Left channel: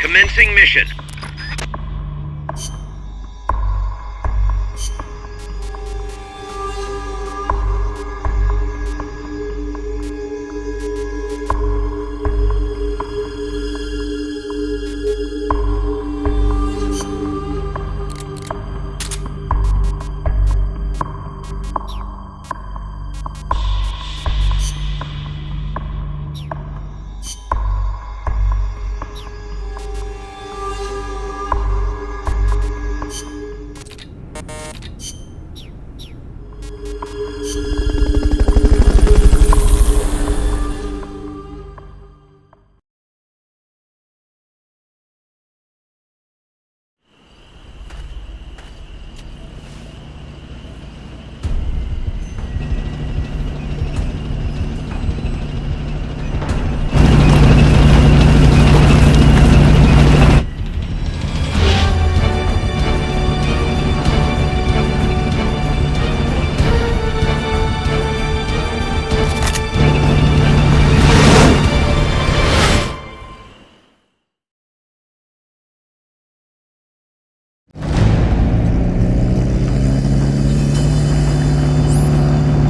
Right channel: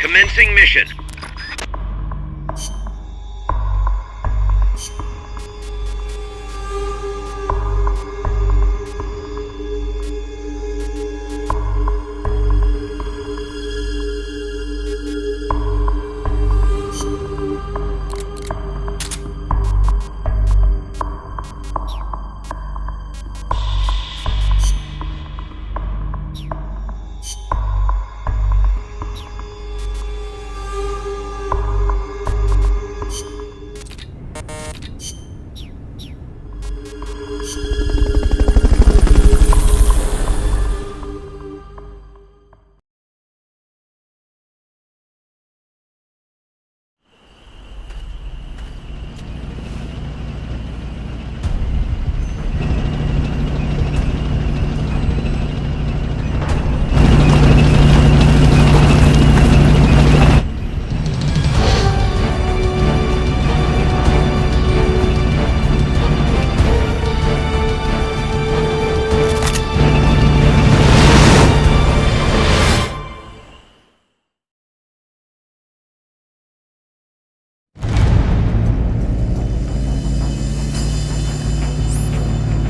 Commencing mission.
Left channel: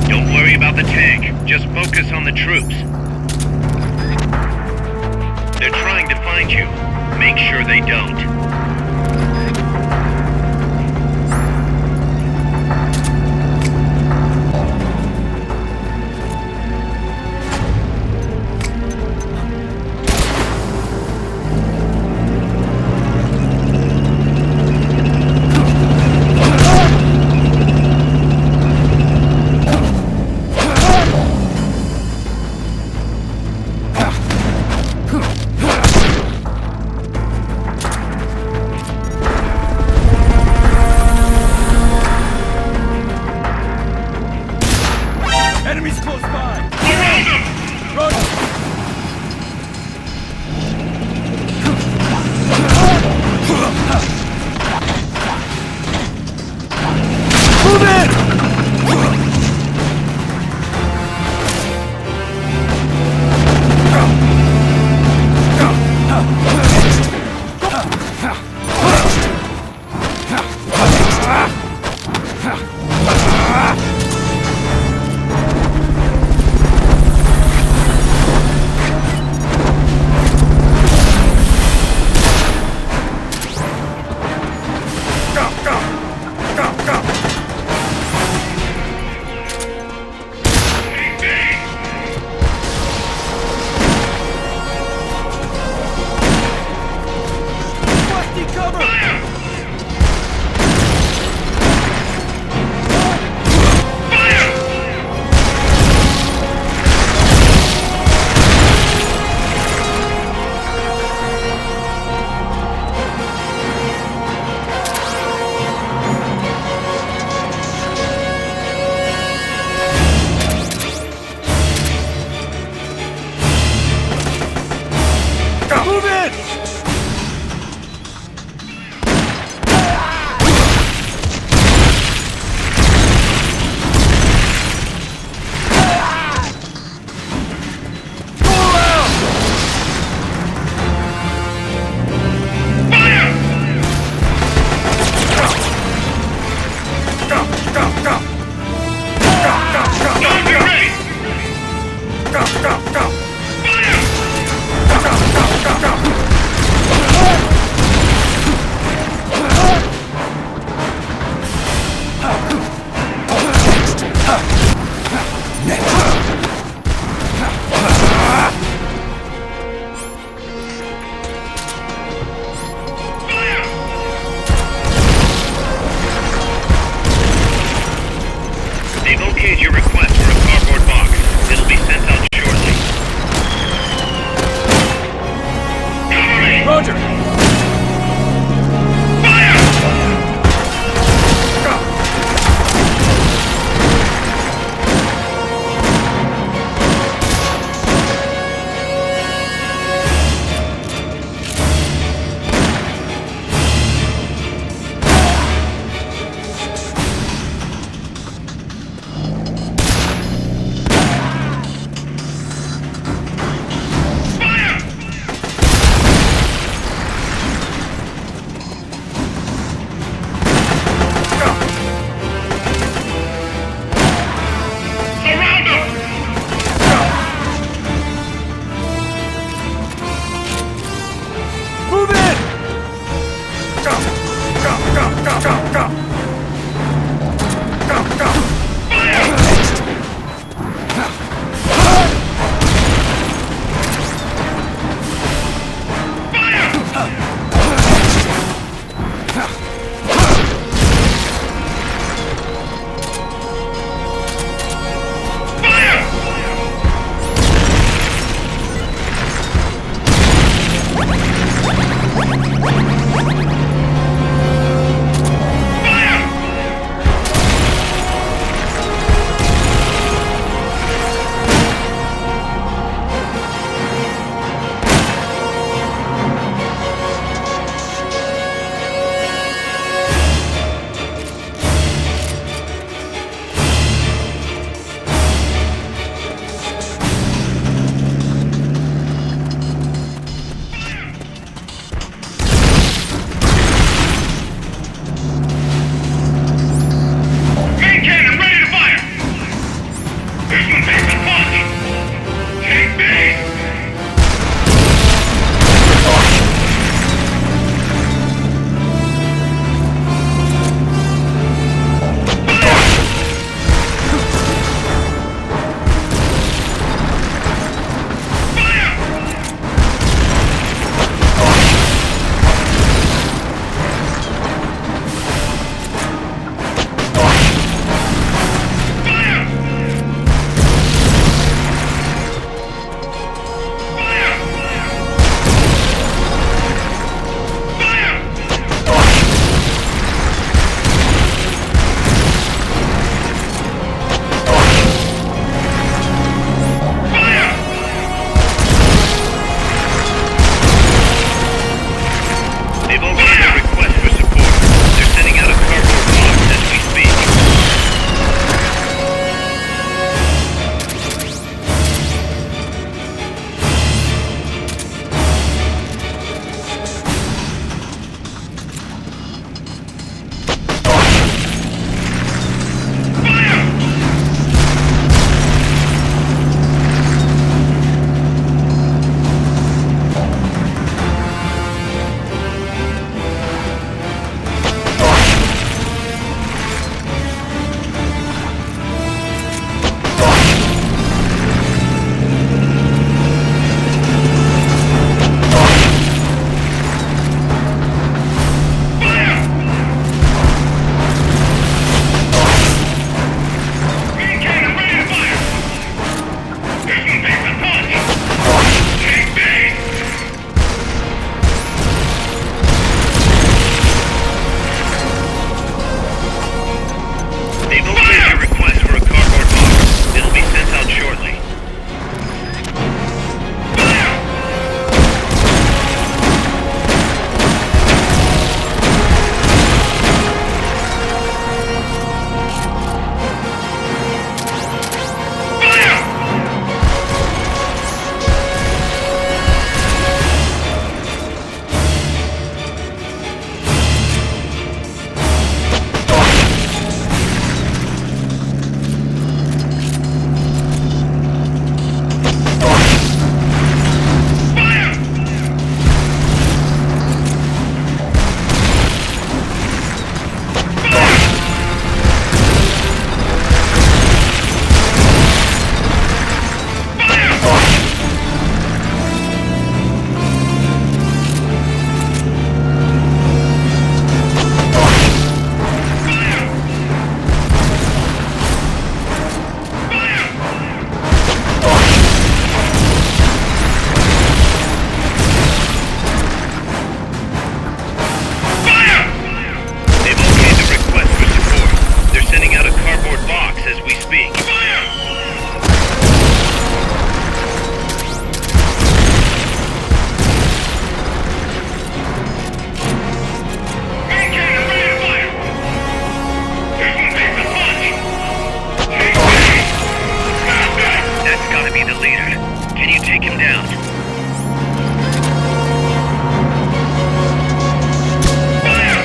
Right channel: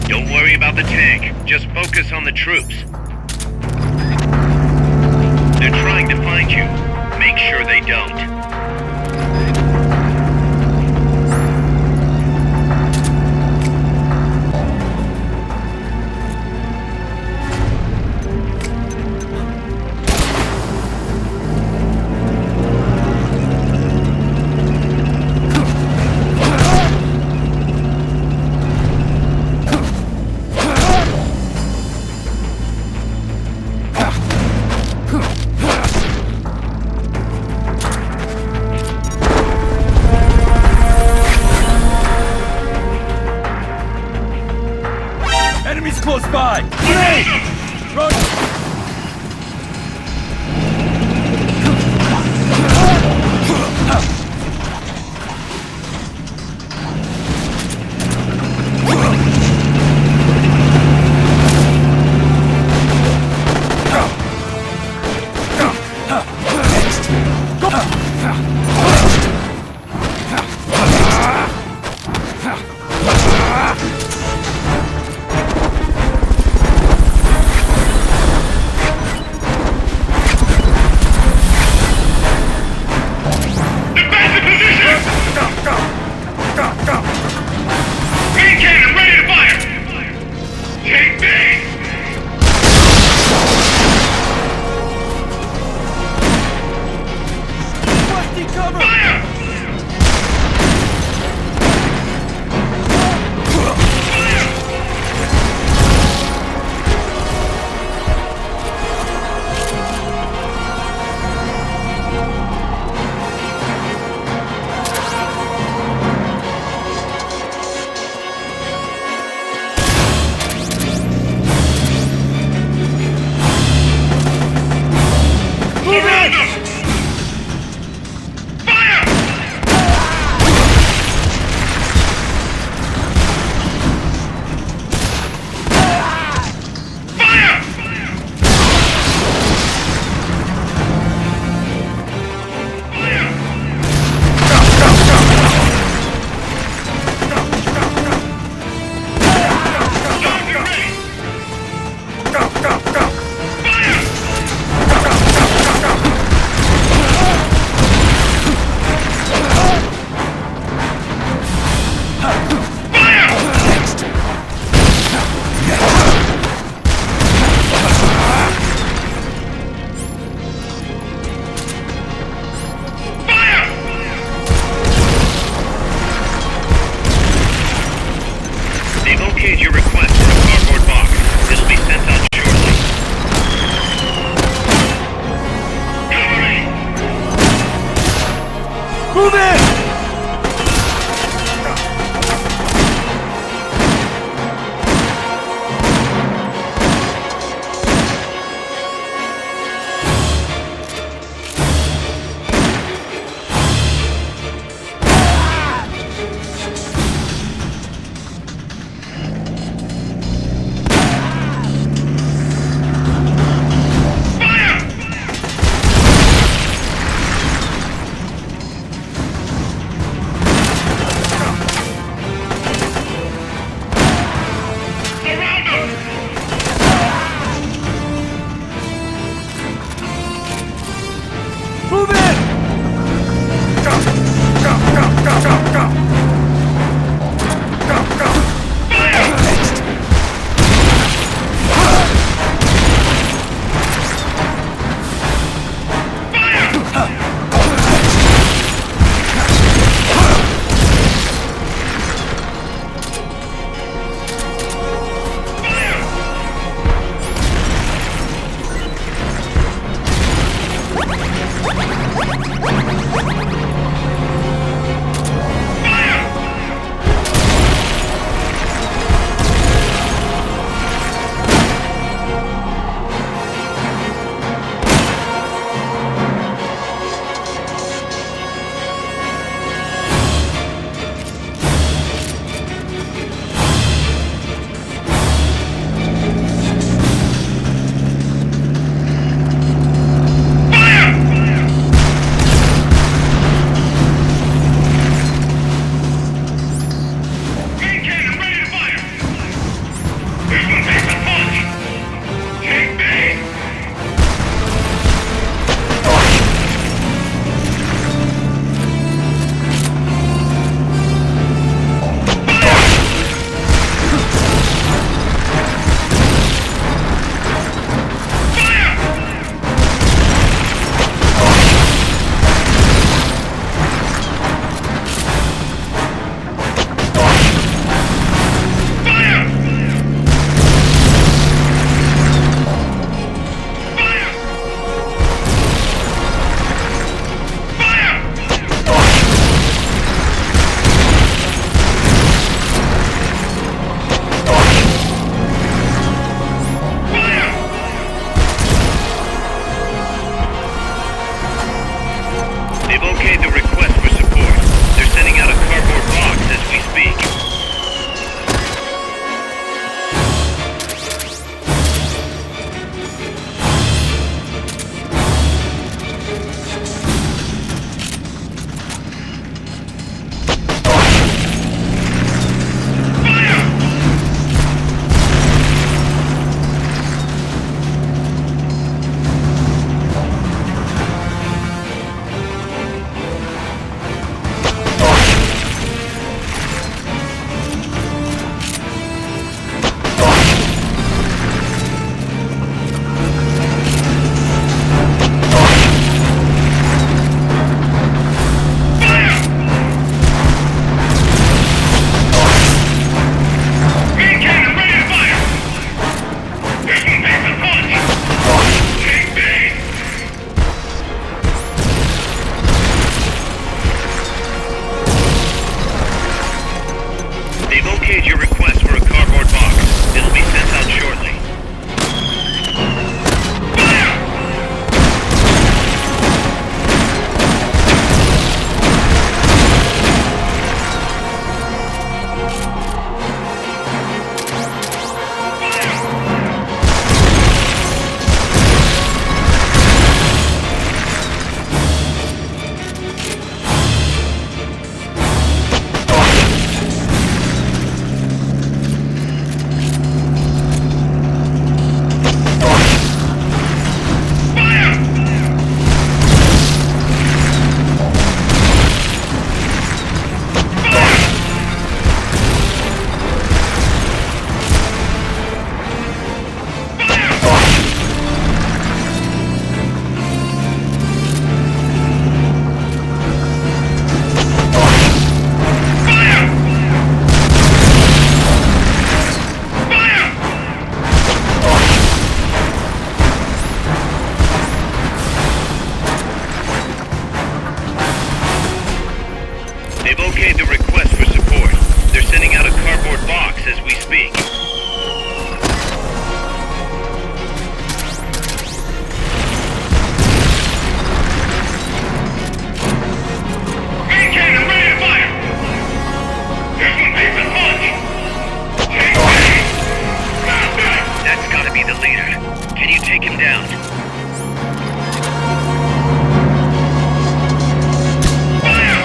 Don't worry about the tank. Just focus on the troops. They're trying to find you. Make sure they don't. Enemies close by! Run! Move in! They've okayed your request for a cardboard box. It'll be sent out shortly. Cover me! Roger. Move in! box as we speak. Main cannon ready to fire! This one takes a punch! That's gotta be the leader. Can you take him down? Fire!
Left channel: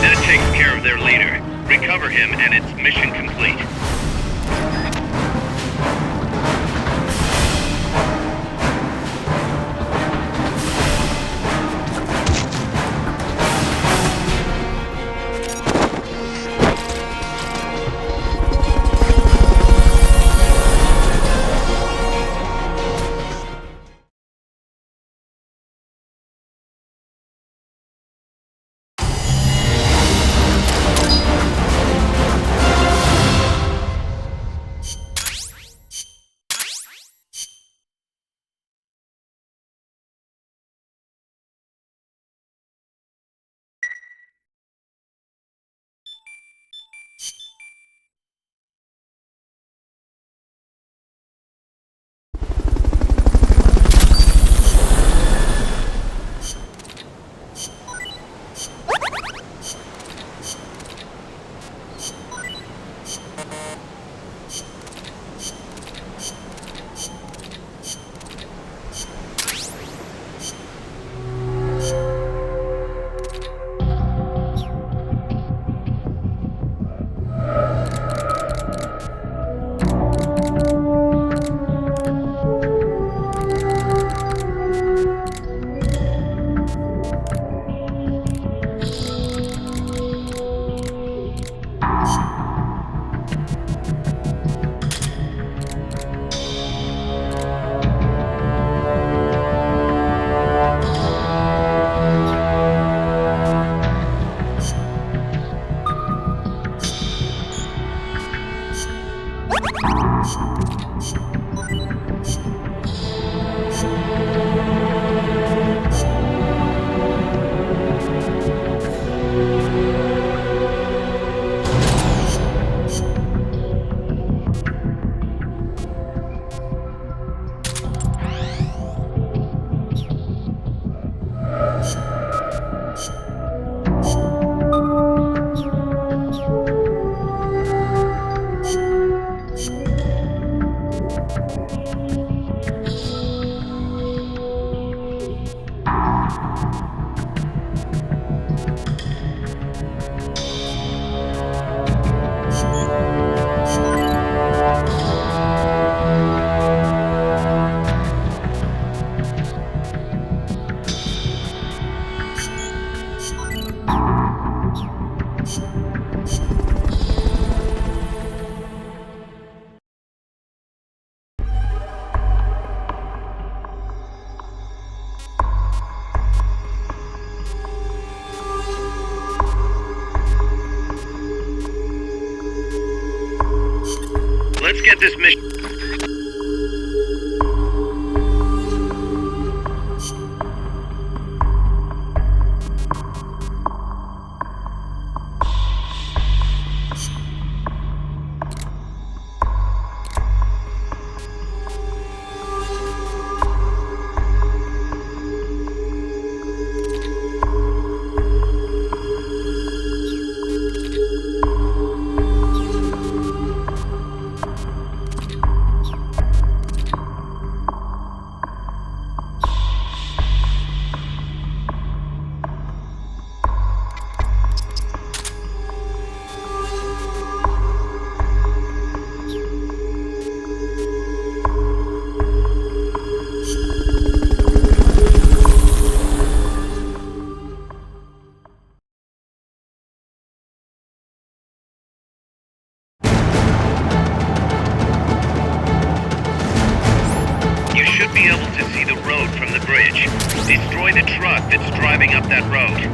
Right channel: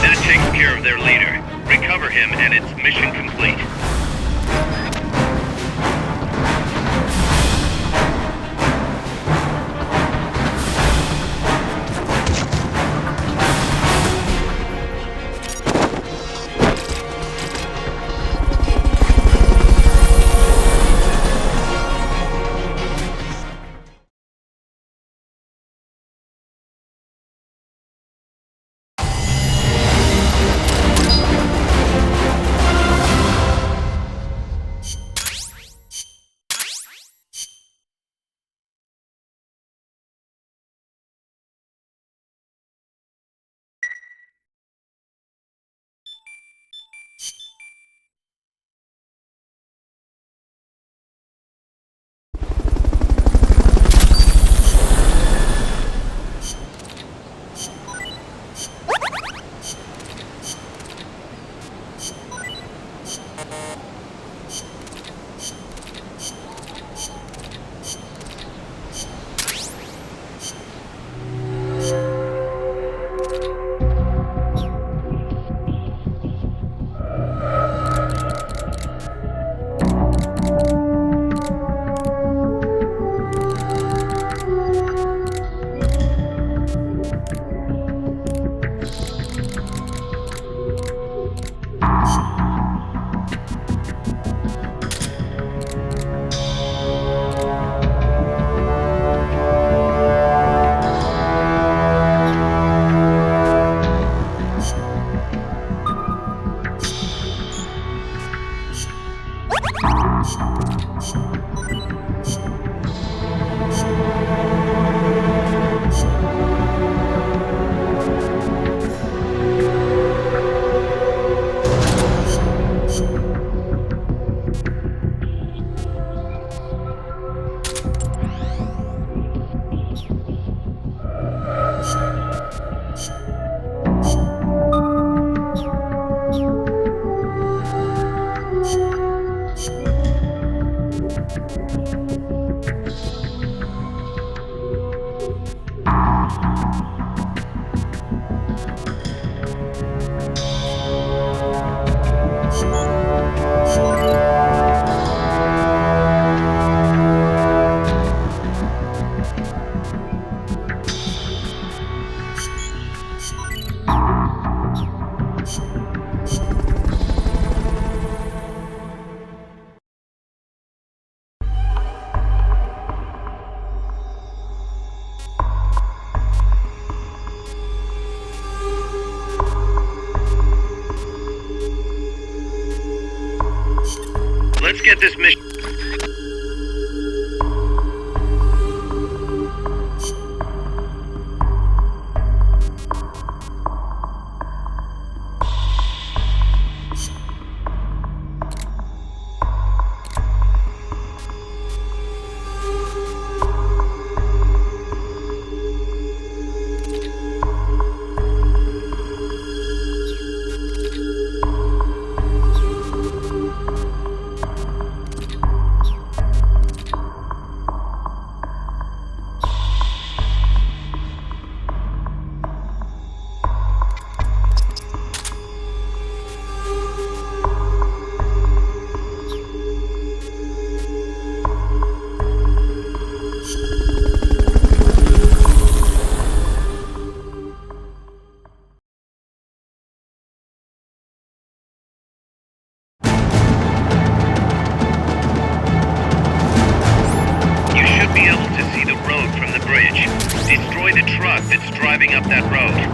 That takes care of their leader. Recover him and it's mission complete. Let's get this mission. up that road.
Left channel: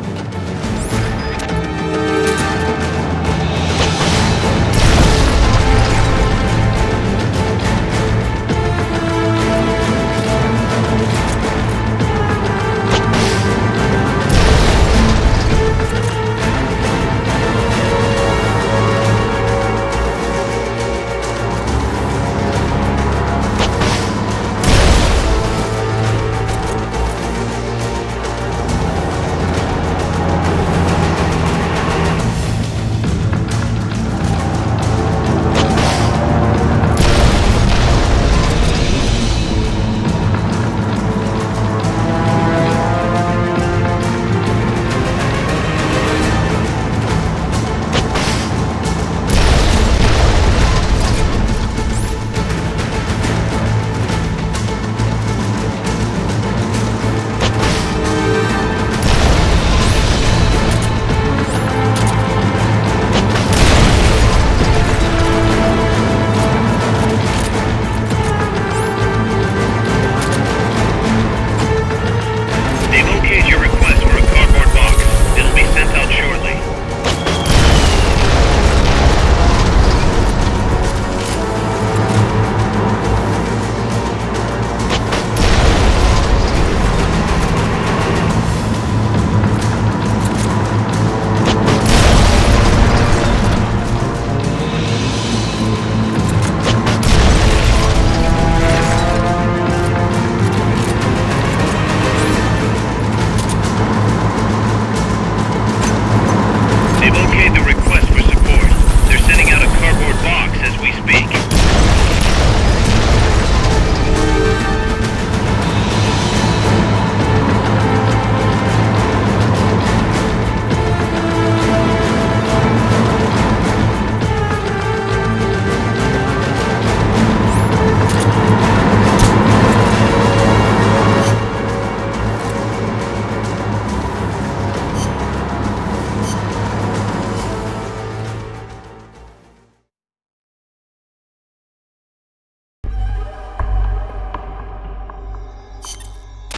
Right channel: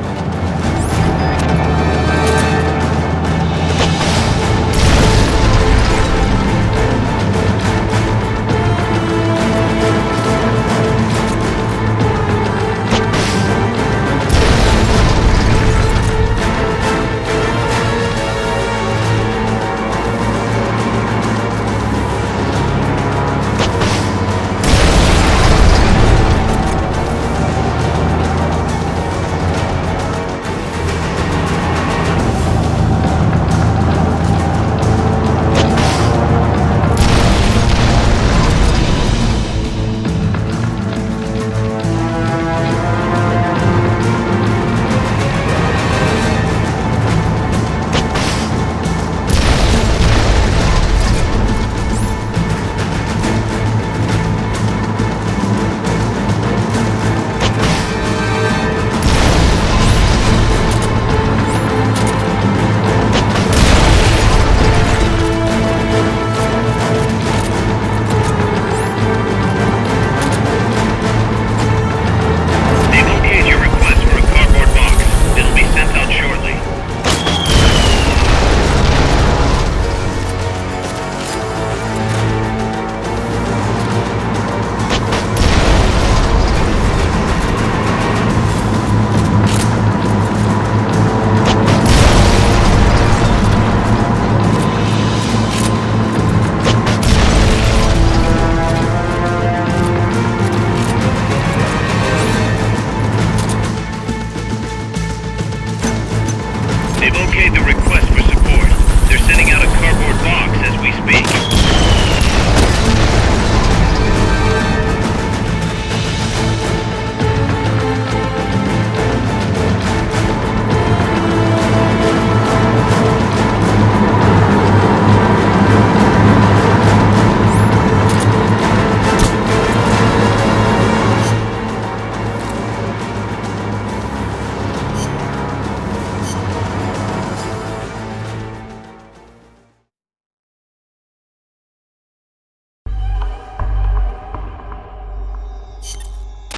They've okayed the request for support. They're sending out a cardboard box as we speak.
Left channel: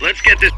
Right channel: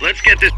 Let's get this.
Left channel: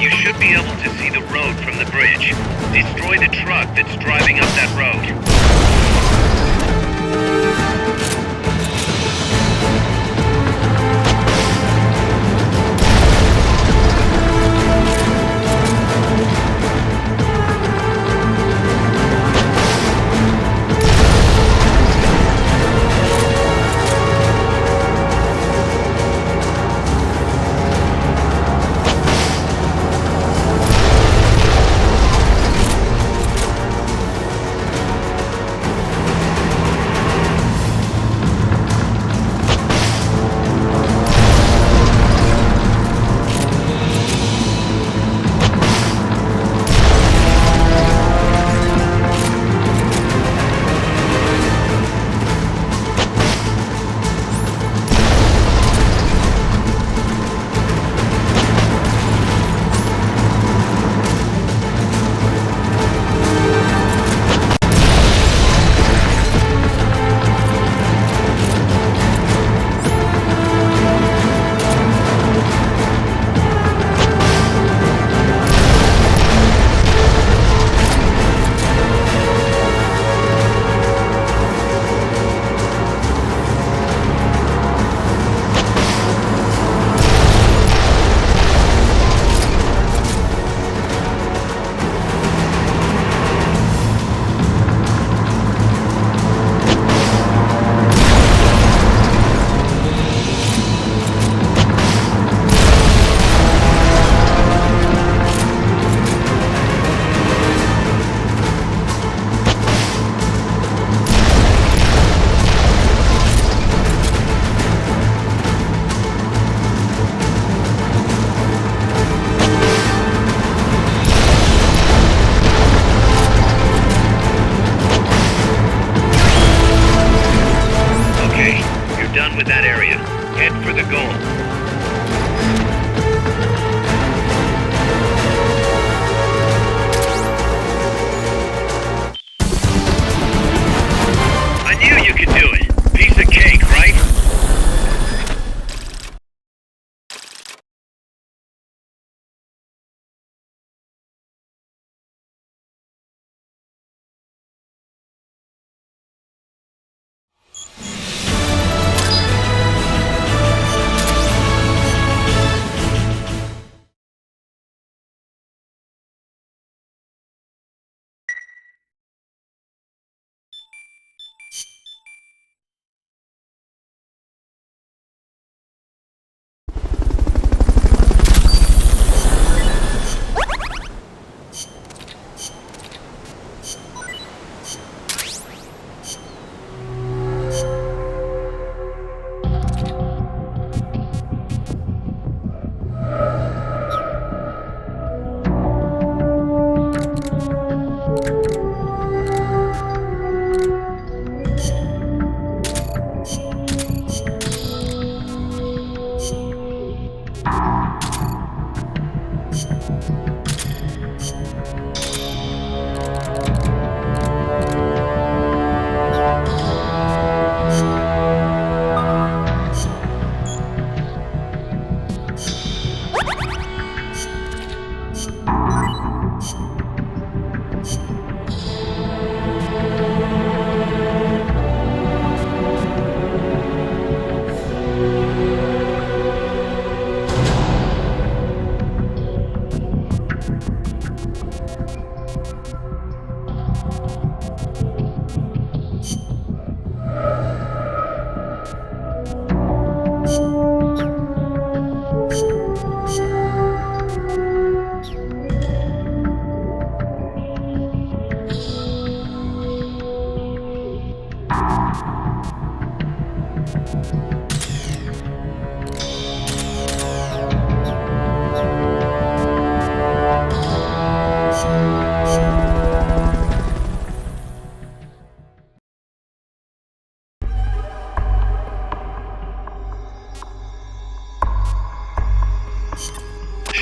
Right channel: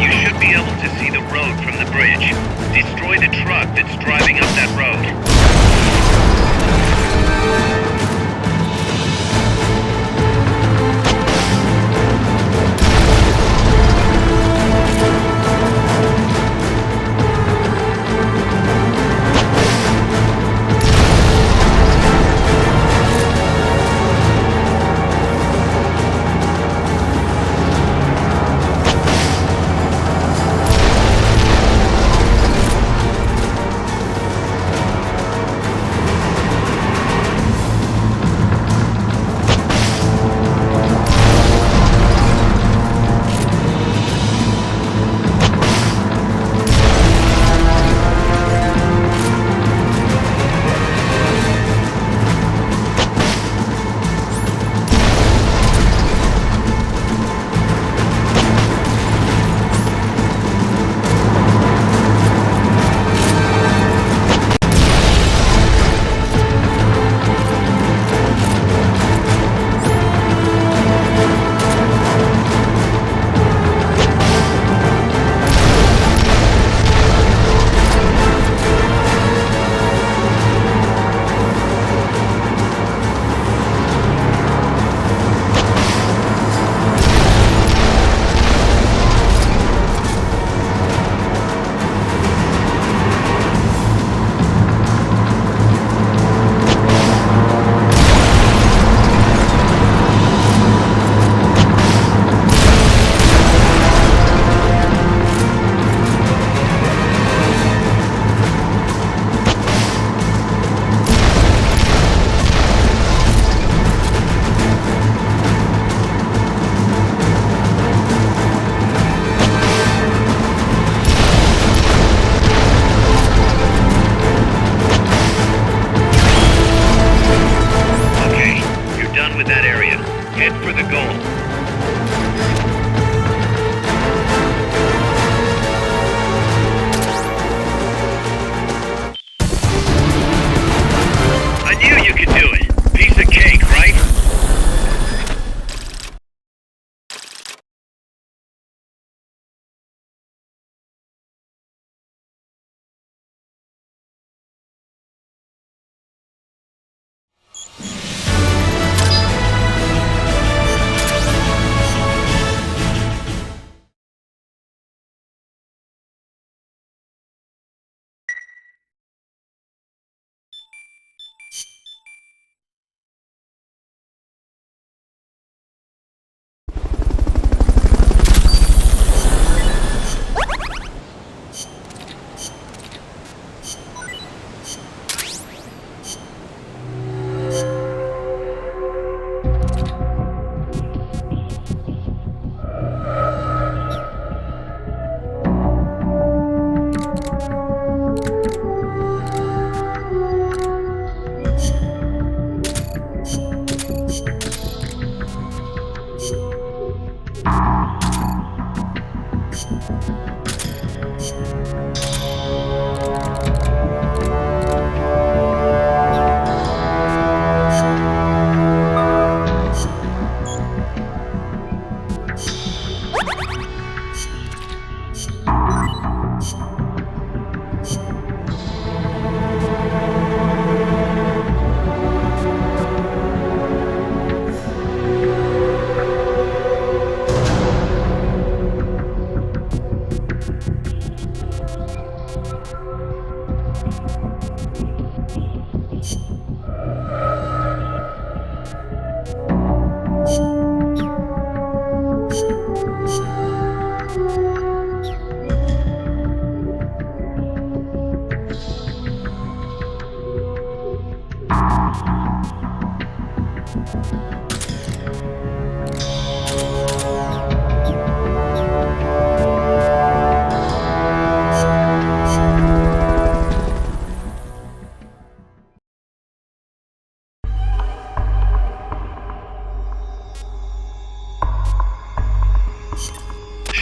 You should be able to see the road from the bridge. Destroy the truck that's driving up that road.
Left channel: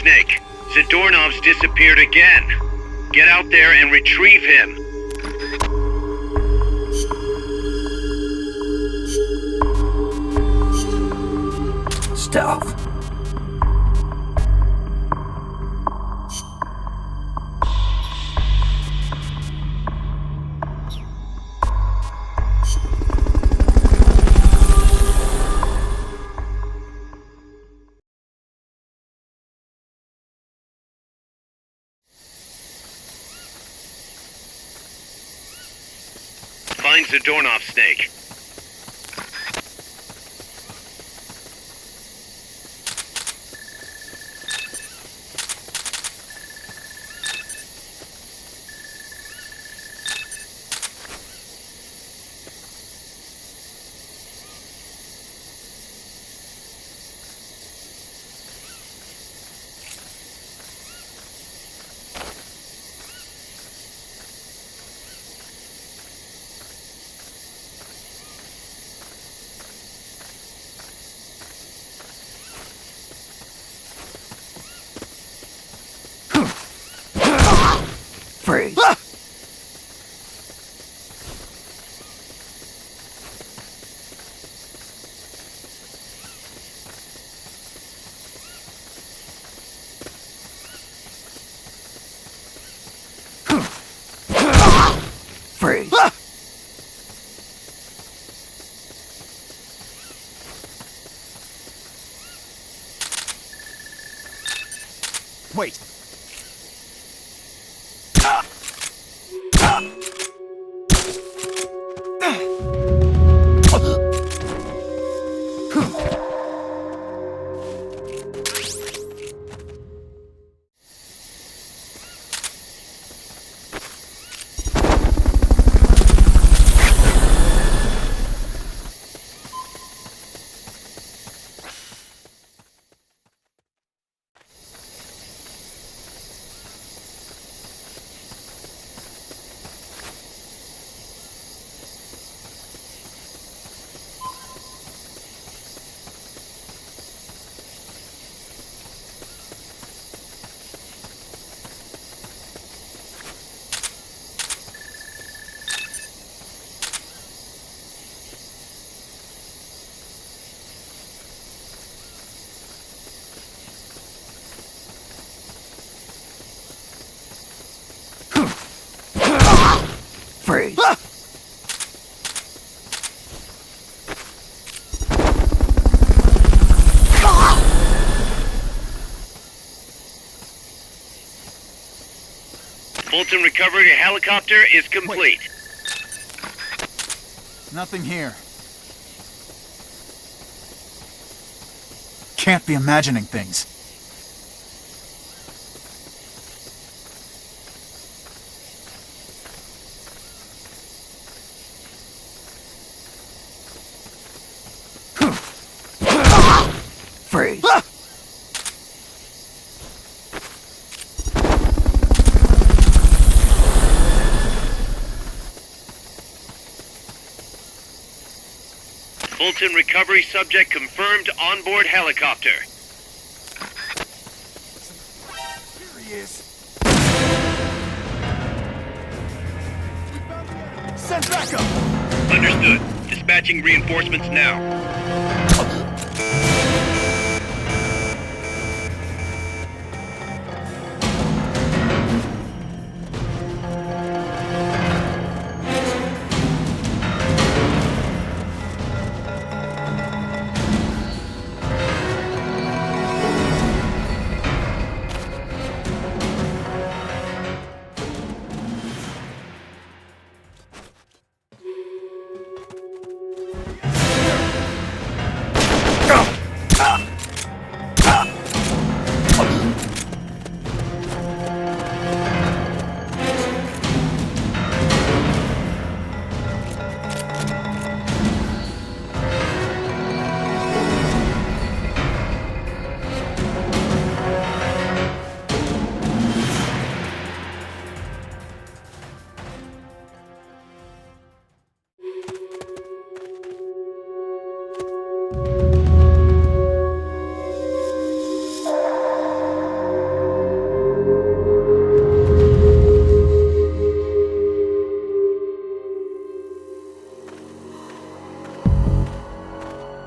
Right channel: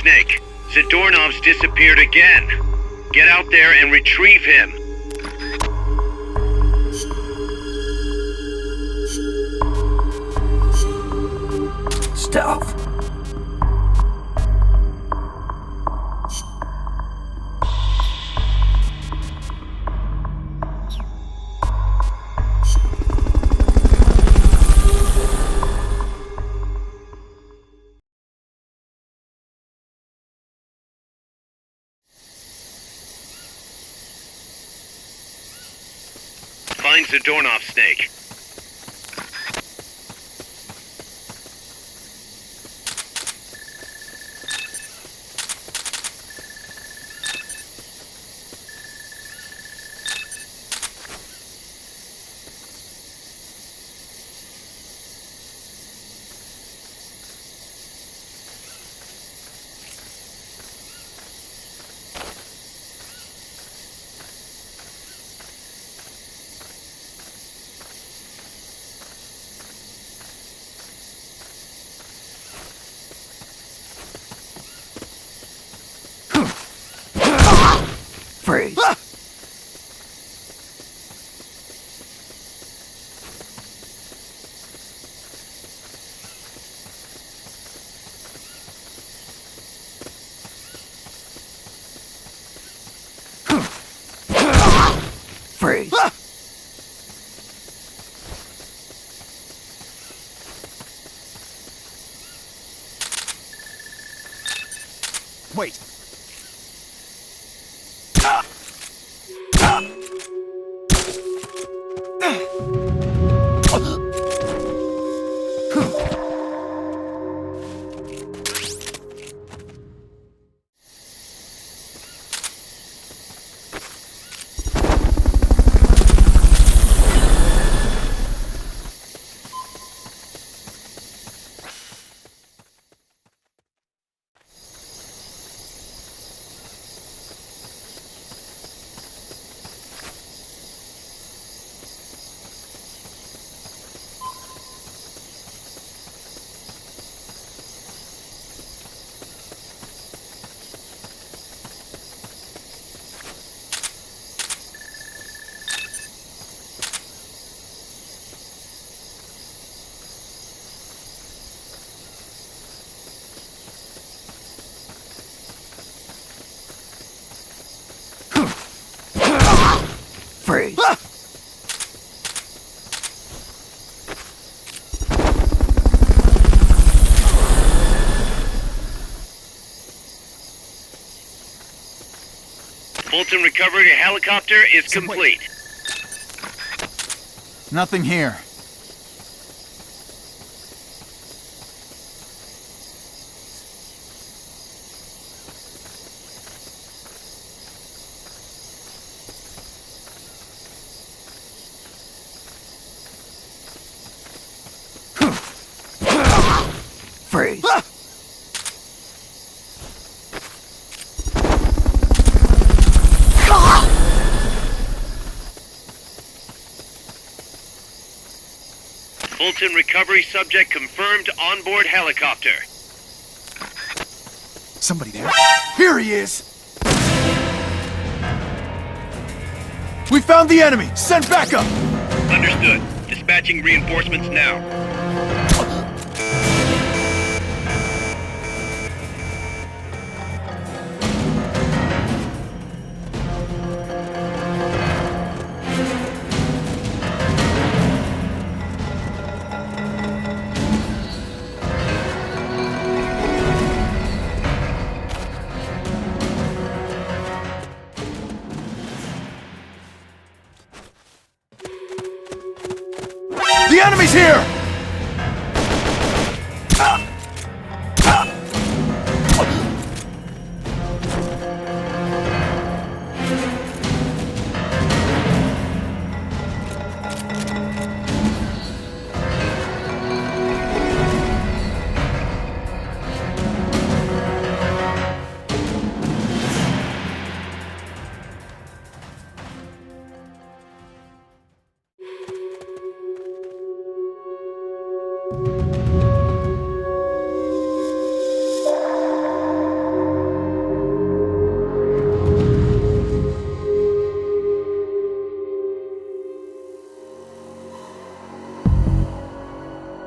Snake, Zadornov's disappeared again. Get out there and retrieve him. Stealth. Find Zadornov, Snake. Freeze. Freeze. Wait. Freeze. Fulton recovery helicopter is complete. Nothing here. Can't be imagining things. Freeze. Fulton recovery subject confirmed onboard helicopter. Somebody there. Here he is! We found the enemy! Send backup! Understood. Dispatching reinforcements now. The enemy's here!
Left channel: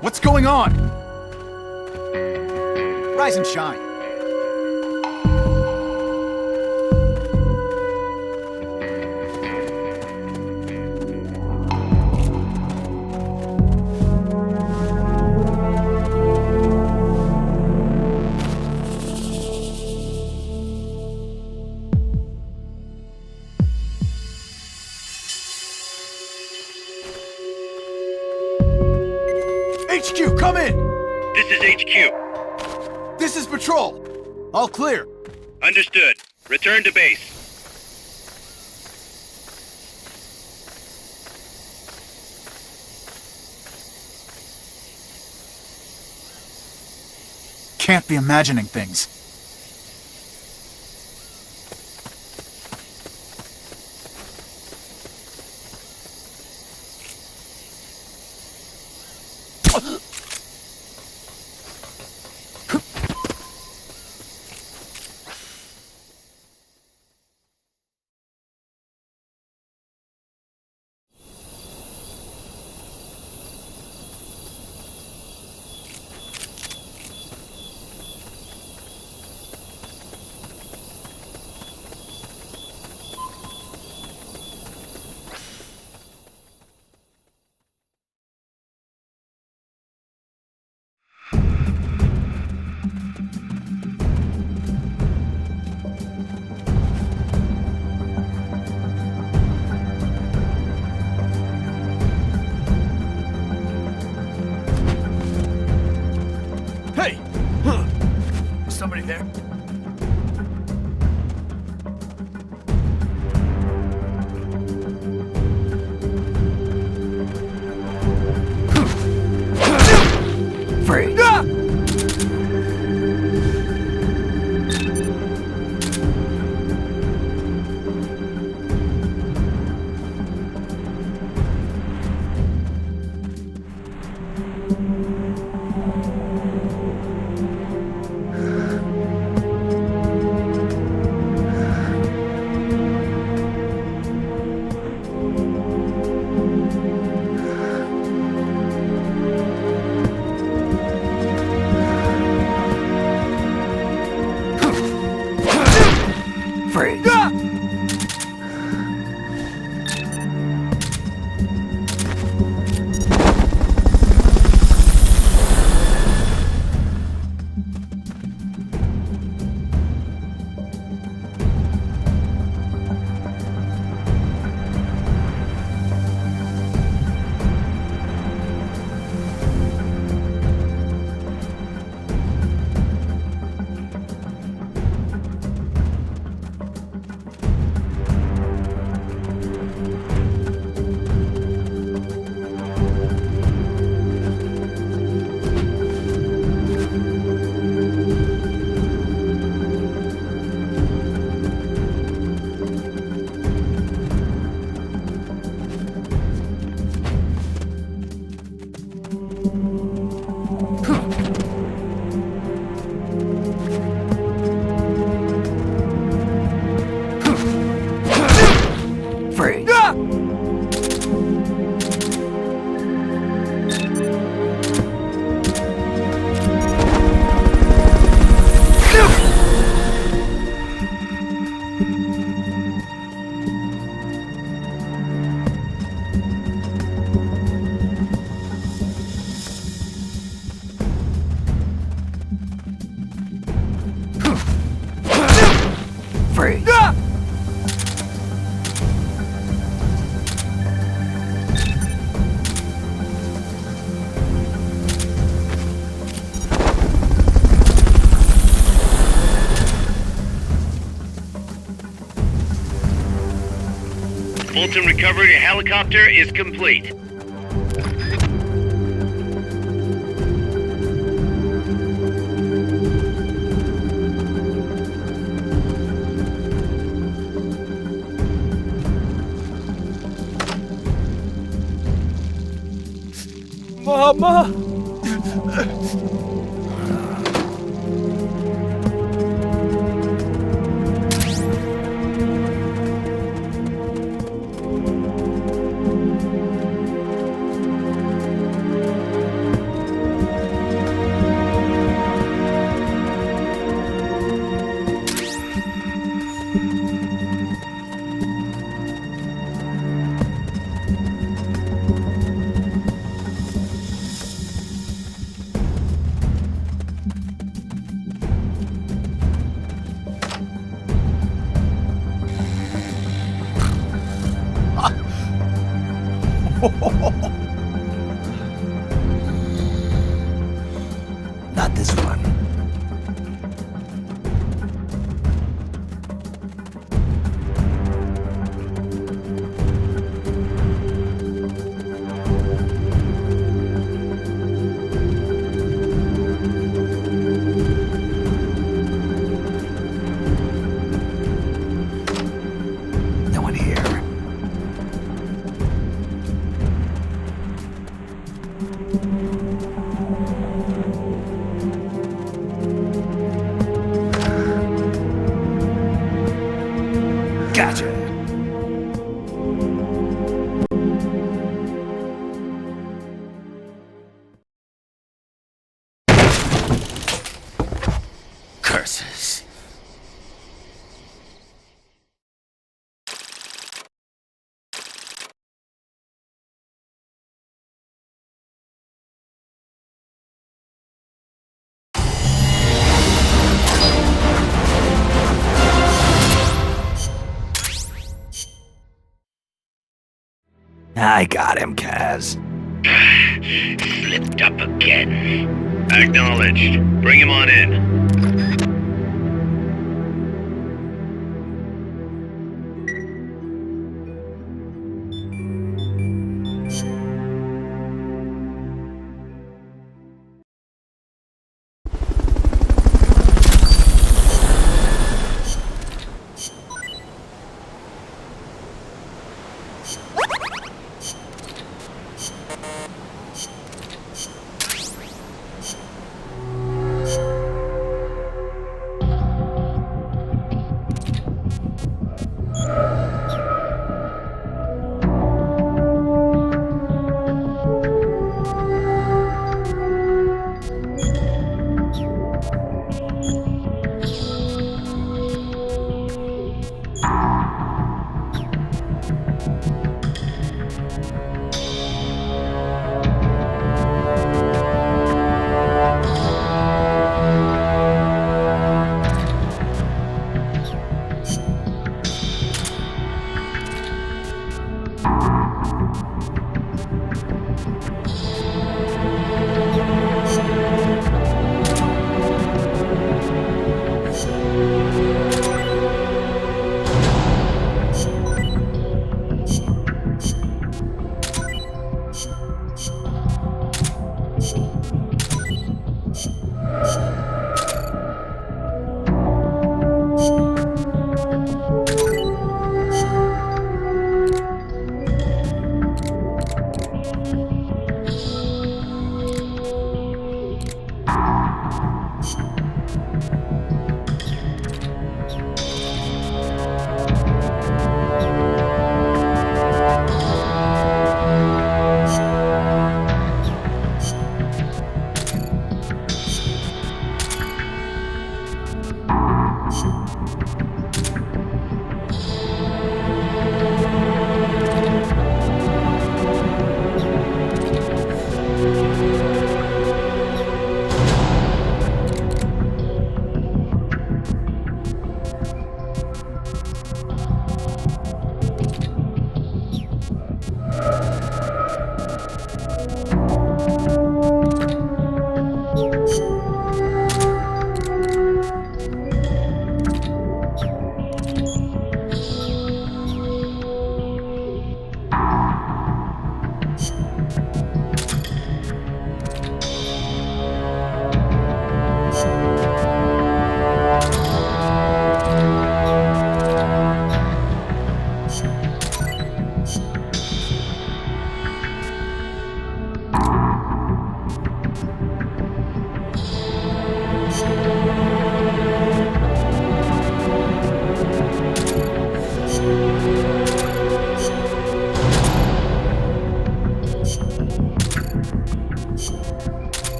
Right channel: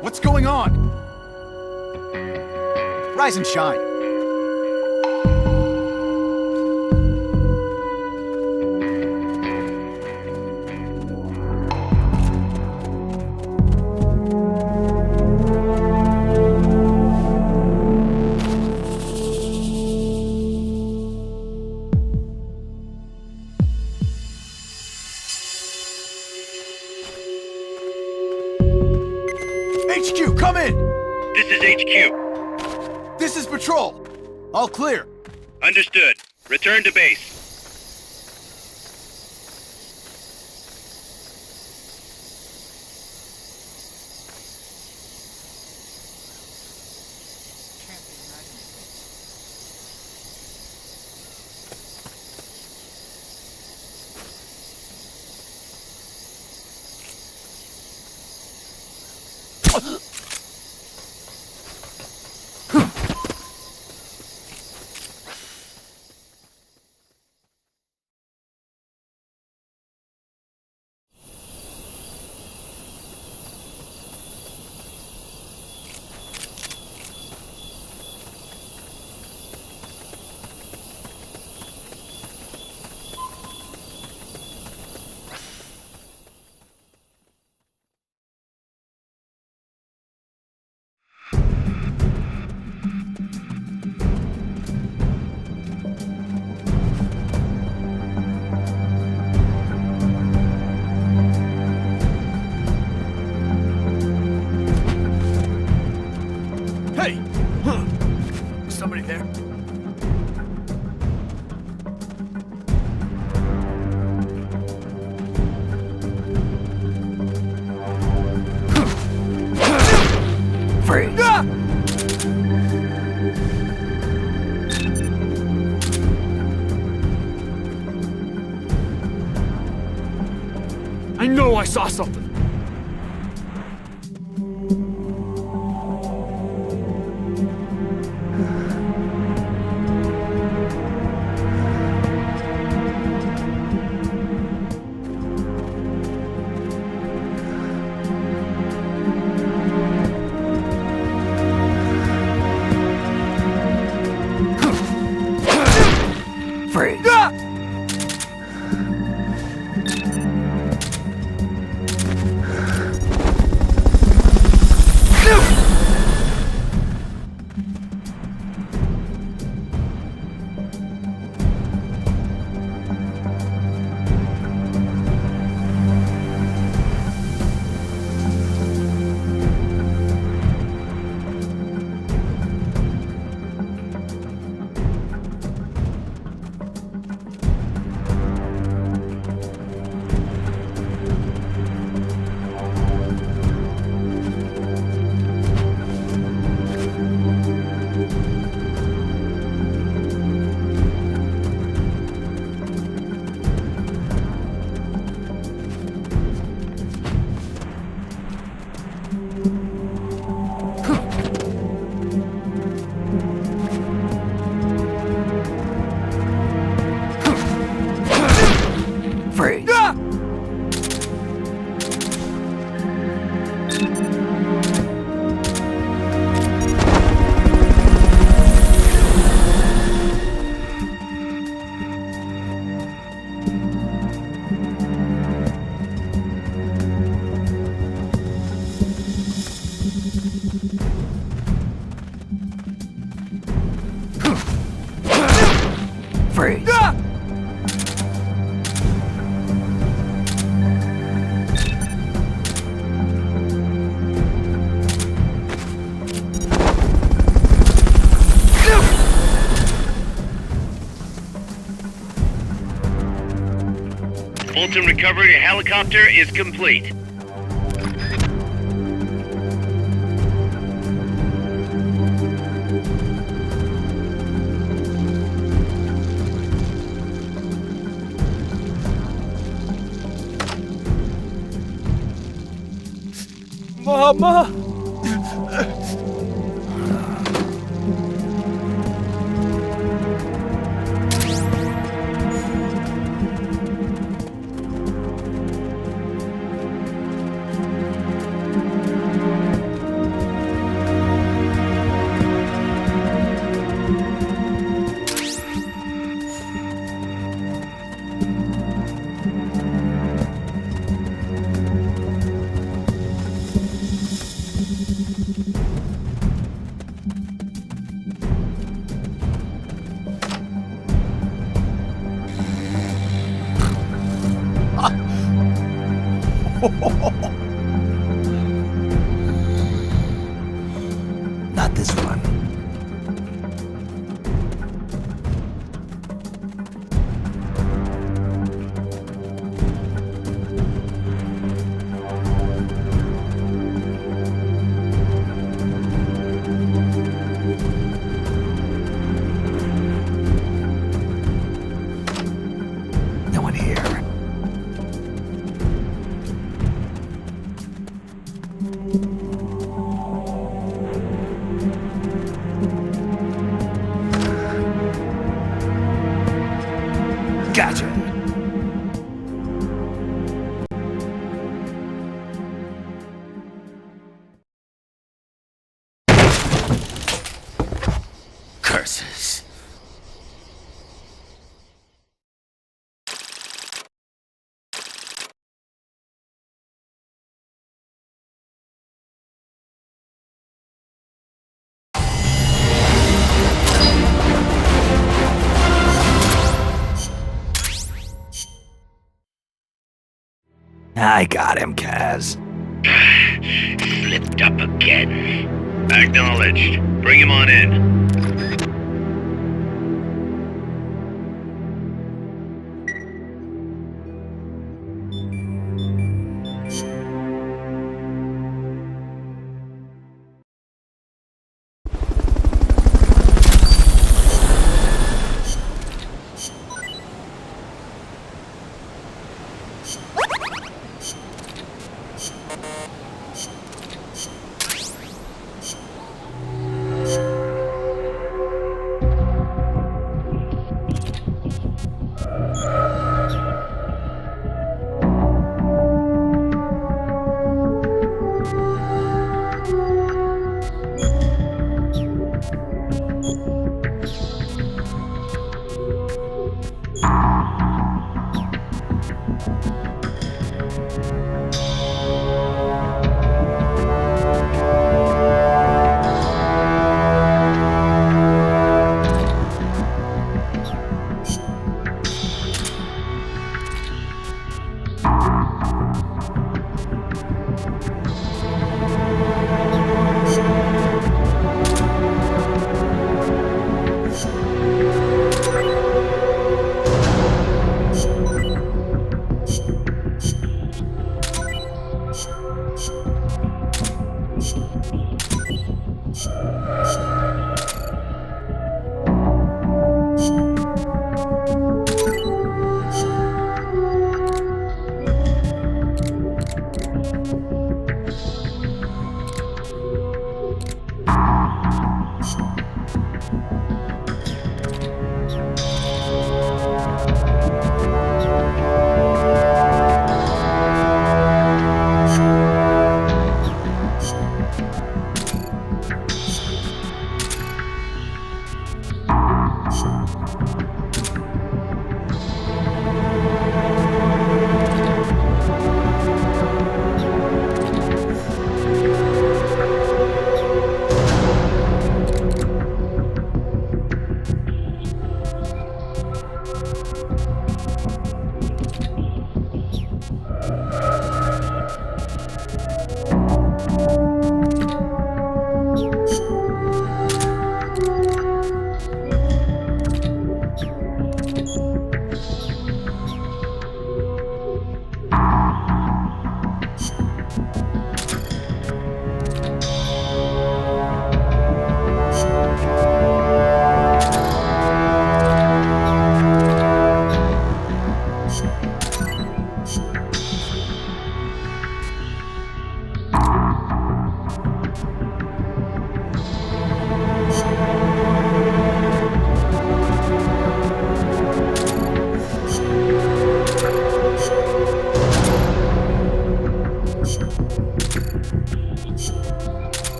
What's going on? Rise and shine. HQ, come in! This is HQ. This is Patrol. All clear. Understood. Return to base. Can't be imagining things. Hey! Huh. Is somebody there? Freeze. Ah! I know I saw something. Freeze. Ah! Freeze. Ah! Fulton recovery helicopter is complete. Mama! Not this one. No one here. Gotcha. Curses. I got him, Kaz. Slipped up again. Acknowledged. Bring him on in.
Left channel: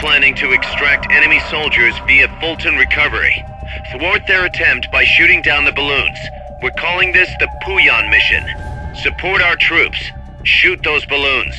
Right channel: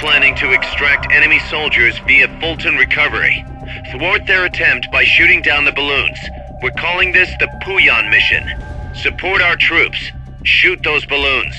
planning to extract enemy soldiers via Fulton Recovery. Thwart their attempt by shooting down the balloons. We're calling this the Puyan mission. Support our troops. Shoot those balloons.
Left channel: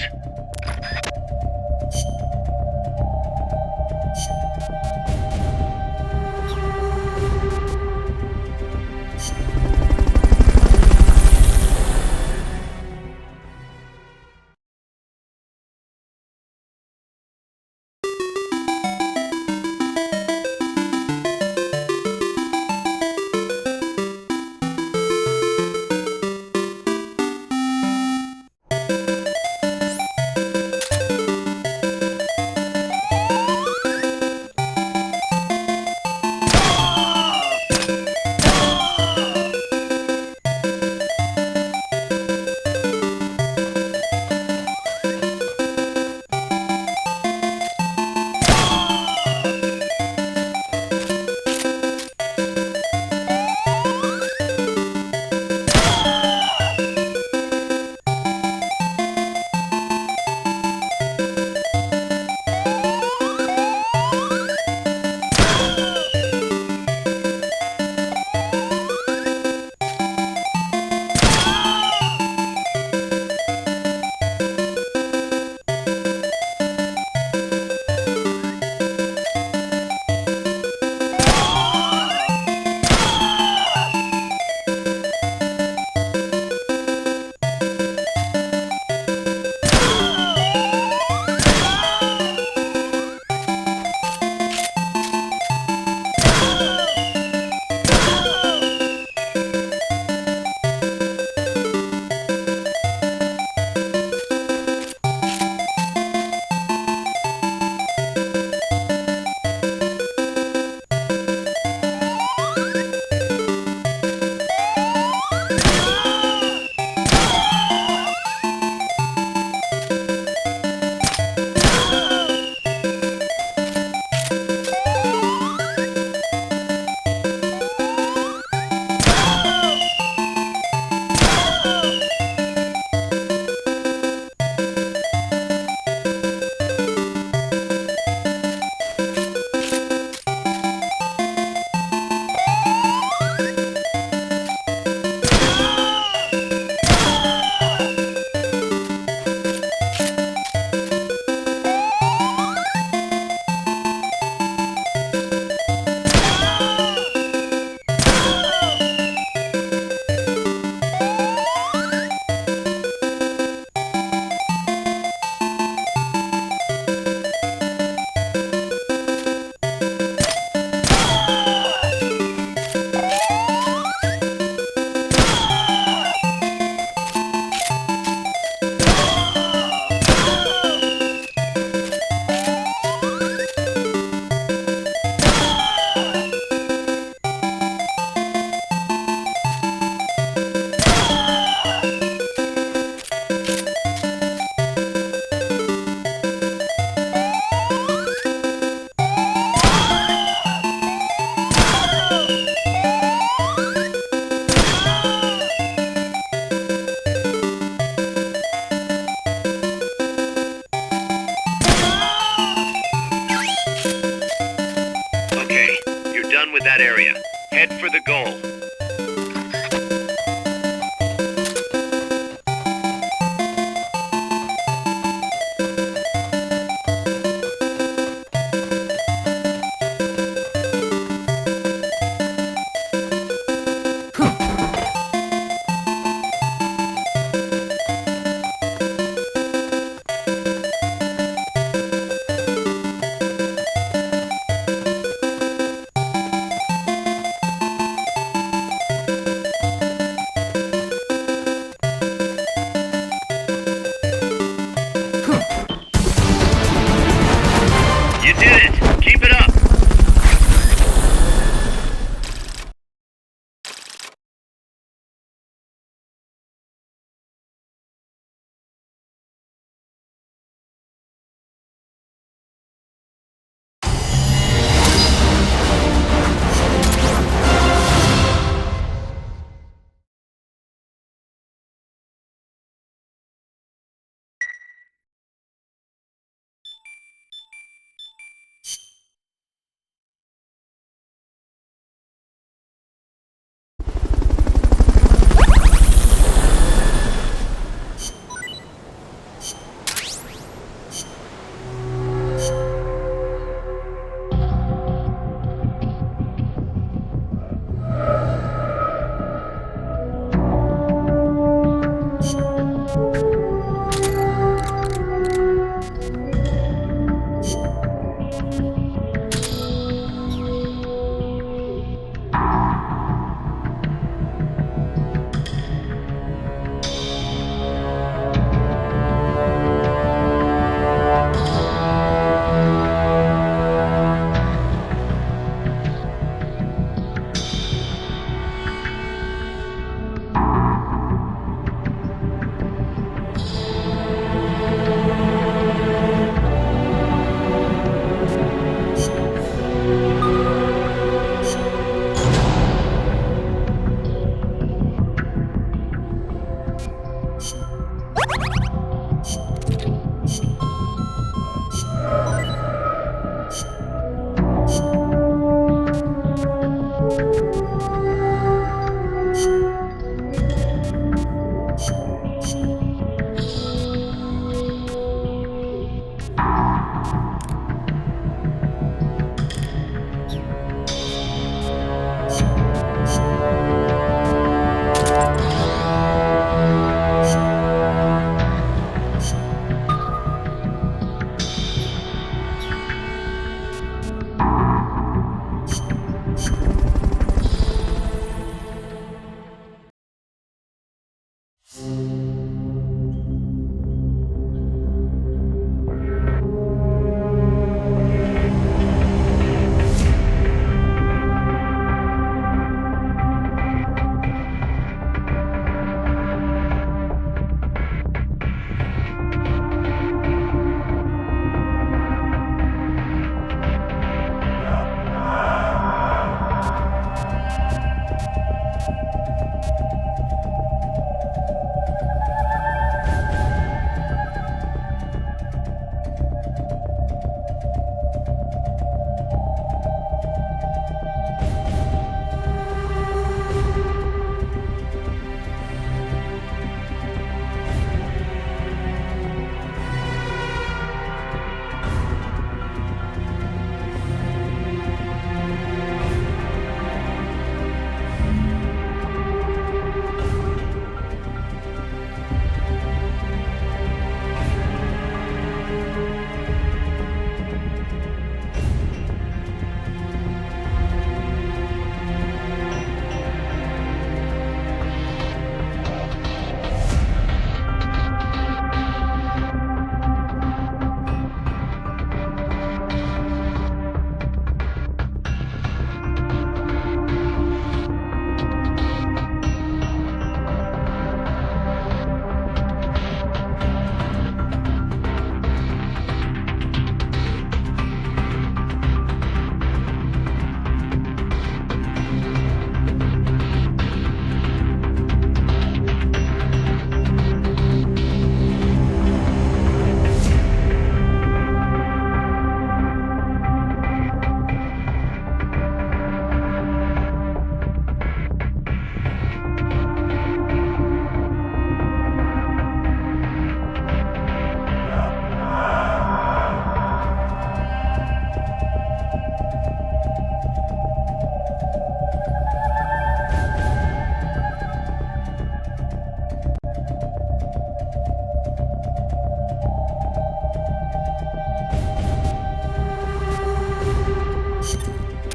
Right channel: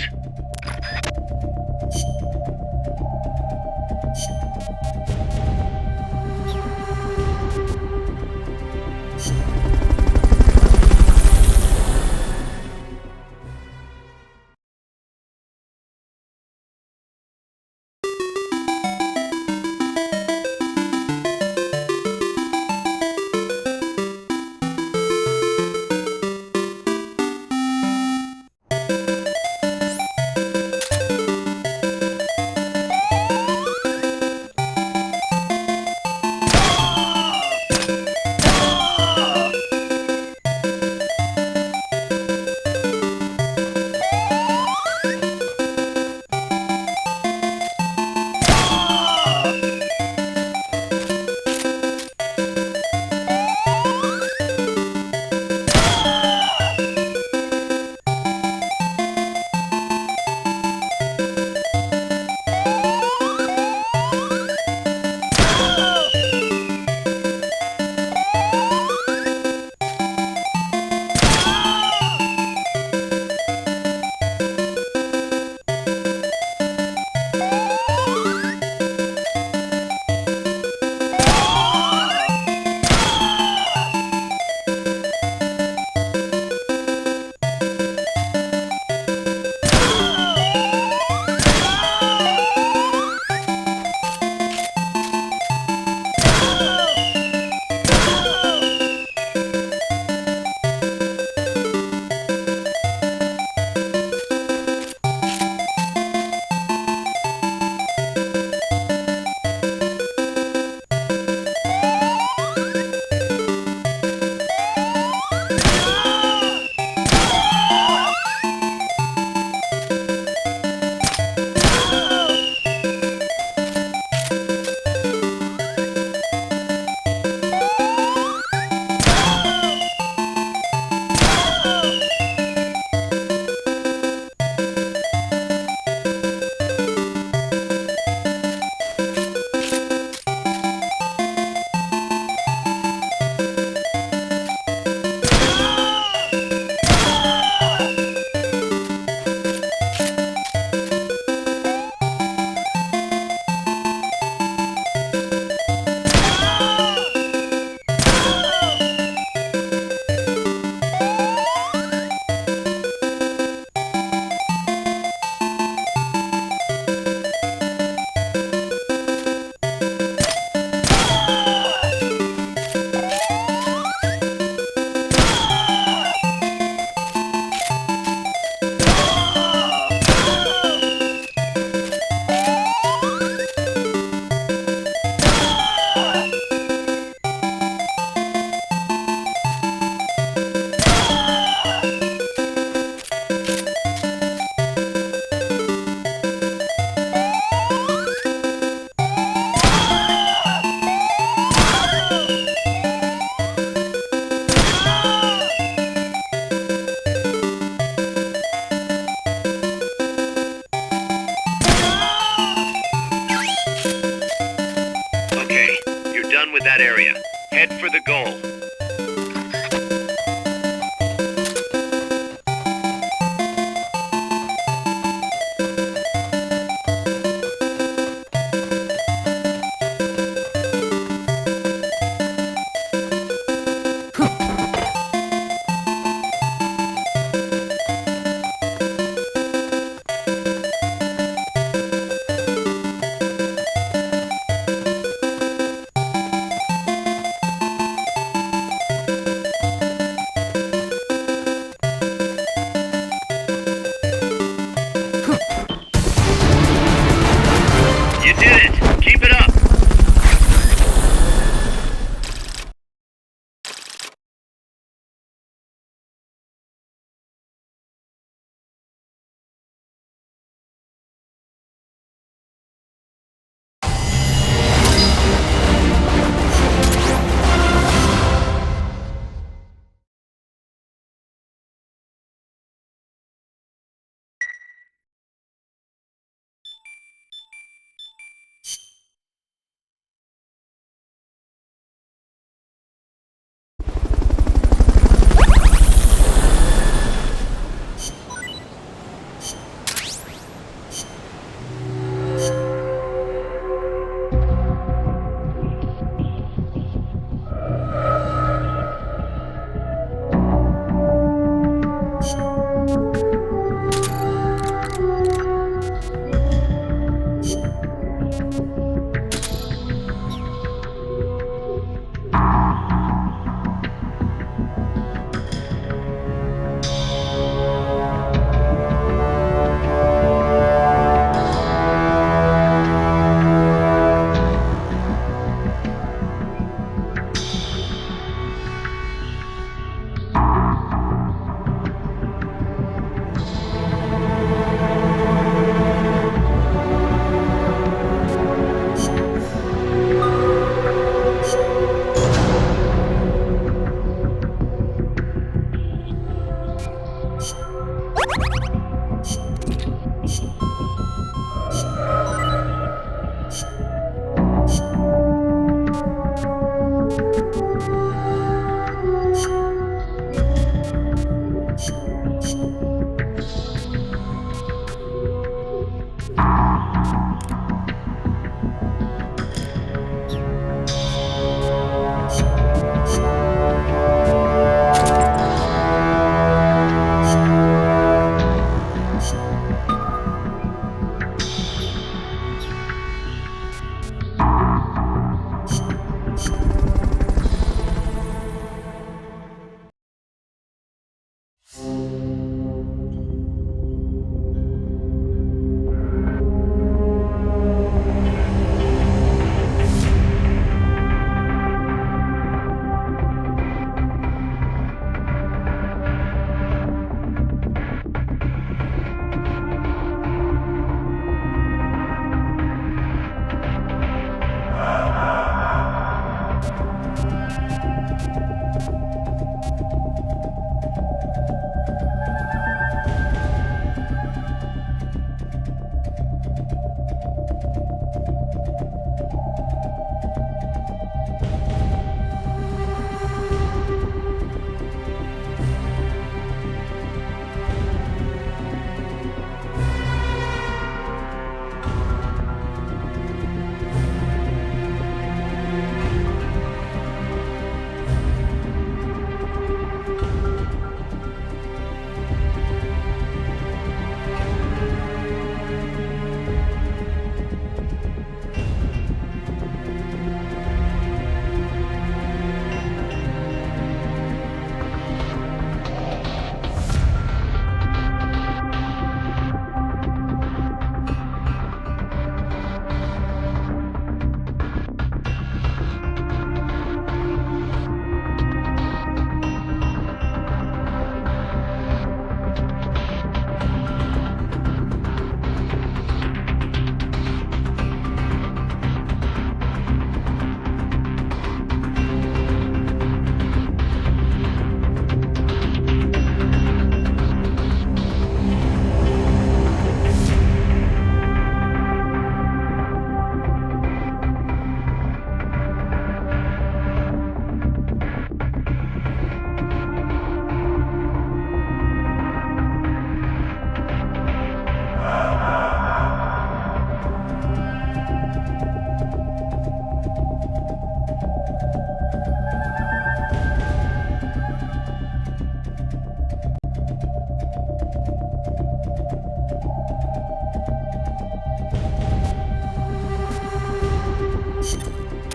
with that area. Head for the goal.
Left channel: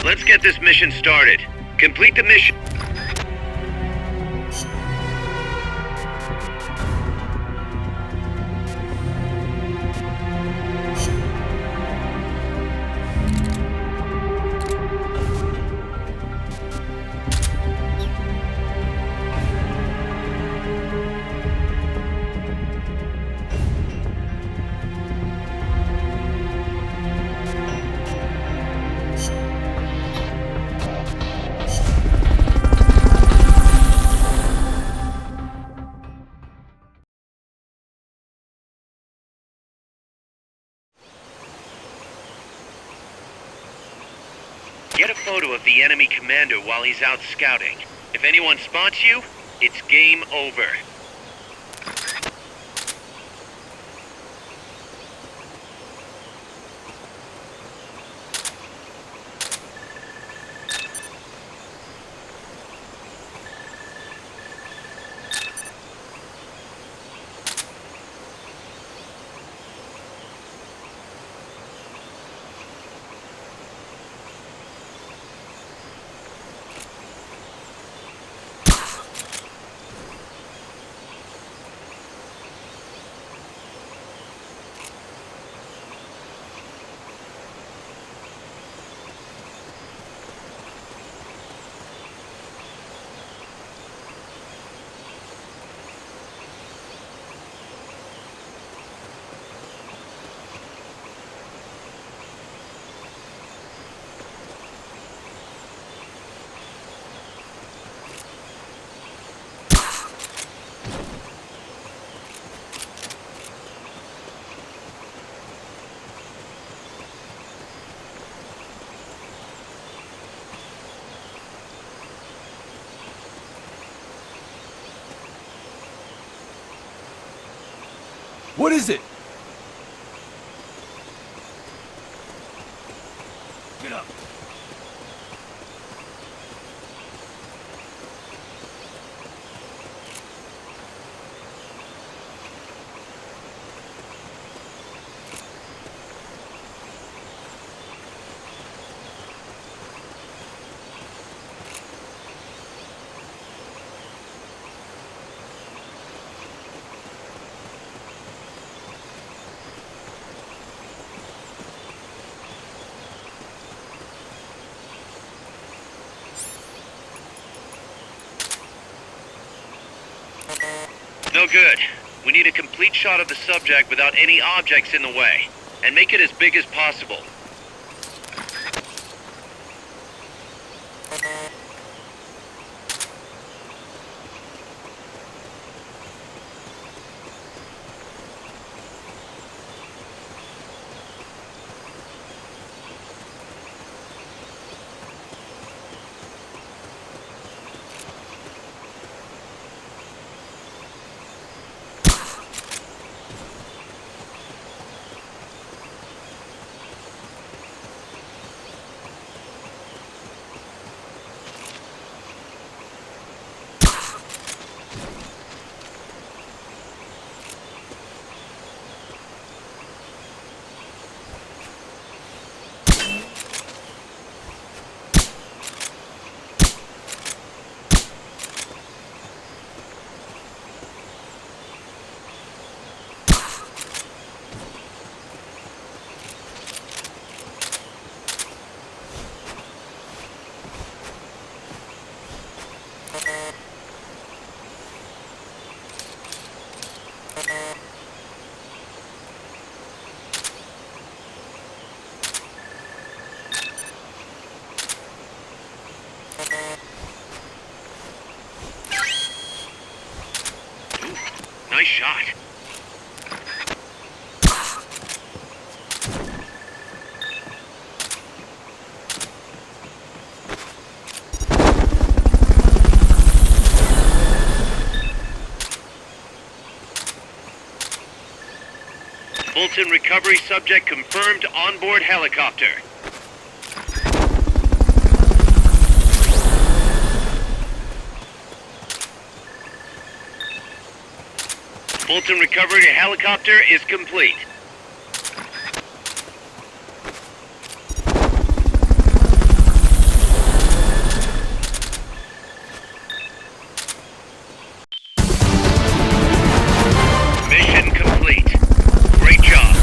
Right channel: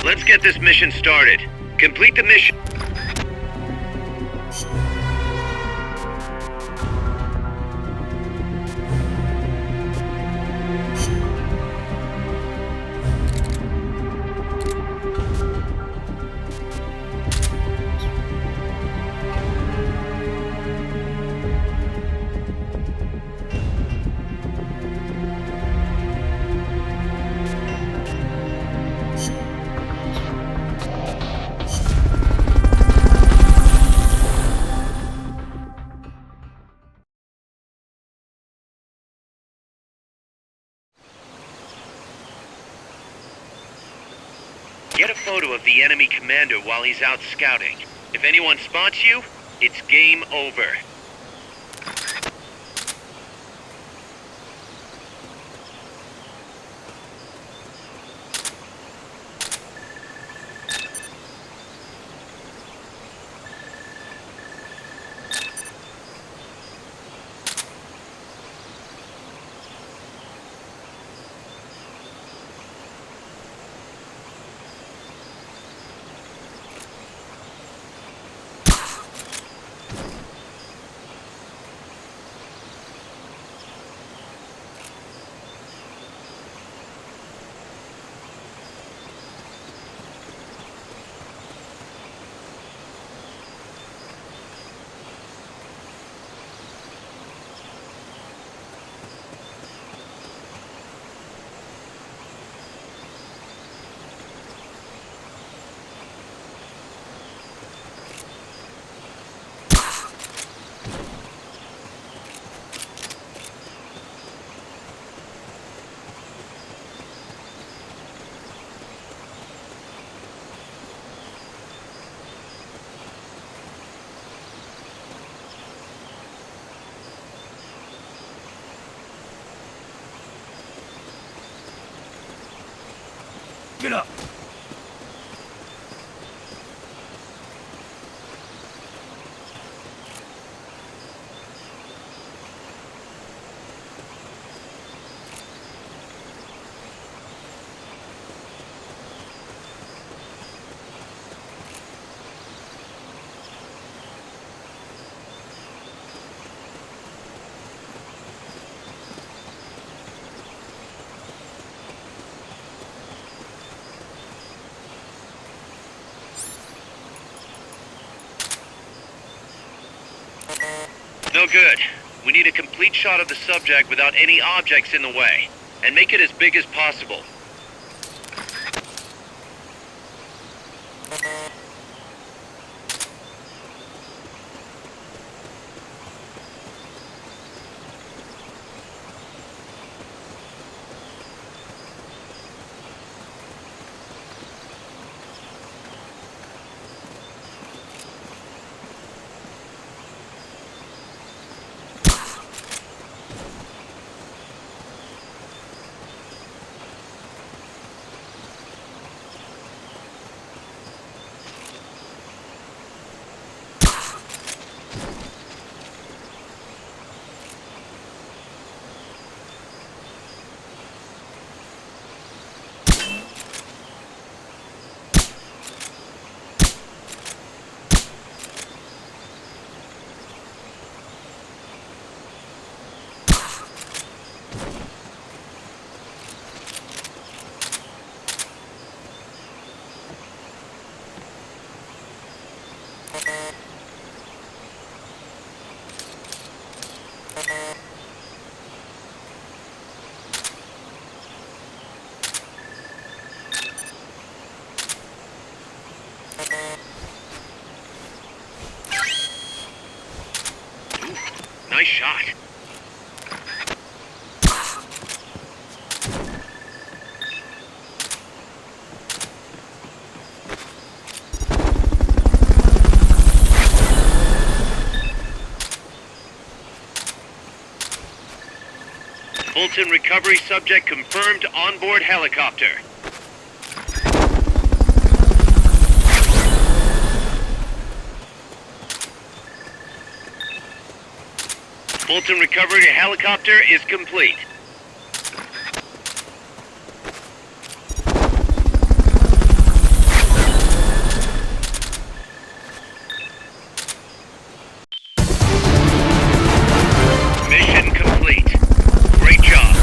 Let's get this mission started. Complete the mission. Get a photo of the enemy commander while he's out scouting. If anyone spots you, it's game over. What is it? Get up! No good. We need a complete shot of the subject without any objects in the way. And make it as big as possible. Nice shot. Fulton recovery subject confirmed onboard helicopter. Fulton recovery helicopter is complete. Mission complete. Great job.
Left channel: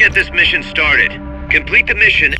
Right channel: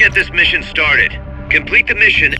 get this mission started. Complete the mission.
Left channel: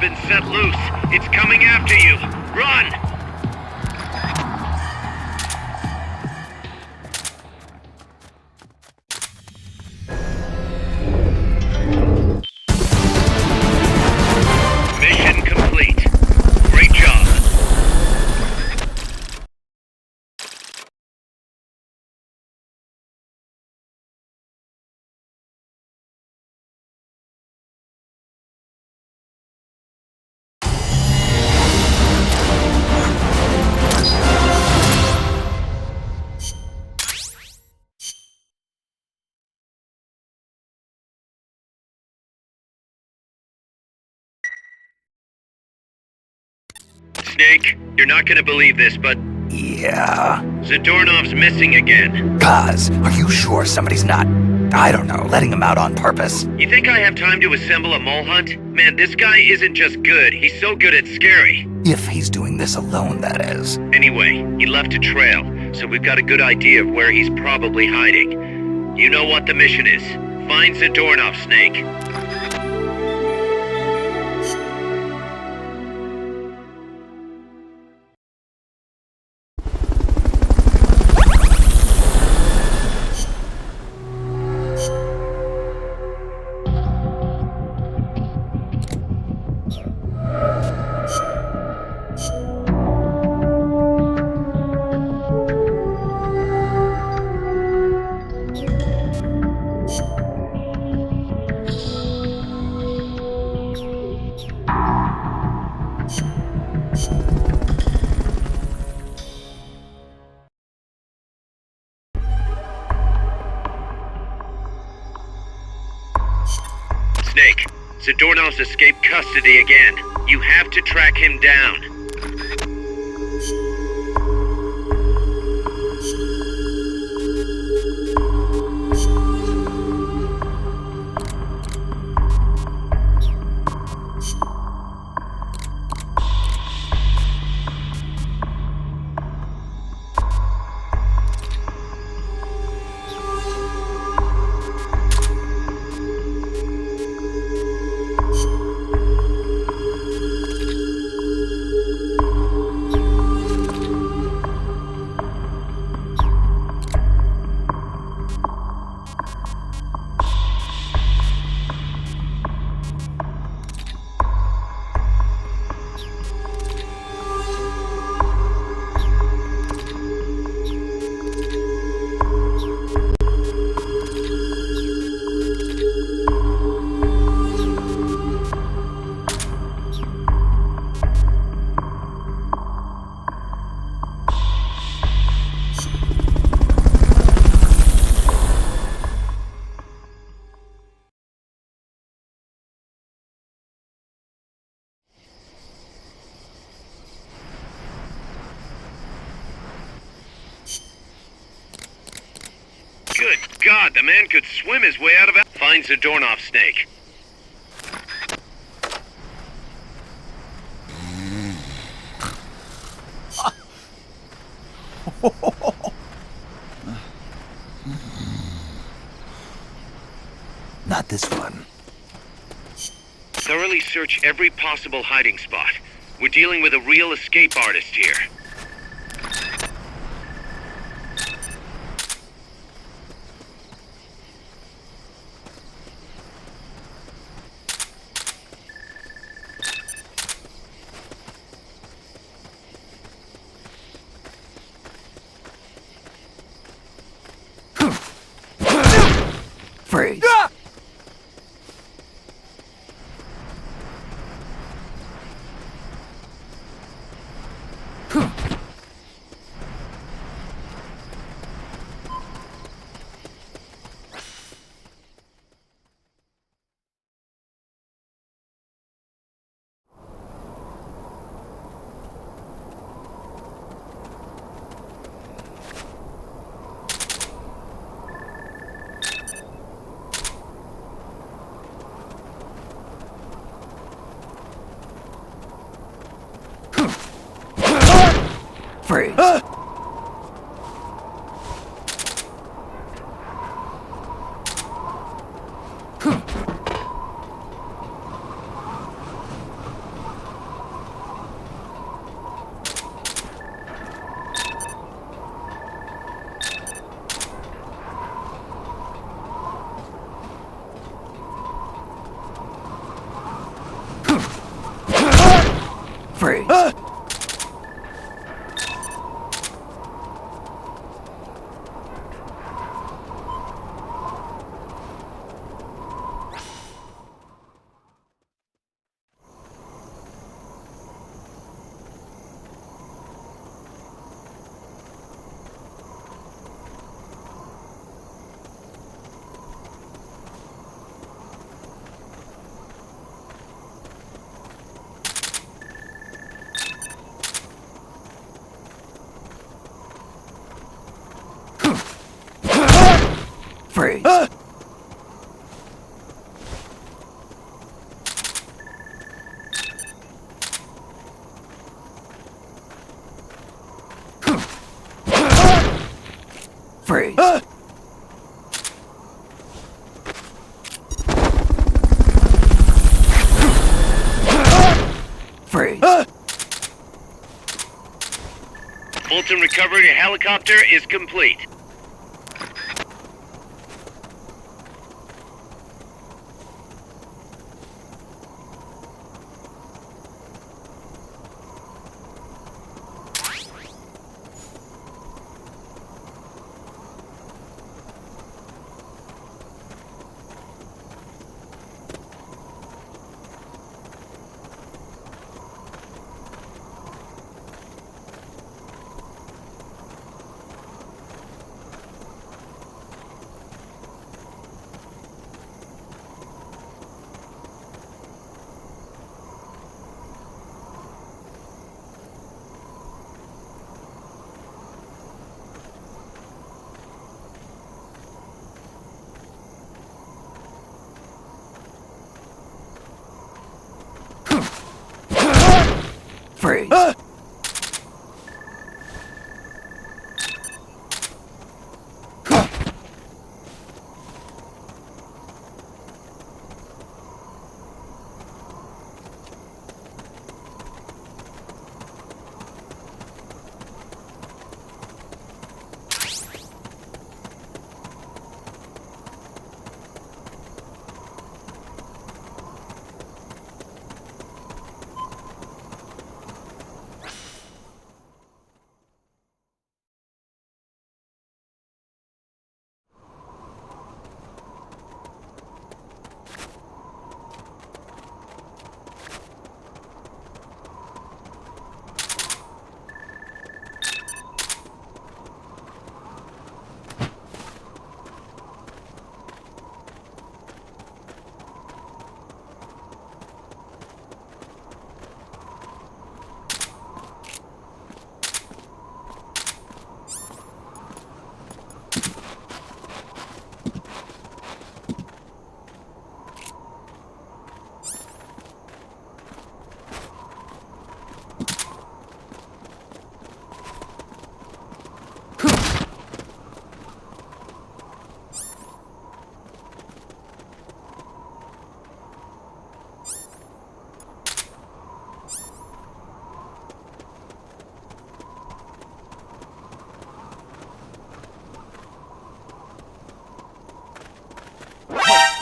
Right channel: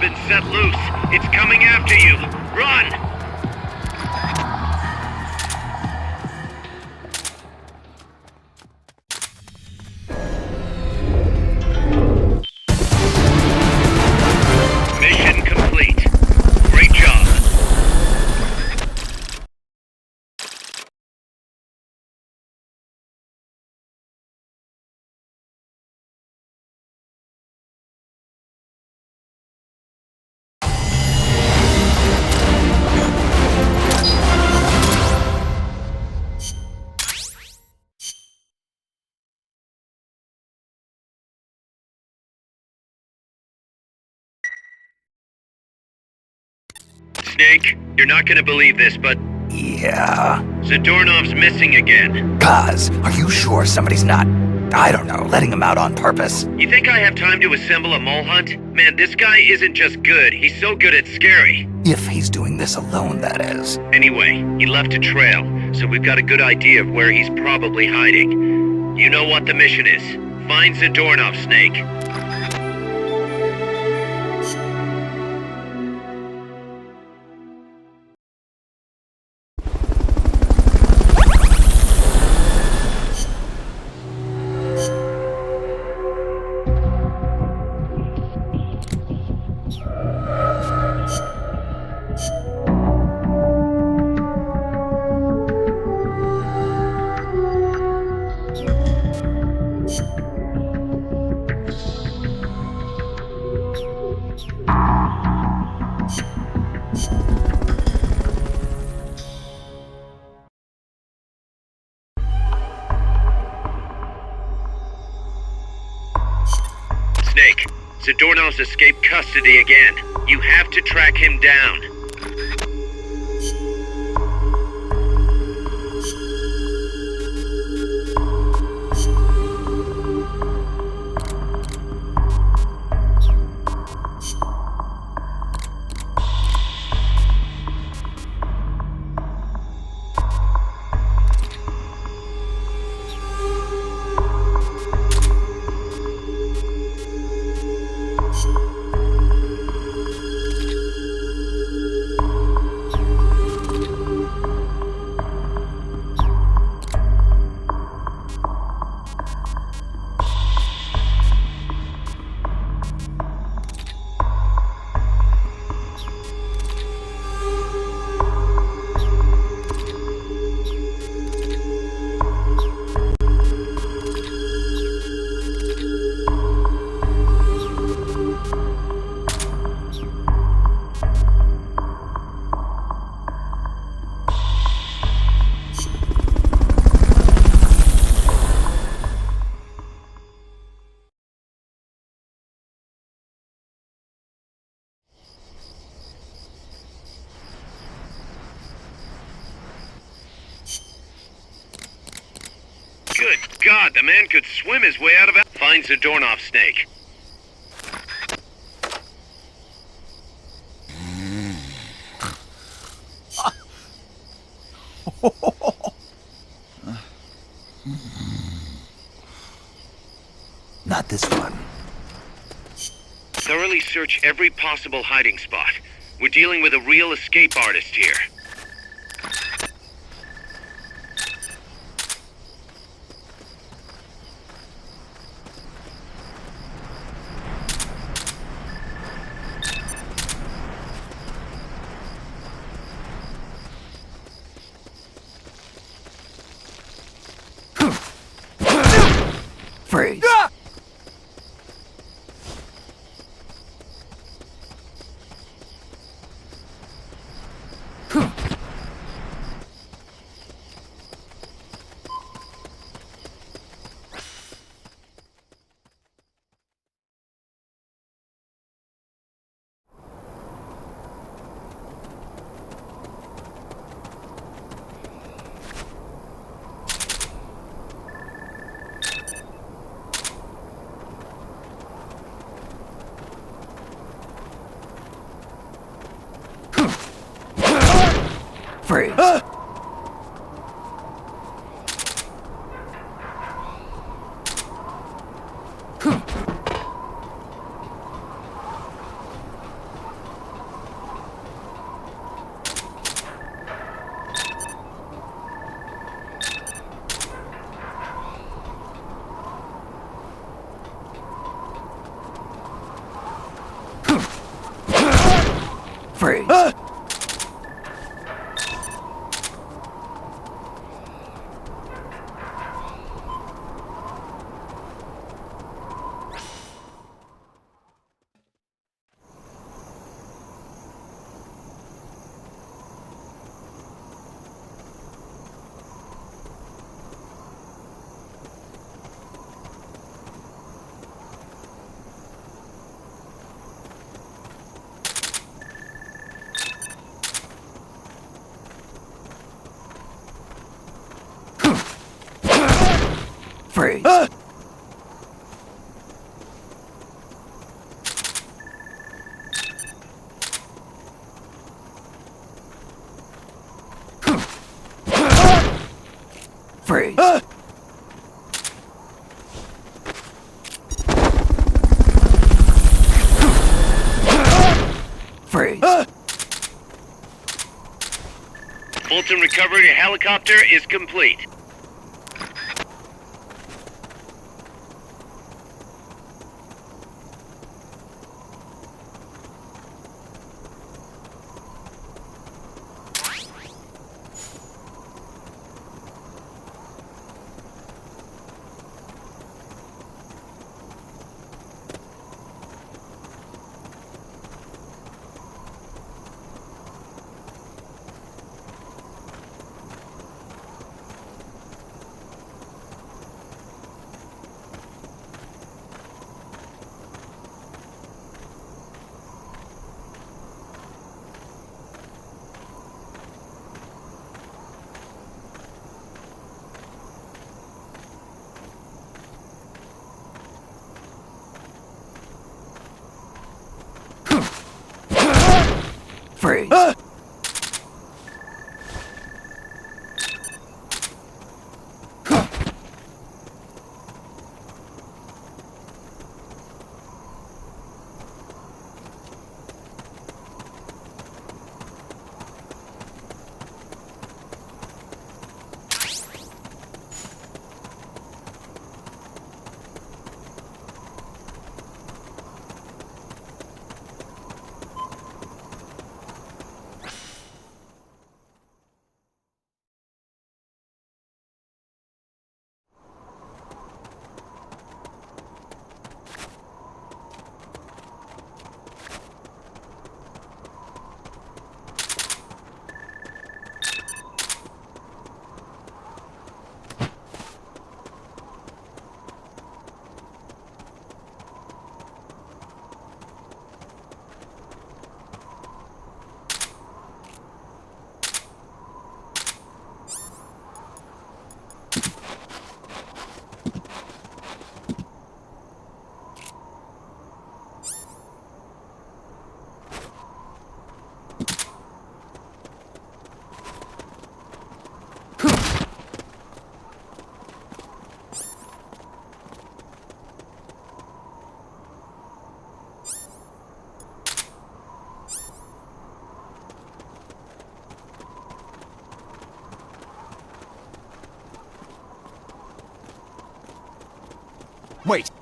Been set loose. It's coming after you. Run! Mission complete. Great job. Snake, you're not gonna believe this, but Yeah. Zadornov's missing again. Kaz, are you sure somebody's not, I don't know, letting him out on purpose? You think I have time to assemble a mole hunt? Man, this guy isn't just good, he's so good it's scary. If he's doing this alone, that is. Anyway, he left a trail, so we've got a good idea of where he's probably hiding. You know what the mission is. Find Zadornov, Snake. Zadornov's escaped custody again. You have to track him down. Good God, the man could swim his way out of it. Find Zadornov, Snake. Not this one. Thoroughly search every possible hiding spot. We're dealing with a real escape artist here. Freeze. Freeze. Freeze. Freeze. Freeze. Freeze. Fulton recovery helicopter is complete.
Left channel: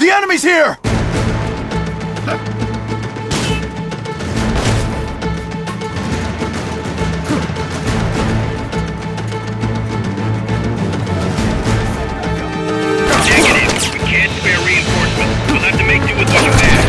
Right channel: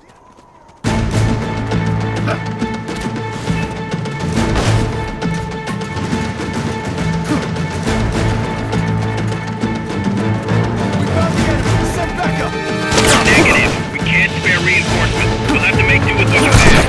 The enemy's here! Send backup! Negative. We can't spare reinforcements. We'll have to make do with what you have.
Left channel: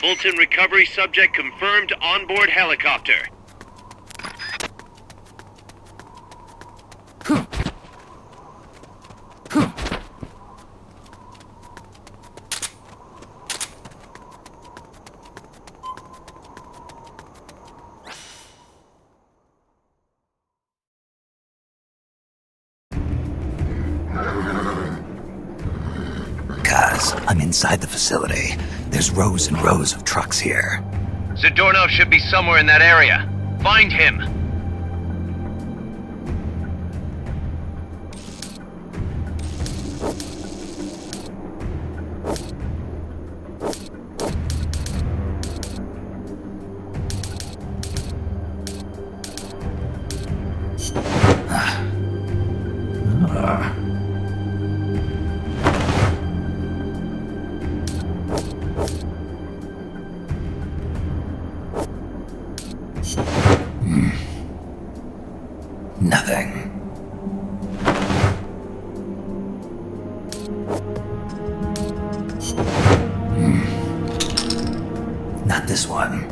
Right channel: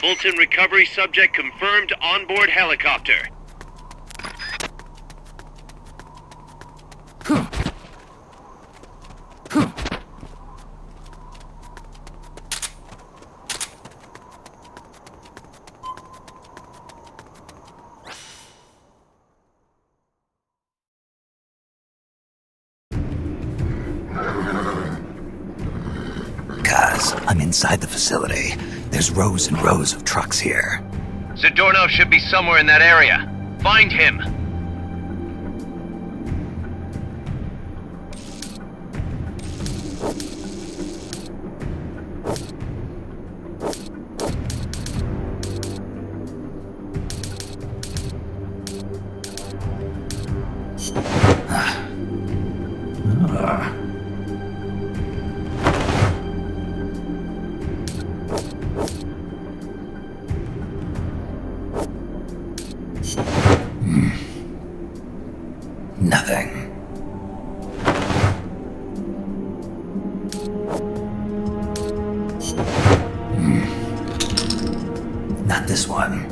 Fulton recovery subject confirmed onboard helicopter. Guys, I'm inside the facility. There's rows and rows of trucks here. Zadornov should be somewhere in that area. Find him. Nothing. Not this one.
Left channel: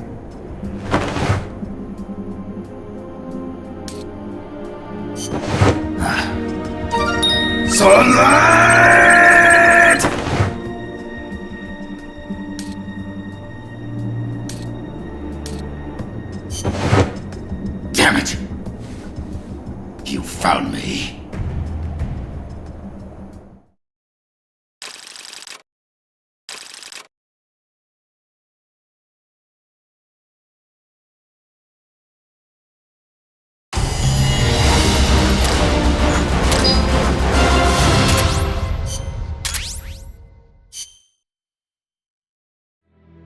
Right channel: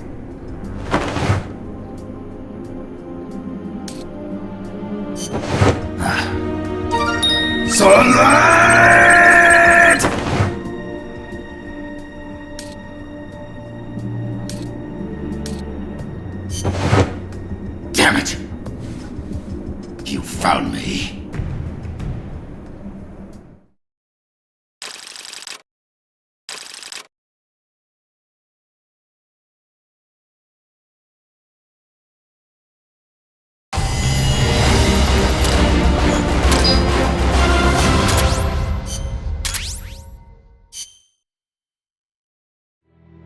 Sunlight! Damn it! You found me.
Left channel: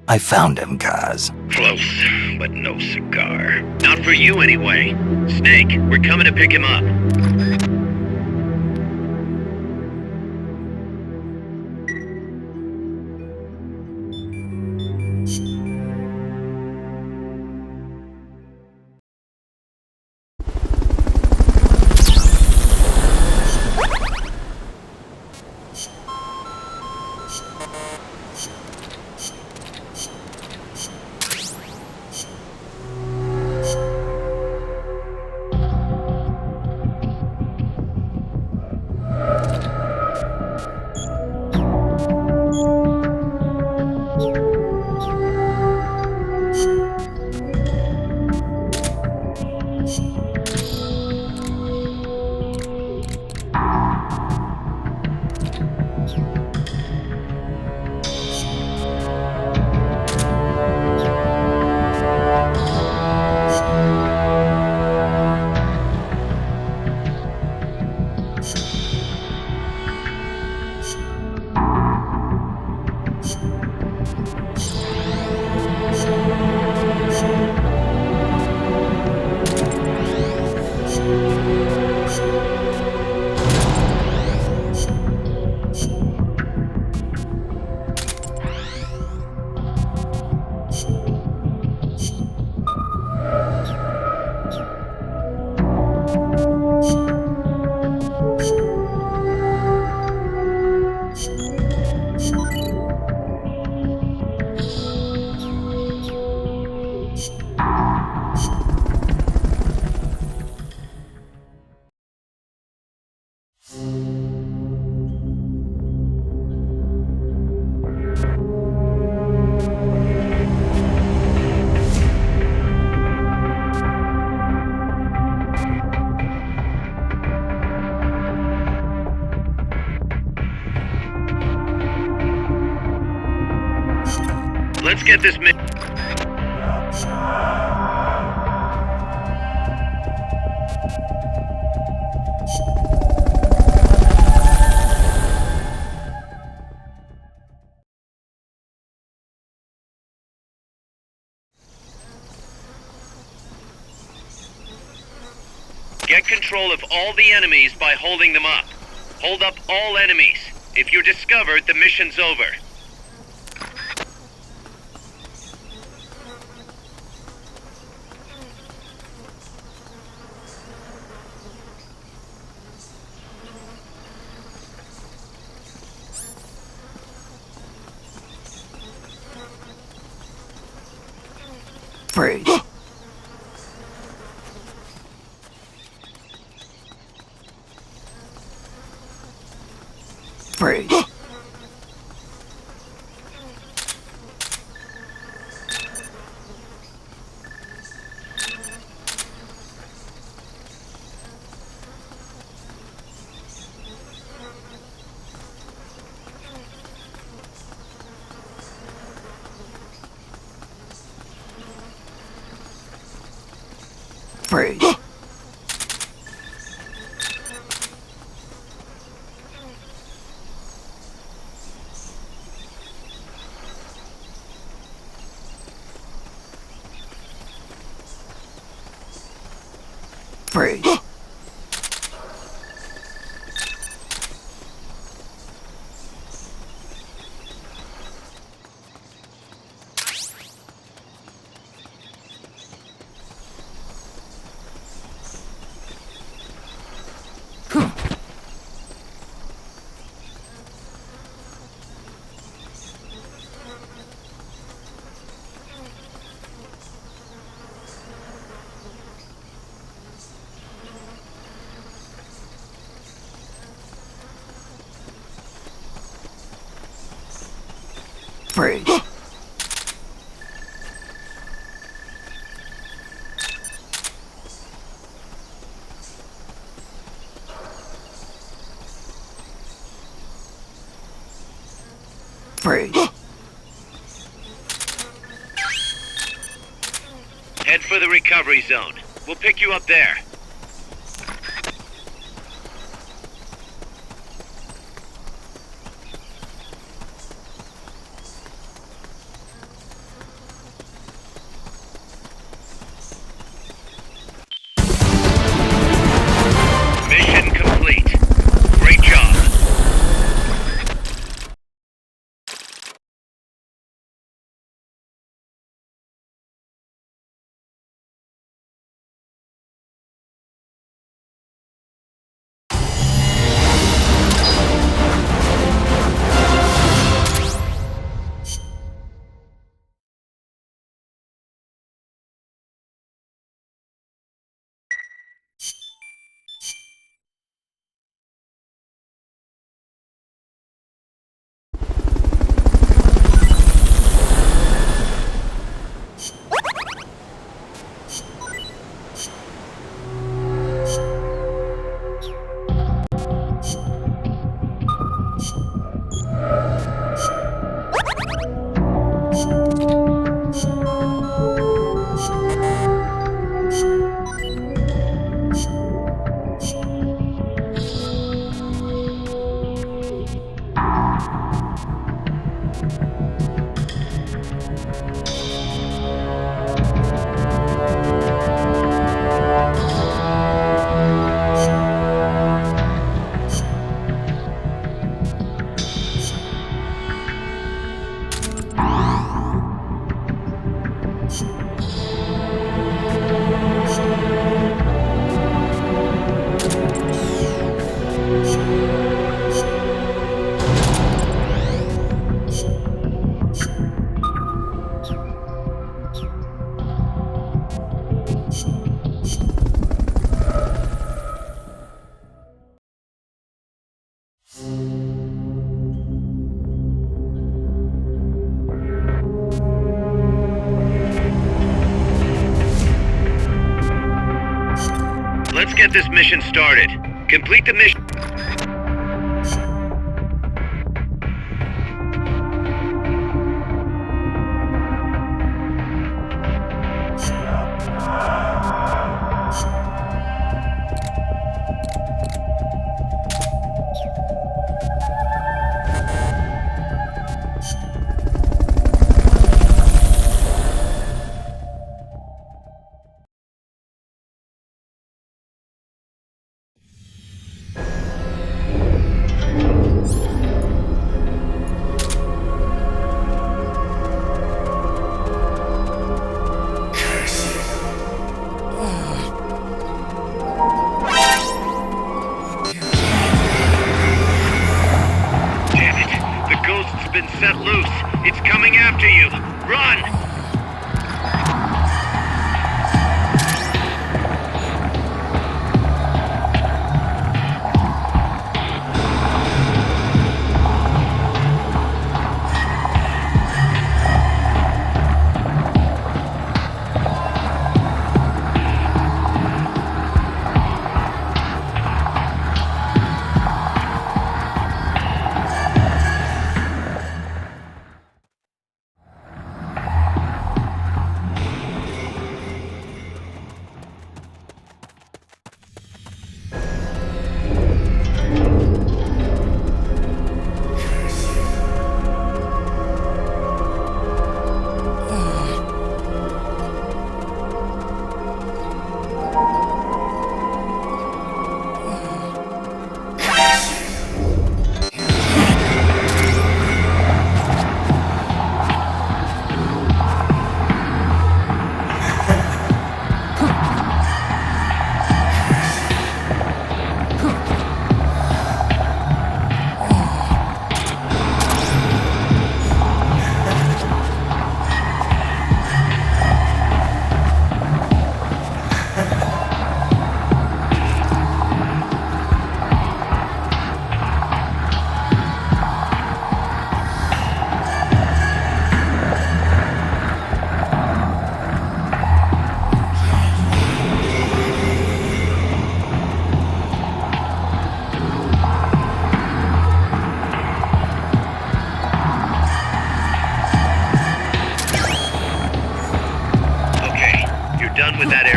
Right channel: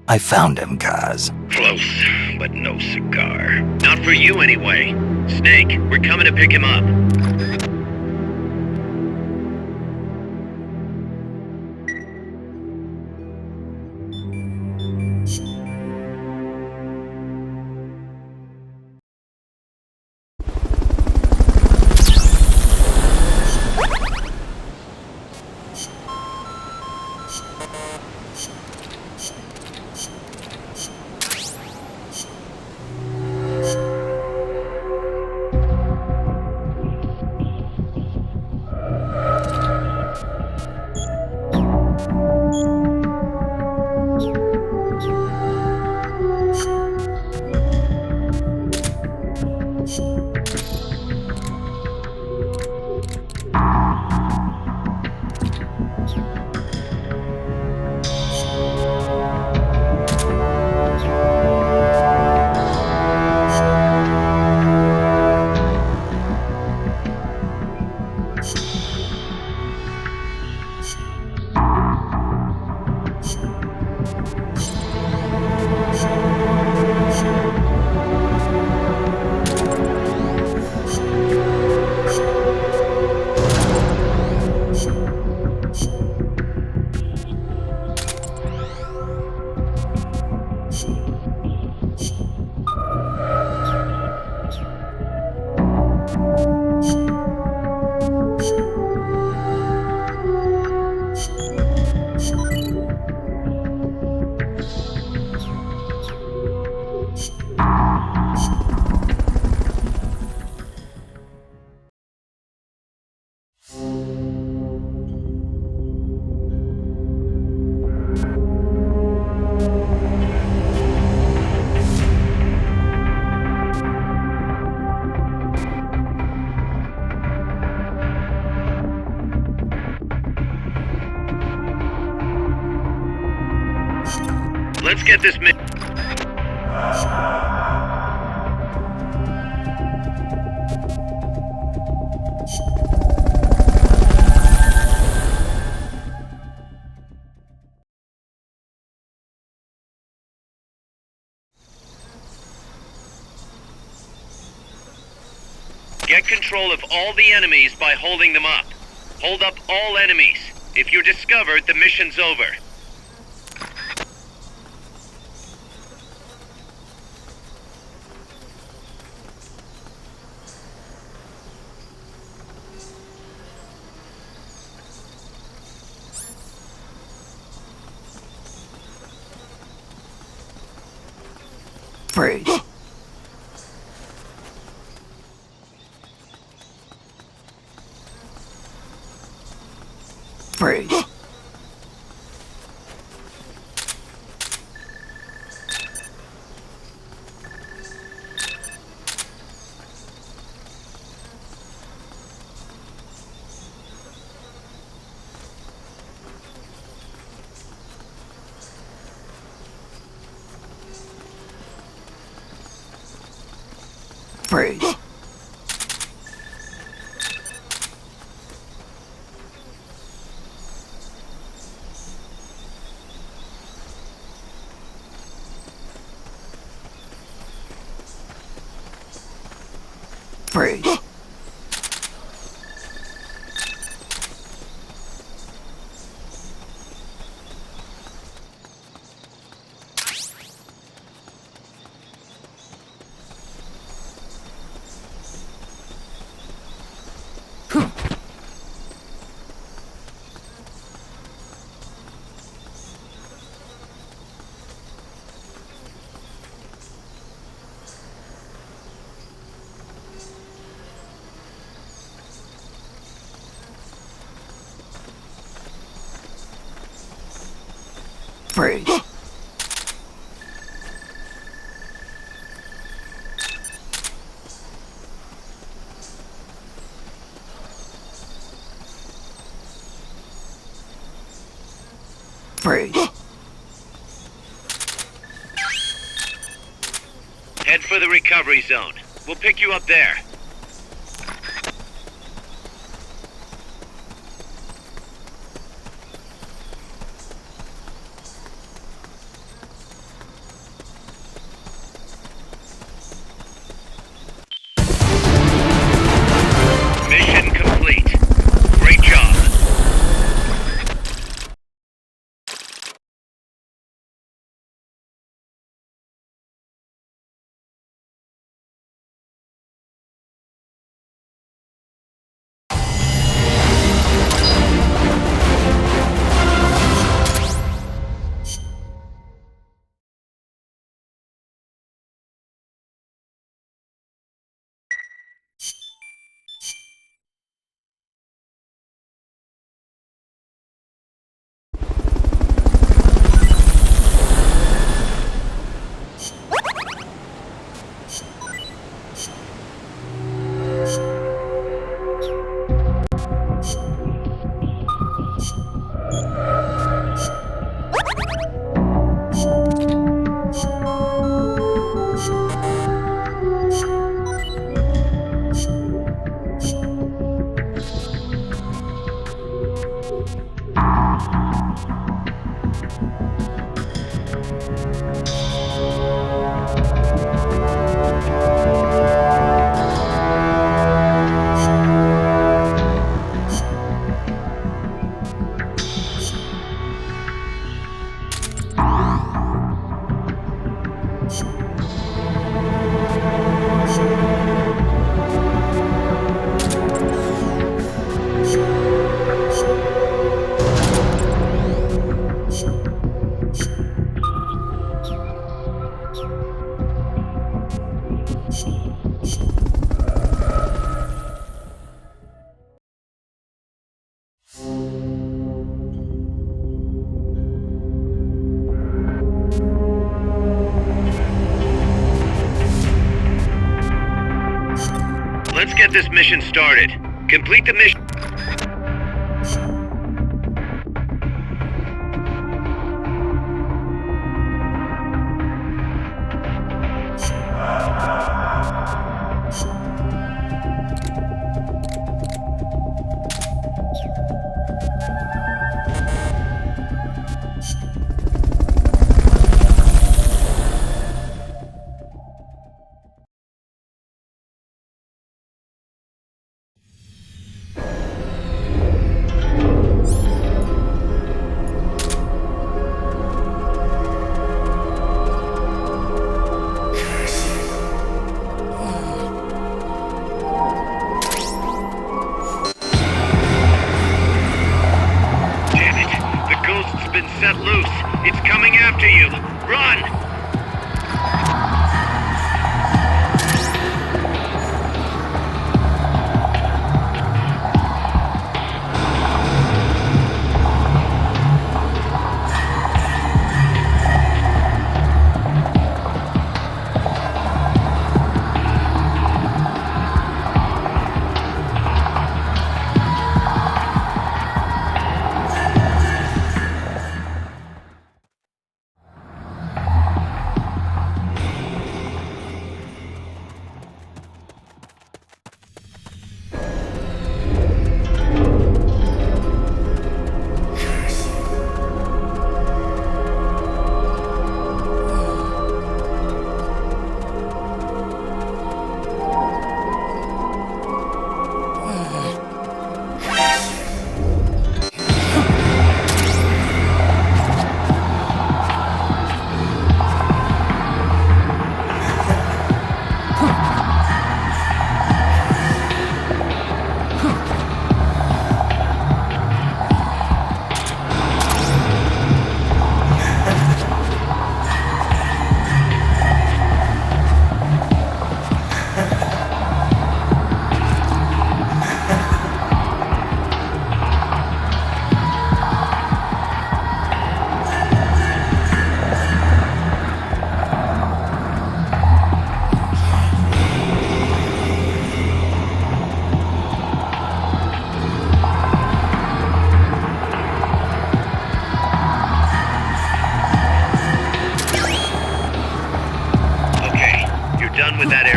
I found him, Kaz. Close, but no cigar. Not for you anyway. Snake, we're coming to pick him up. Let's get this mission. Get control of all the enemies by holding them up. Hold up all enemies. If you're discovered, the mission's over. Freeze. Freeze. Freeze. Freeze. Freeze. Freeze. Head for the recovery zone. We'll pick you up there. Mission complete. Great job. Let's get this mission started. Complete the mission.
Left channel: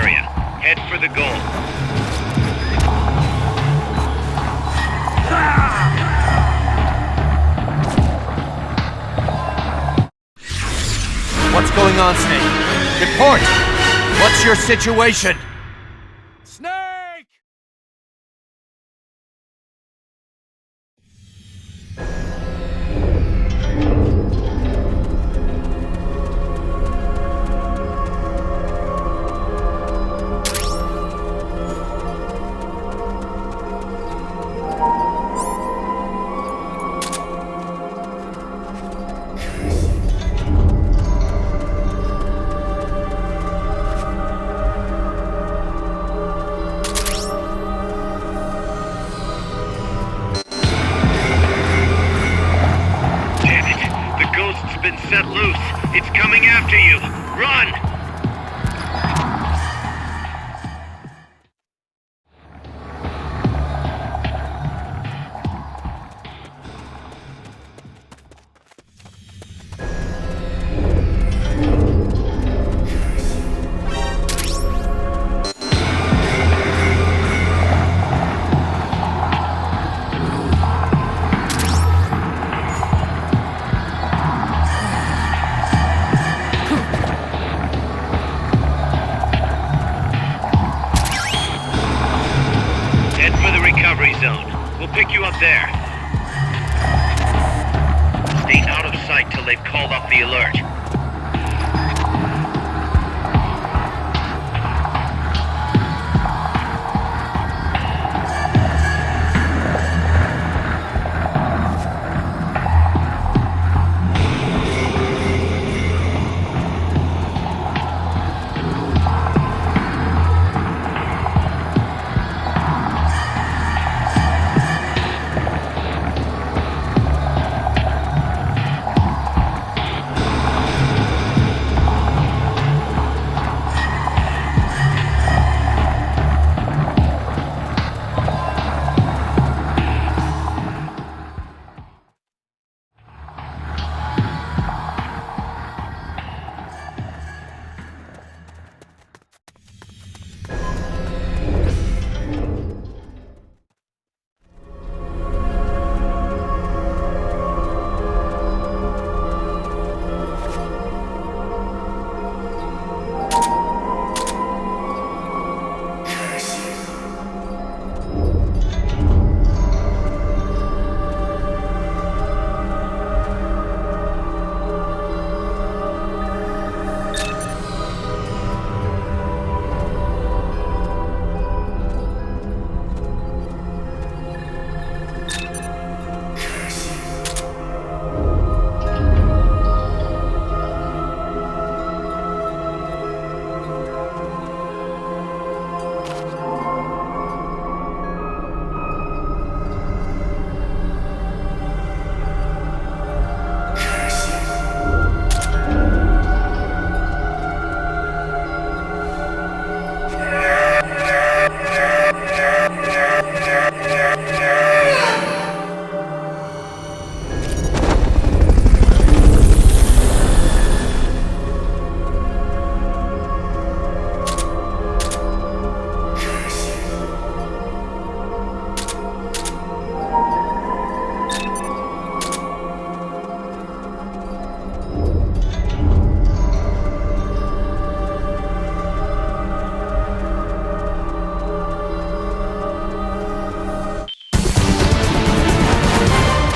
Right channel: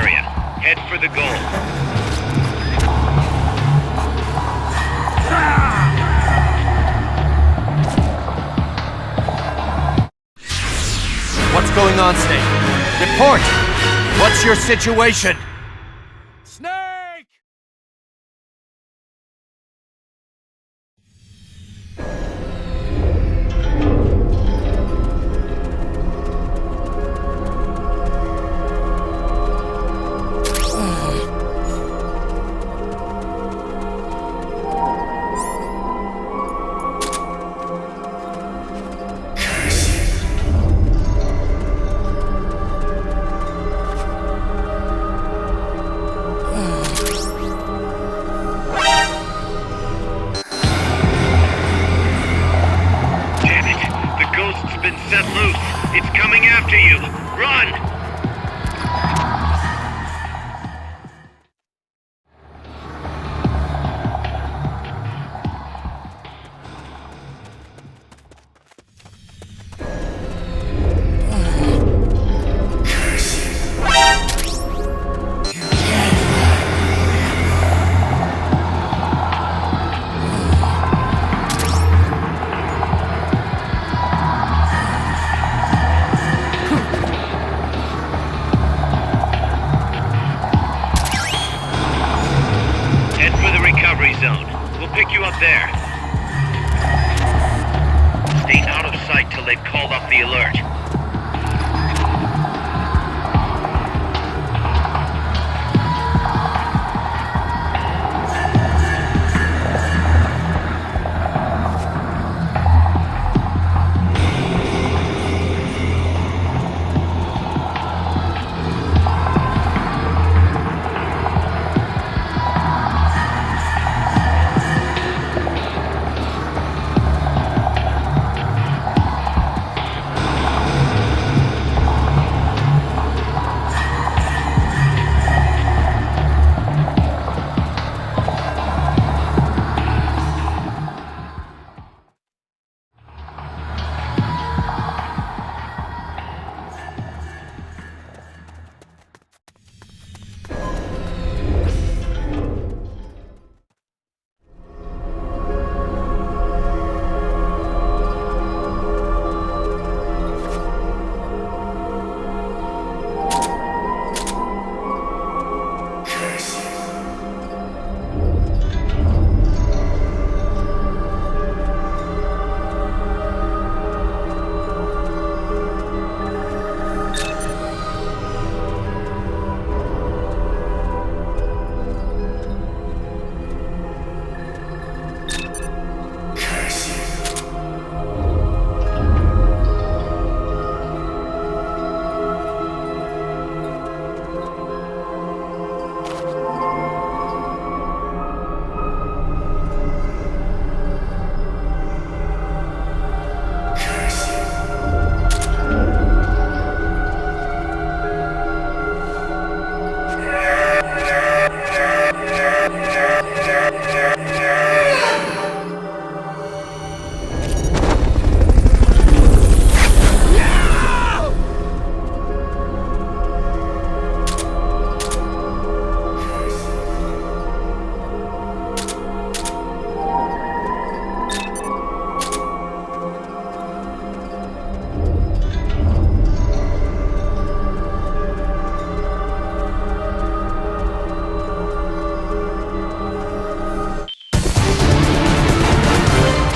area. Head for the goal. What's going on, Snake? Report! What's your situation? Snake! Damn it! The ghost's been set loose. It's coming after you. Run! Head for the recovery zone. We'll pick you up there. Stay out of sight till they've called off the alert.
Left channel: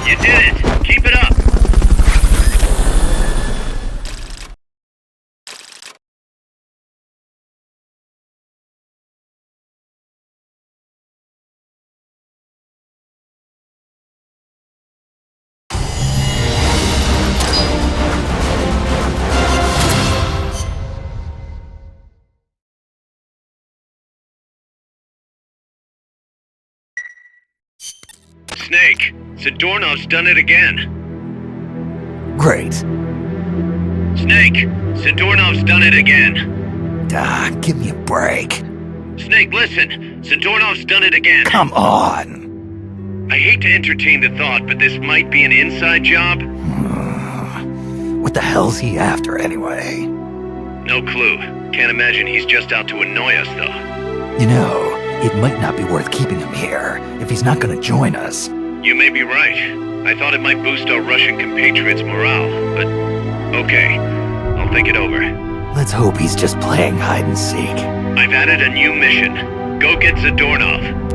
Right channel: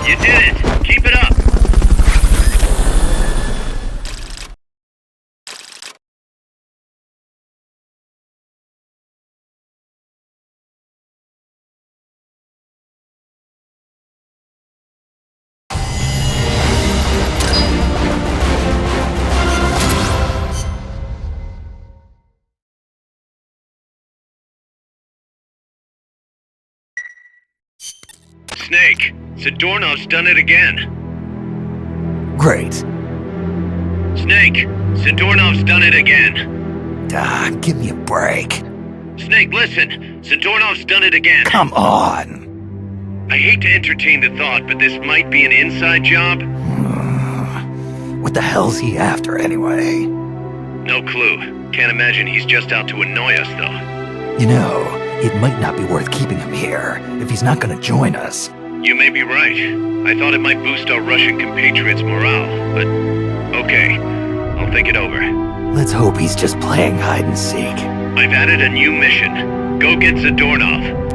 You did it! Keep it up! Snake, Zadornov's done it again. Great. Snake, Zadornov's done it again. Ah, give me a break. Snake, listen. Zadornov's done it again. Come on. I hate to entertain the thought, but this might be an inside job. What the hell's he after anyway? No clue. Can't imagine he's just out to annoy us, though. You know, it might not be worth keeping him here if he's not gonna join us. You may be right. I thought it might boost our Russian compatriots' morale, but okay. I'll think it over. Let's hope he's just playing hide and seek. I've added a new mission. Go get Zadornov.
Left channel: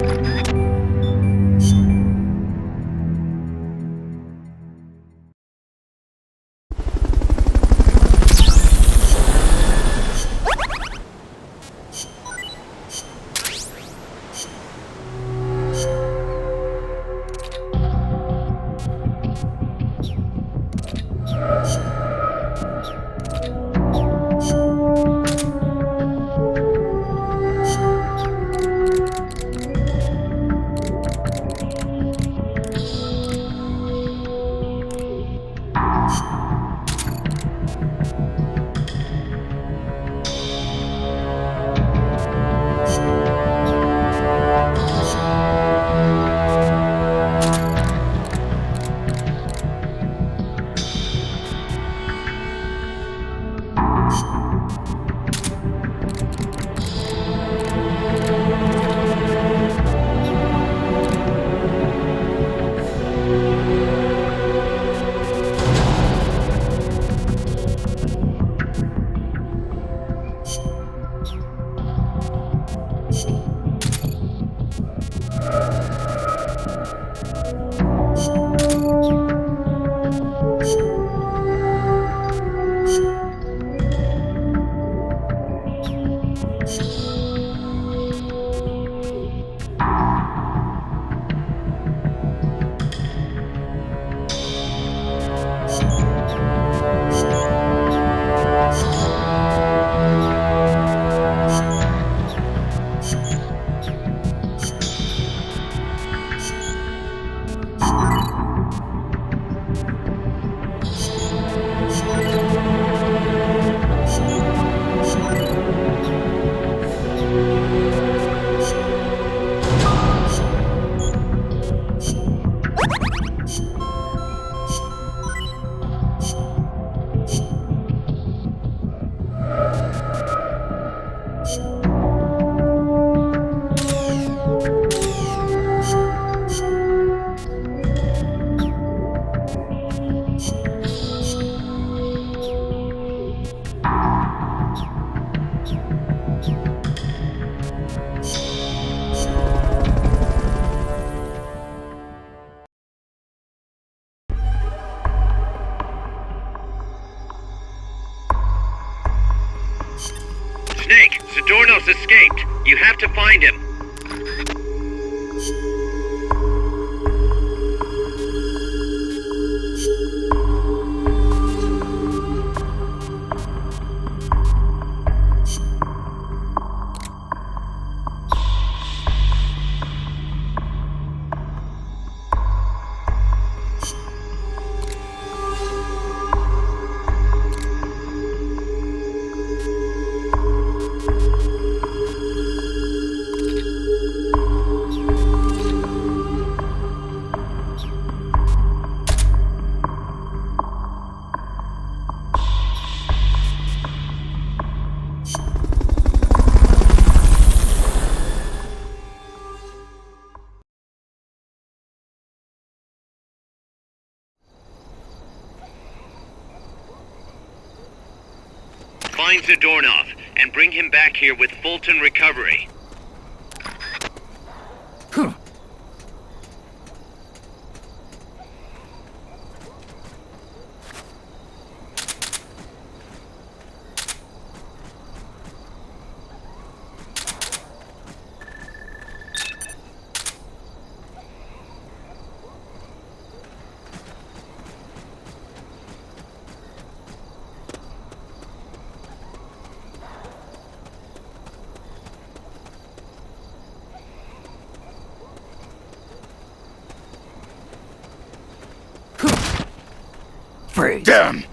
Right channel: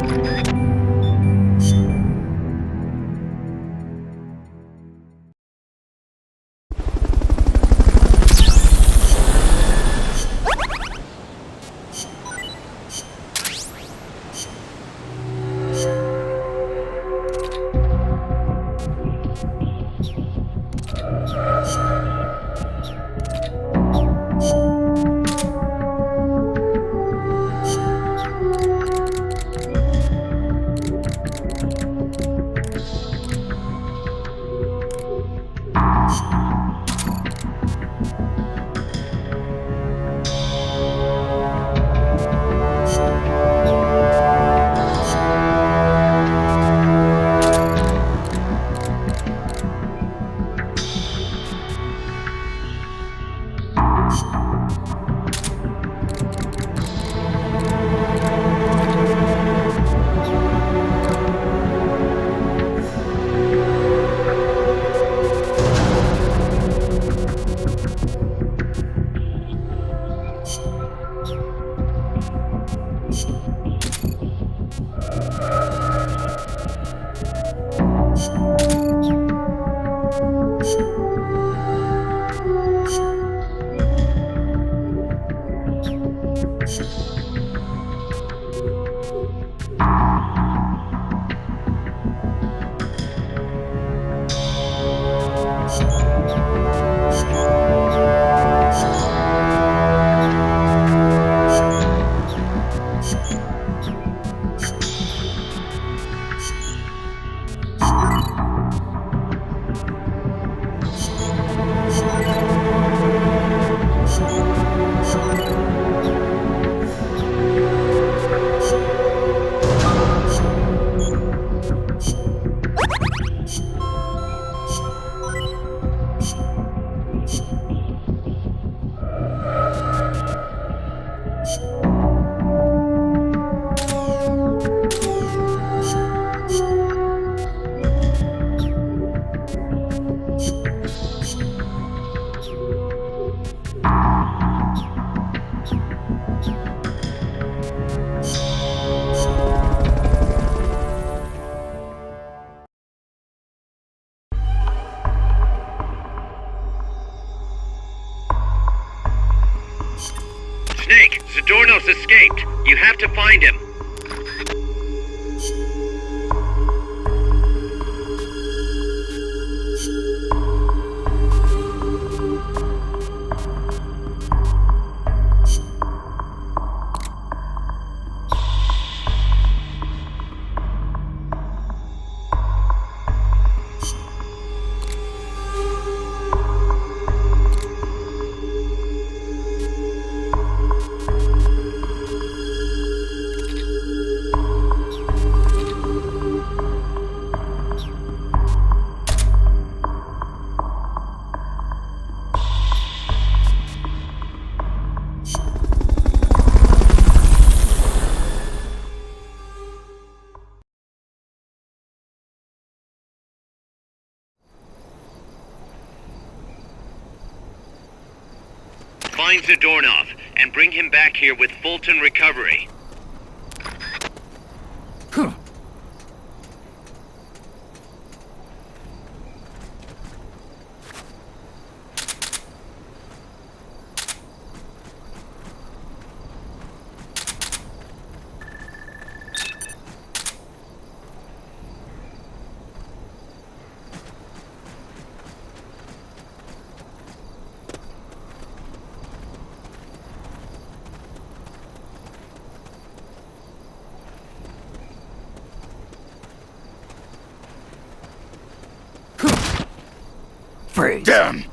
Snake, Zadornov's escaped. You have to find him. Find Zadornov and bring him back here with Fulton Recovery. Freeze. Damn!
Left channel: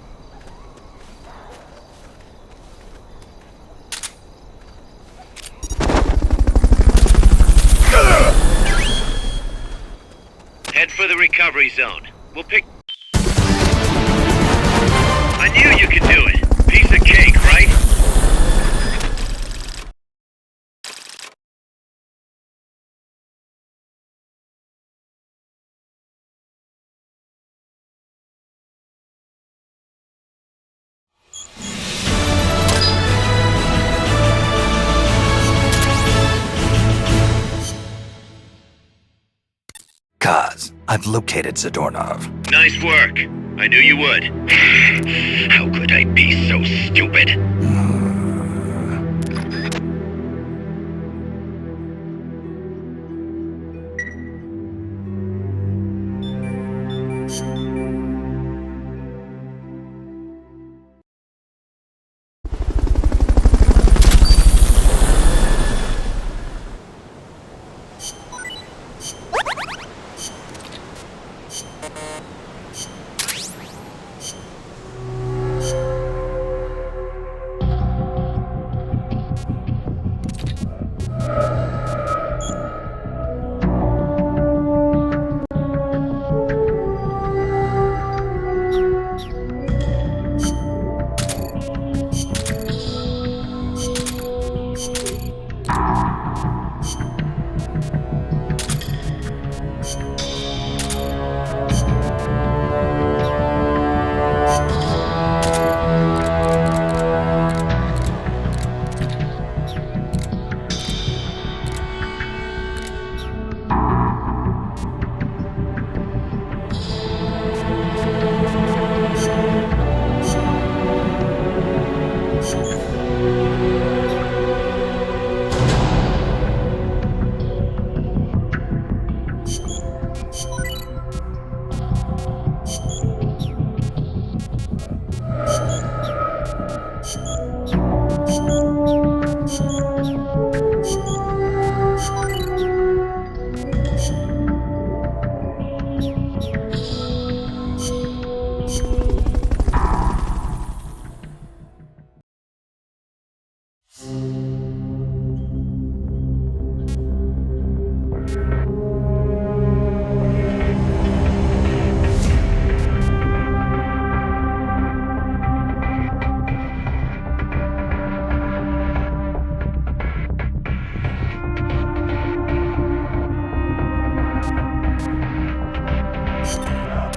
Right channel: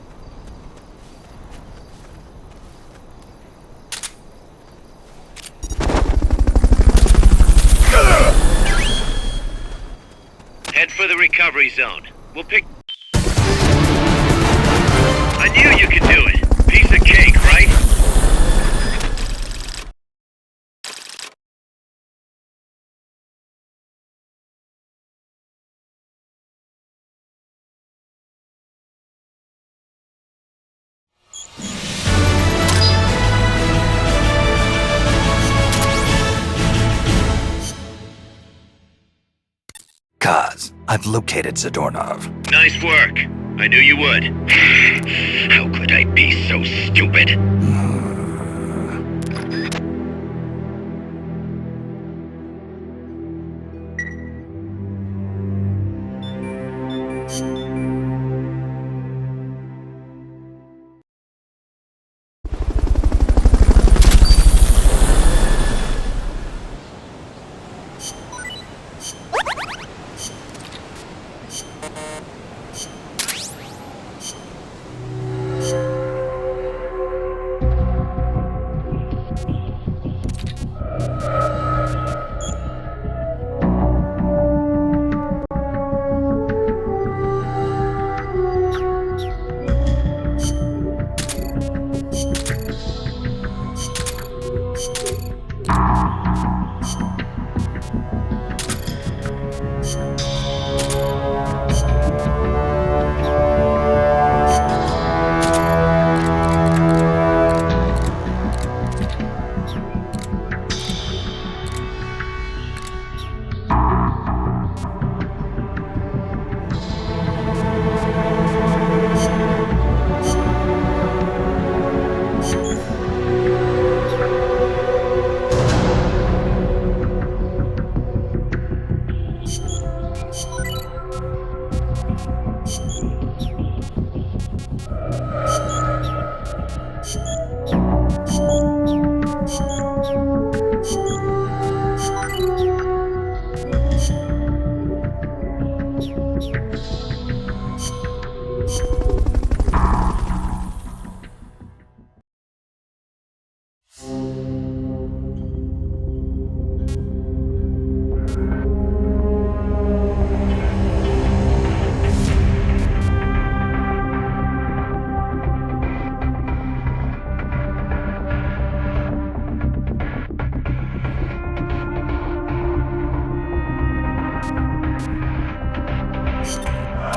Head for the recovery zone. We'll pick... I knew you could do it. Piece of cake, right? Kaz. I've located Zadornov. Nice work. I knew you would. How could I be so stupid?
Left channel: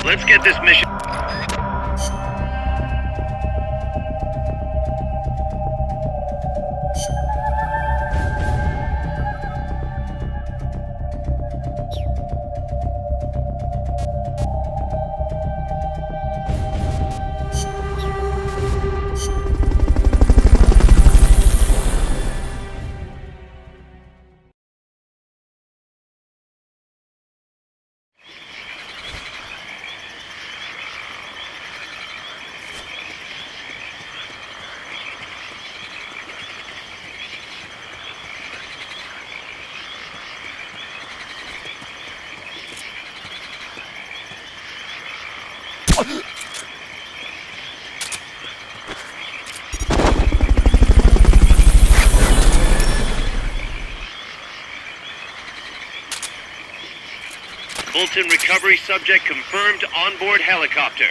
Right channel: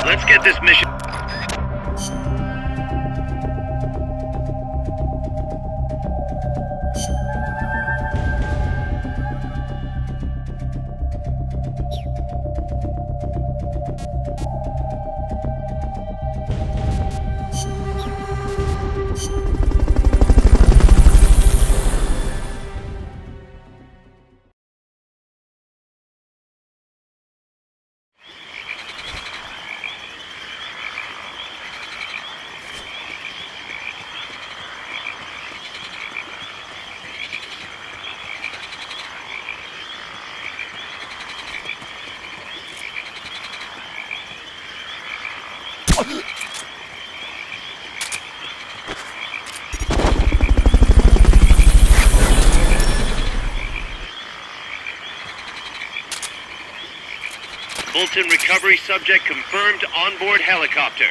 Let's get this mission. Fulton recovery subject confirmed onboard helicopter.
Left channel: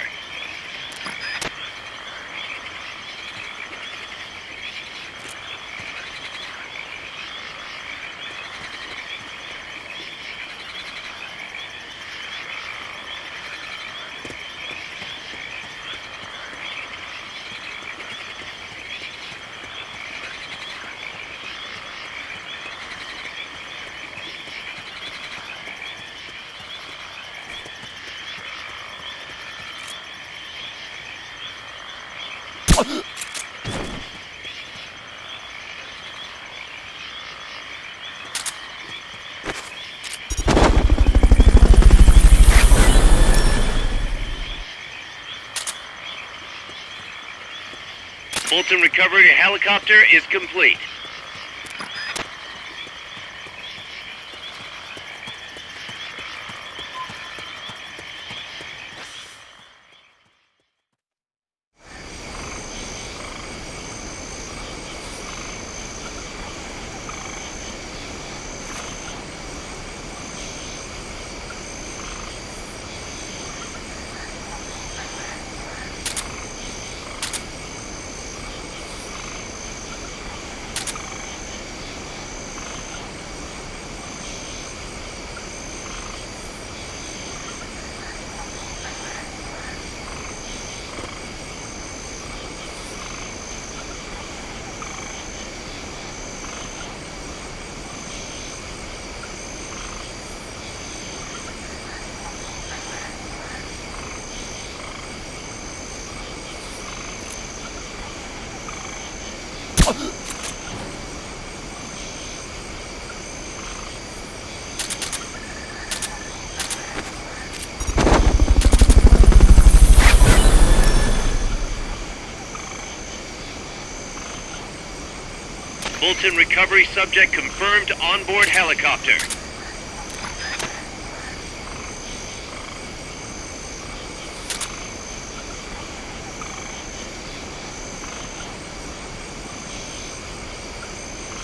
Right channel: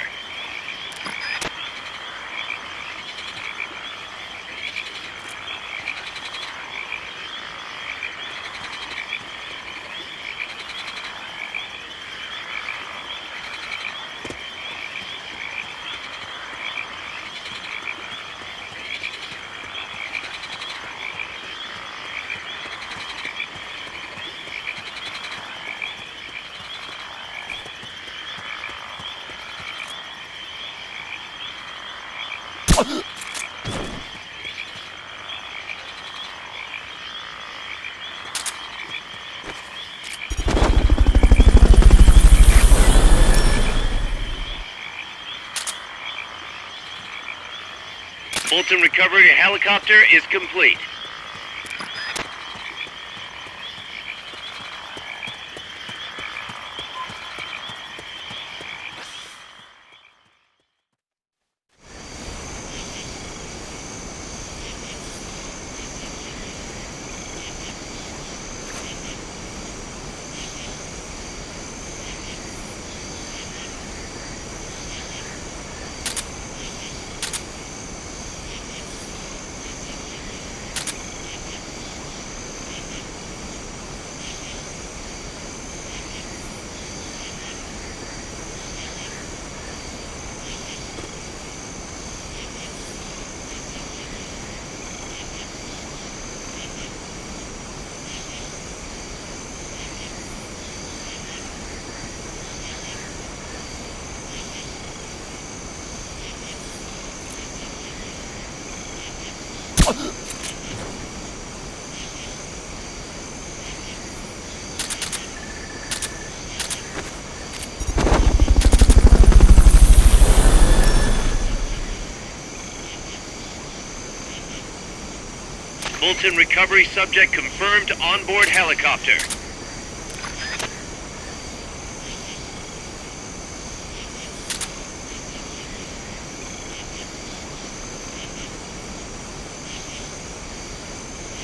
Fulton recovery helicopter is complete. Fulton recovery subject confirmed onboard helicopter.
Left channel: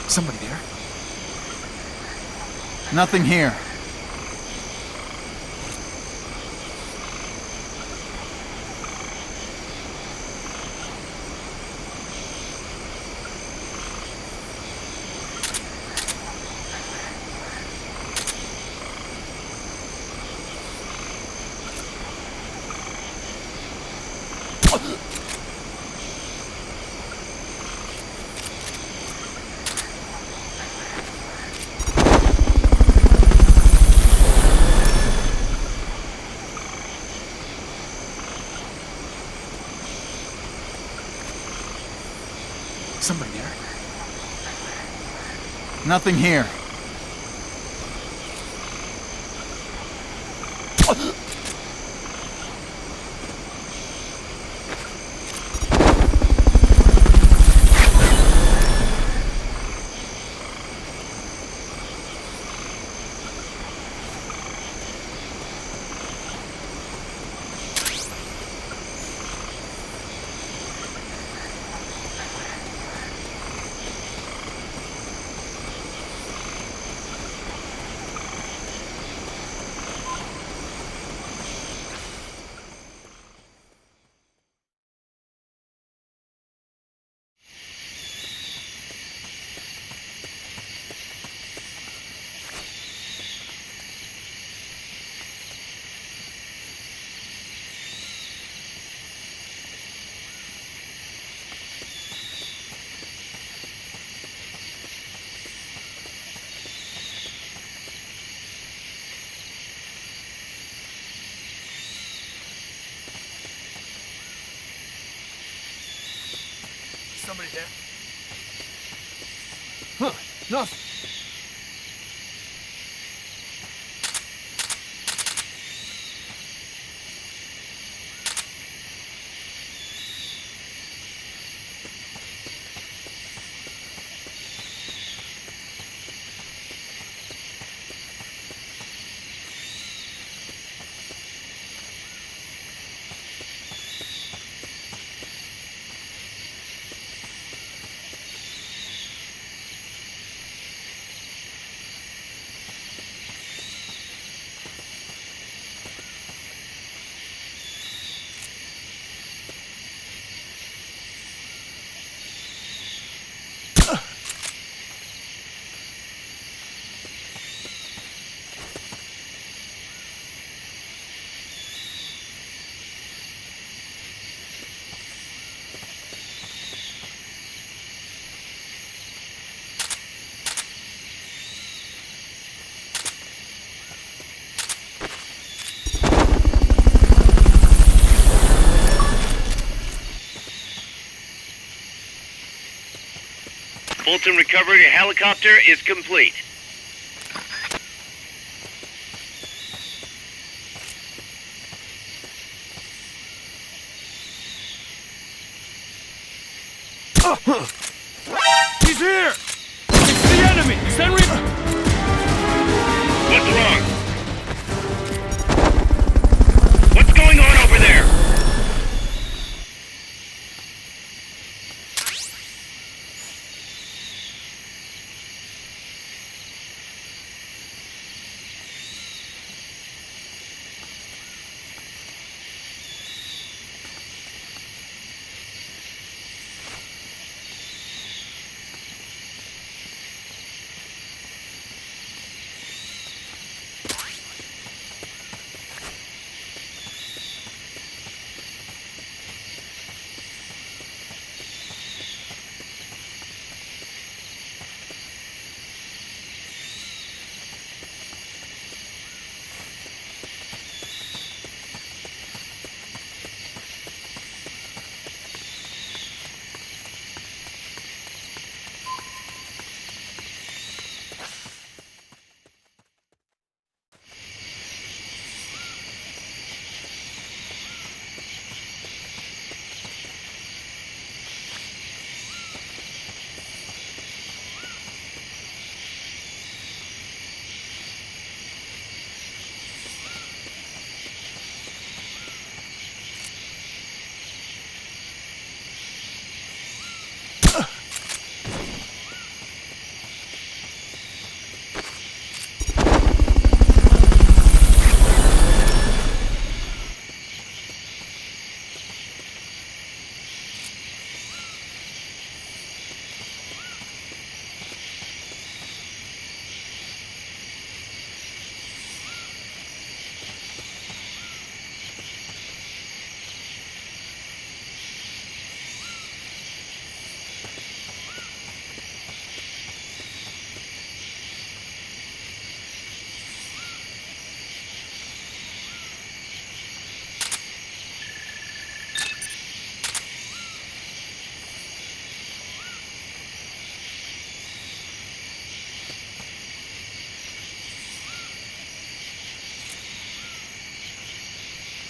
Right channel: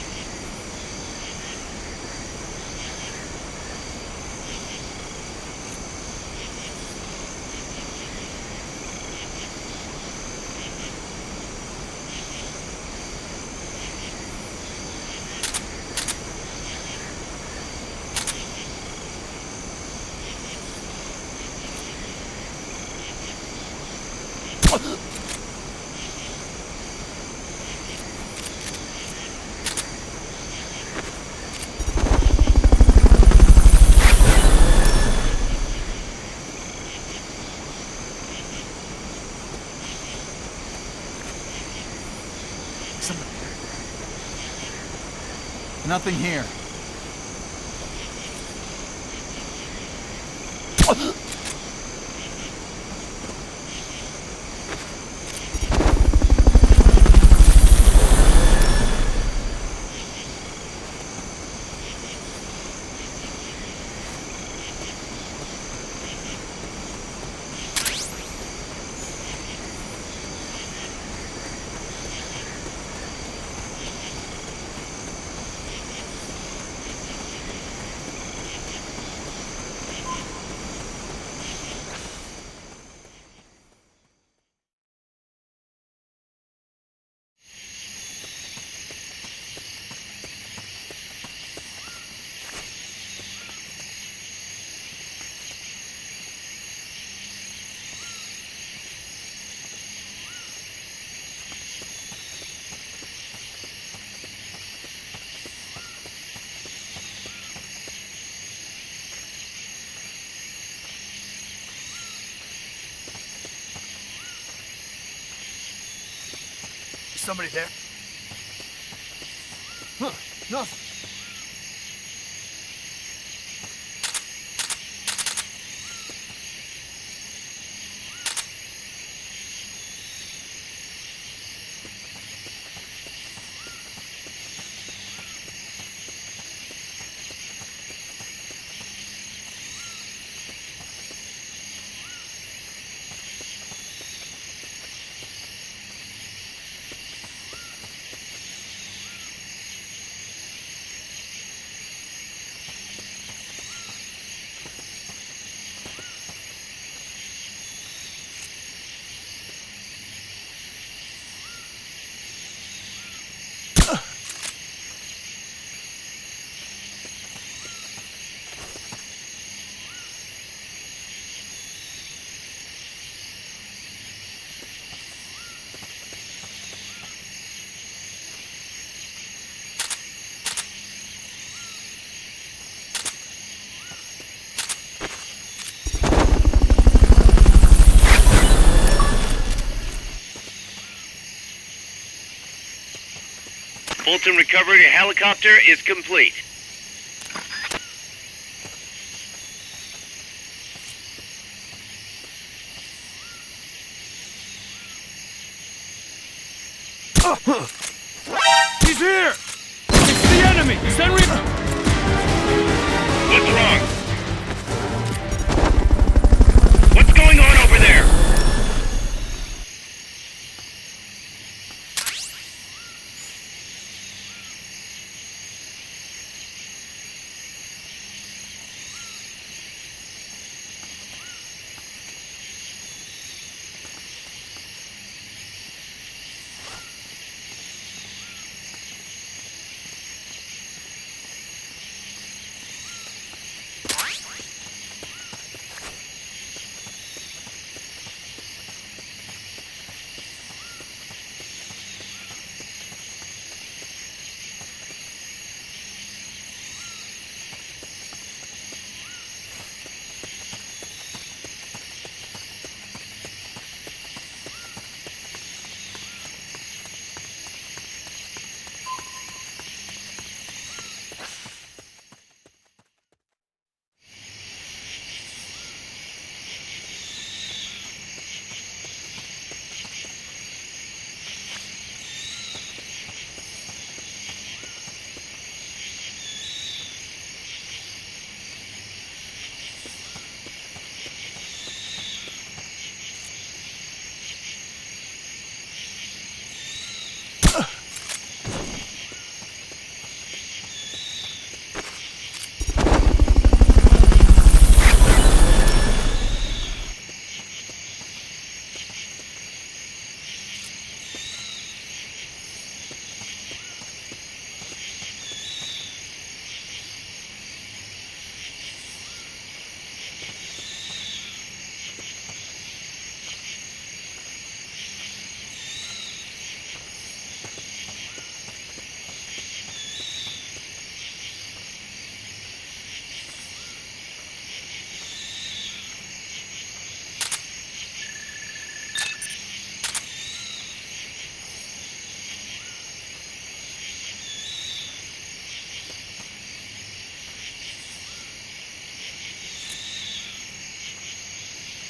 Somebody there? Nothing here. Somebody there? Nothing here. Somebody there? Huh, no. Fulton recovery helicopter is complete. He's here! It's the enemy! Send What's wrong? What's going on over there?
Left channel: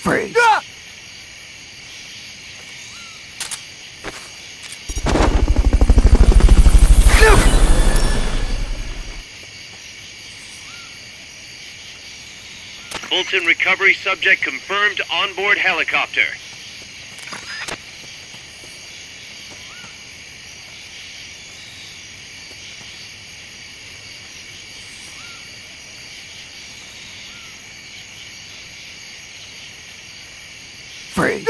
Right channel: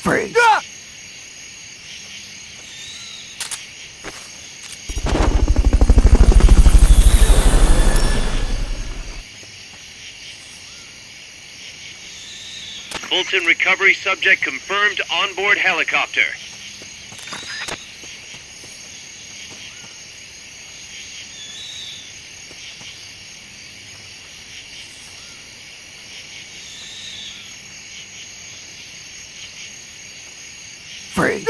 Freeze! Fulton recovery subject confirmed onboard helicopter. Freeze!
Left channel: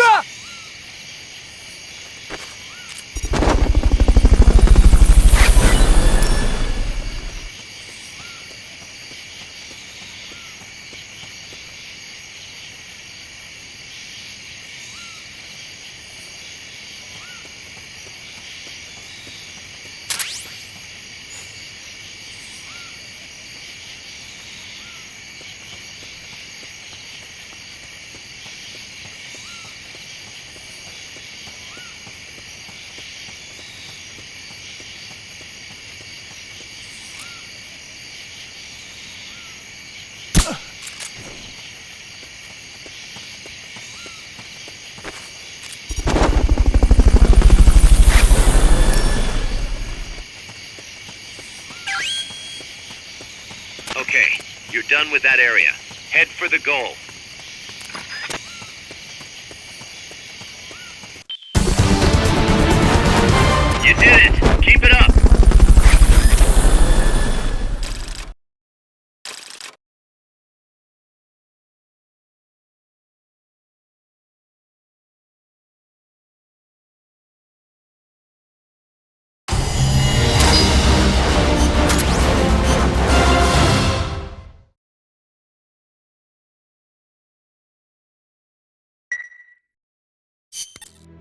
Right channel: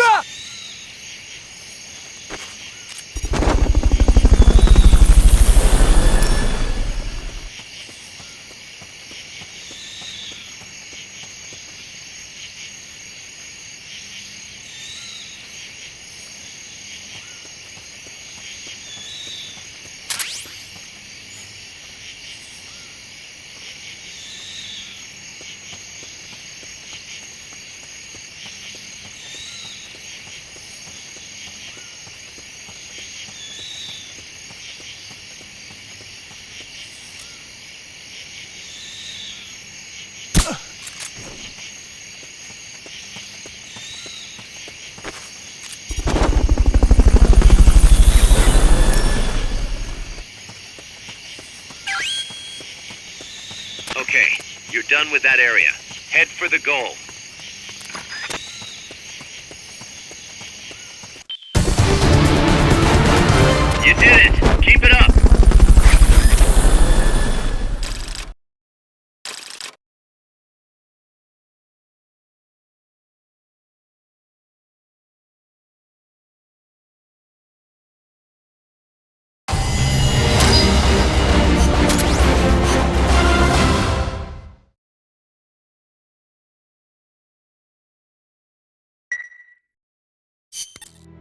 Okay, you're done with that area. Head for the goal. You did it! Keep it up!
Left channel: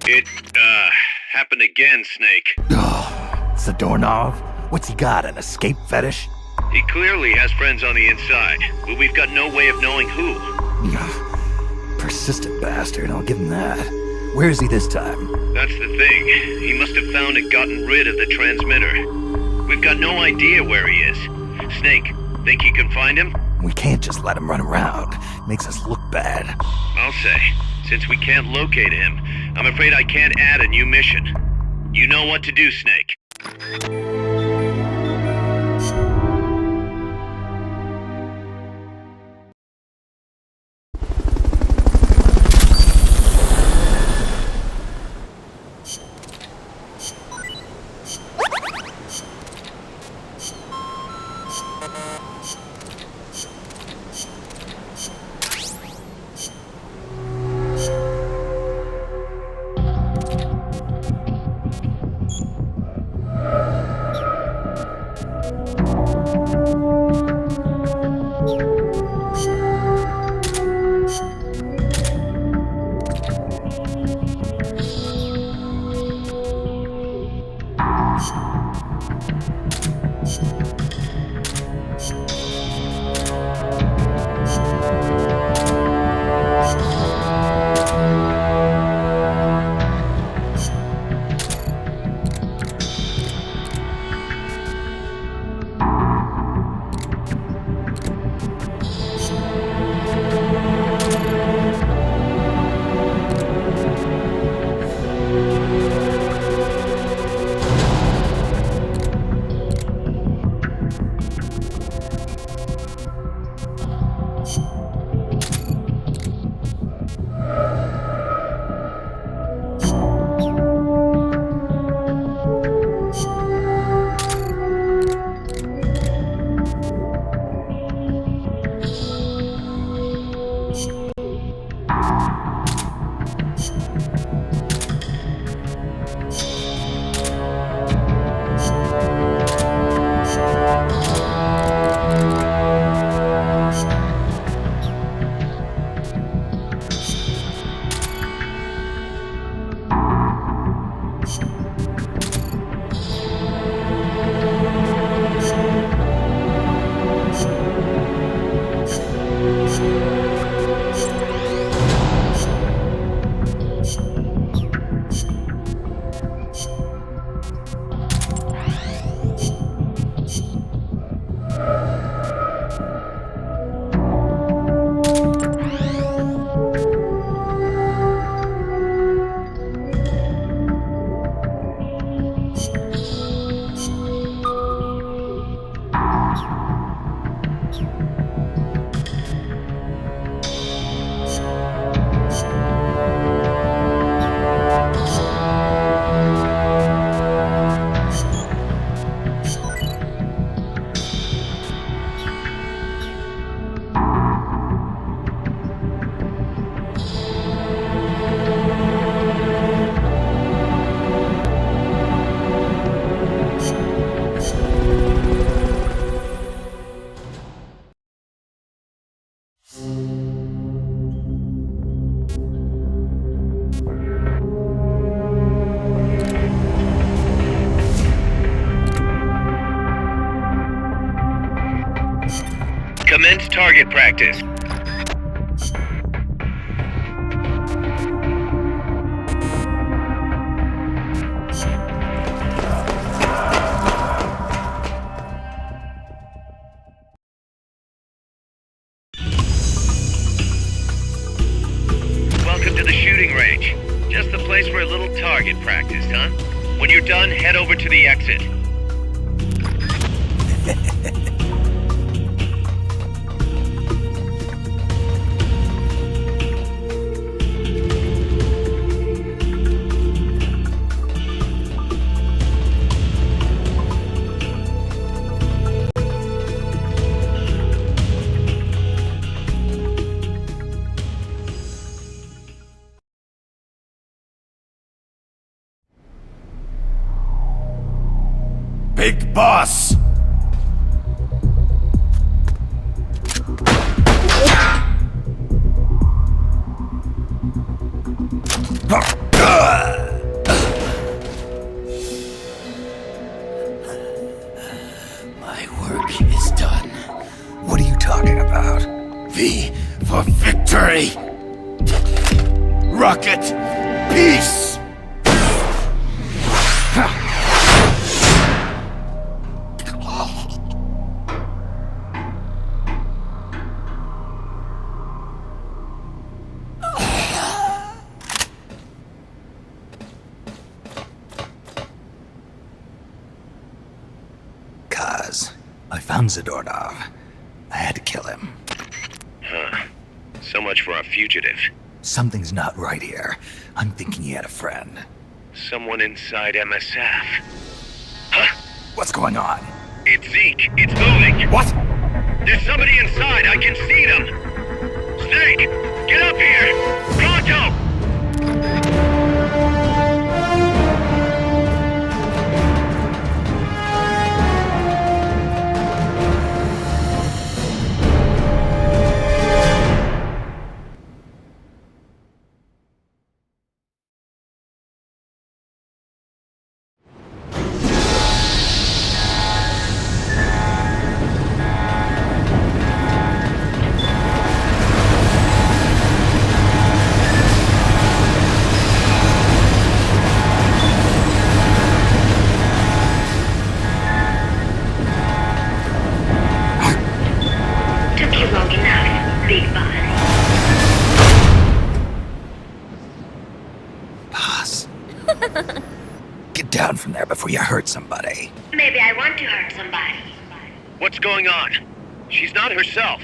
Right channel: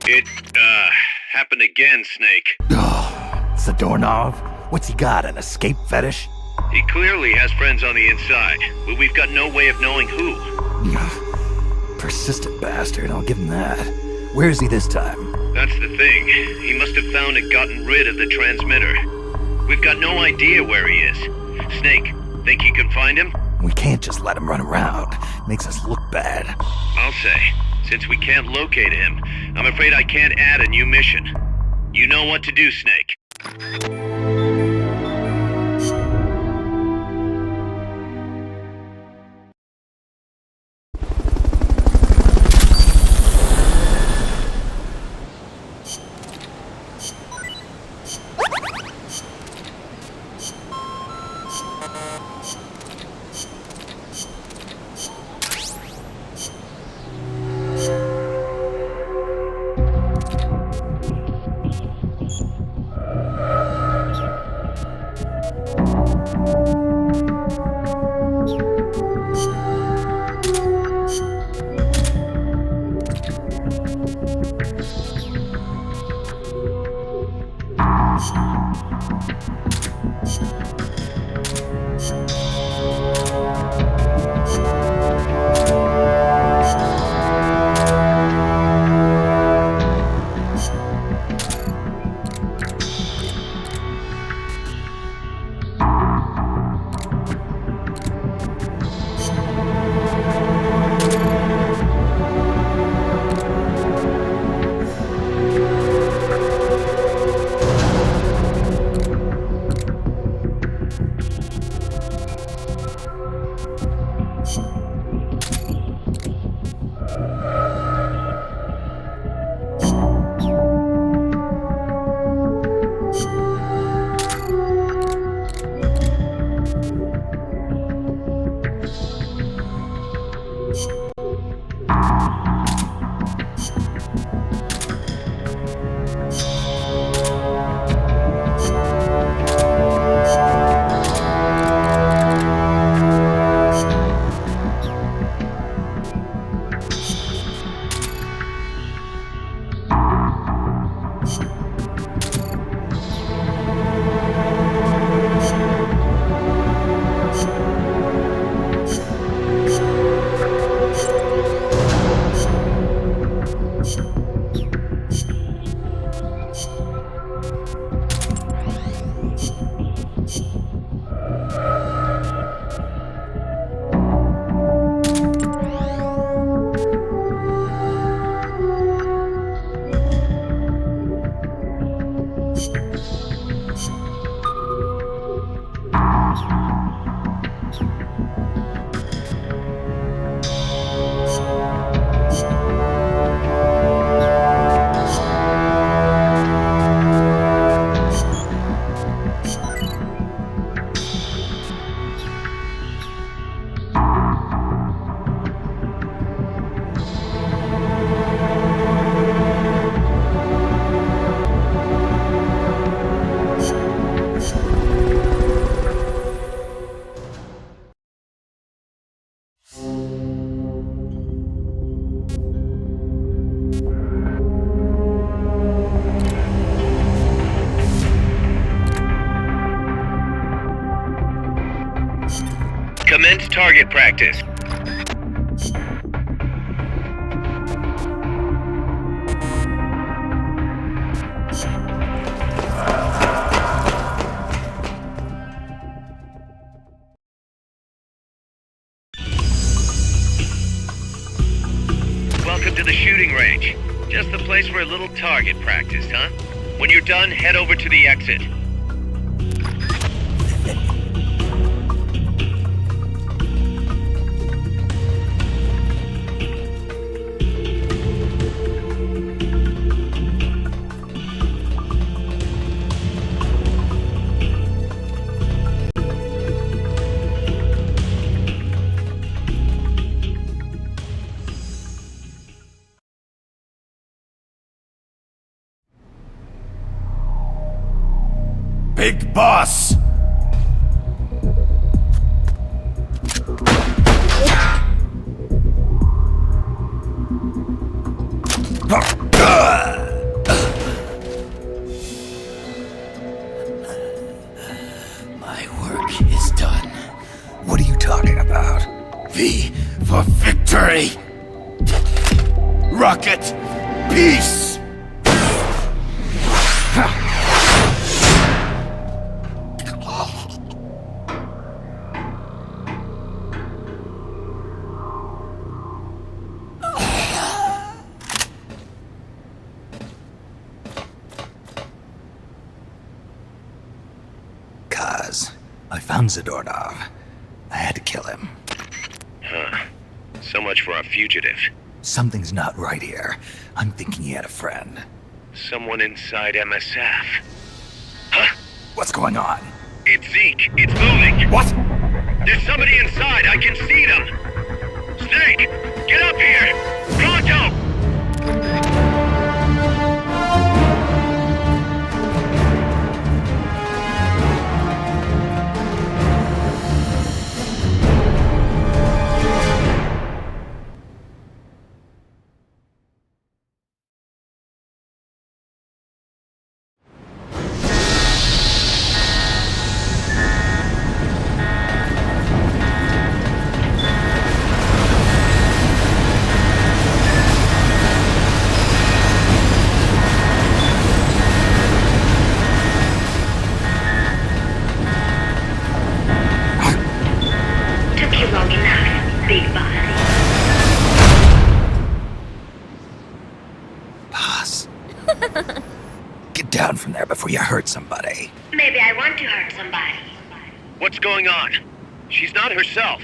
It, happened again, Snake. Oh, it's the doorknob. What's he got, an escape fetish? He clearly has friends on the inside, but we've got no way of knowing who. Persistent bastard, I'll give him that. Where is he this time? That's the thing. He must have found and gotten rid of the transmitter. We've got no idea where he is. Snake, think you can find him? We can't just let him run around. Makes us look bad. I'll say. Since we can't locate him, I'm afraid I can't add a new mission. You know what to do, Snake. Commence target practice. Welcome to the shooting range. Just the place for a little target practice, huh? When you're done, head over to the exit. Big Boss! My work is done. What are you talking about? V for victory! Rocket! Peace! Kaz, I found Zadornov. I had to kill him. So much for our fugitive. Something's not right here. I'm thinking he had a friend. Someone inside MSF. Huh? What's going on? It's Zeke. It's moving. What? There's somebody inside. I can see them. Snake, get up here. Pronto! Took you long enough, Big Boss. Boss. Get down from there before you hurt somebody. Maybe I want to hurt somebody. What's going on? She's not herself.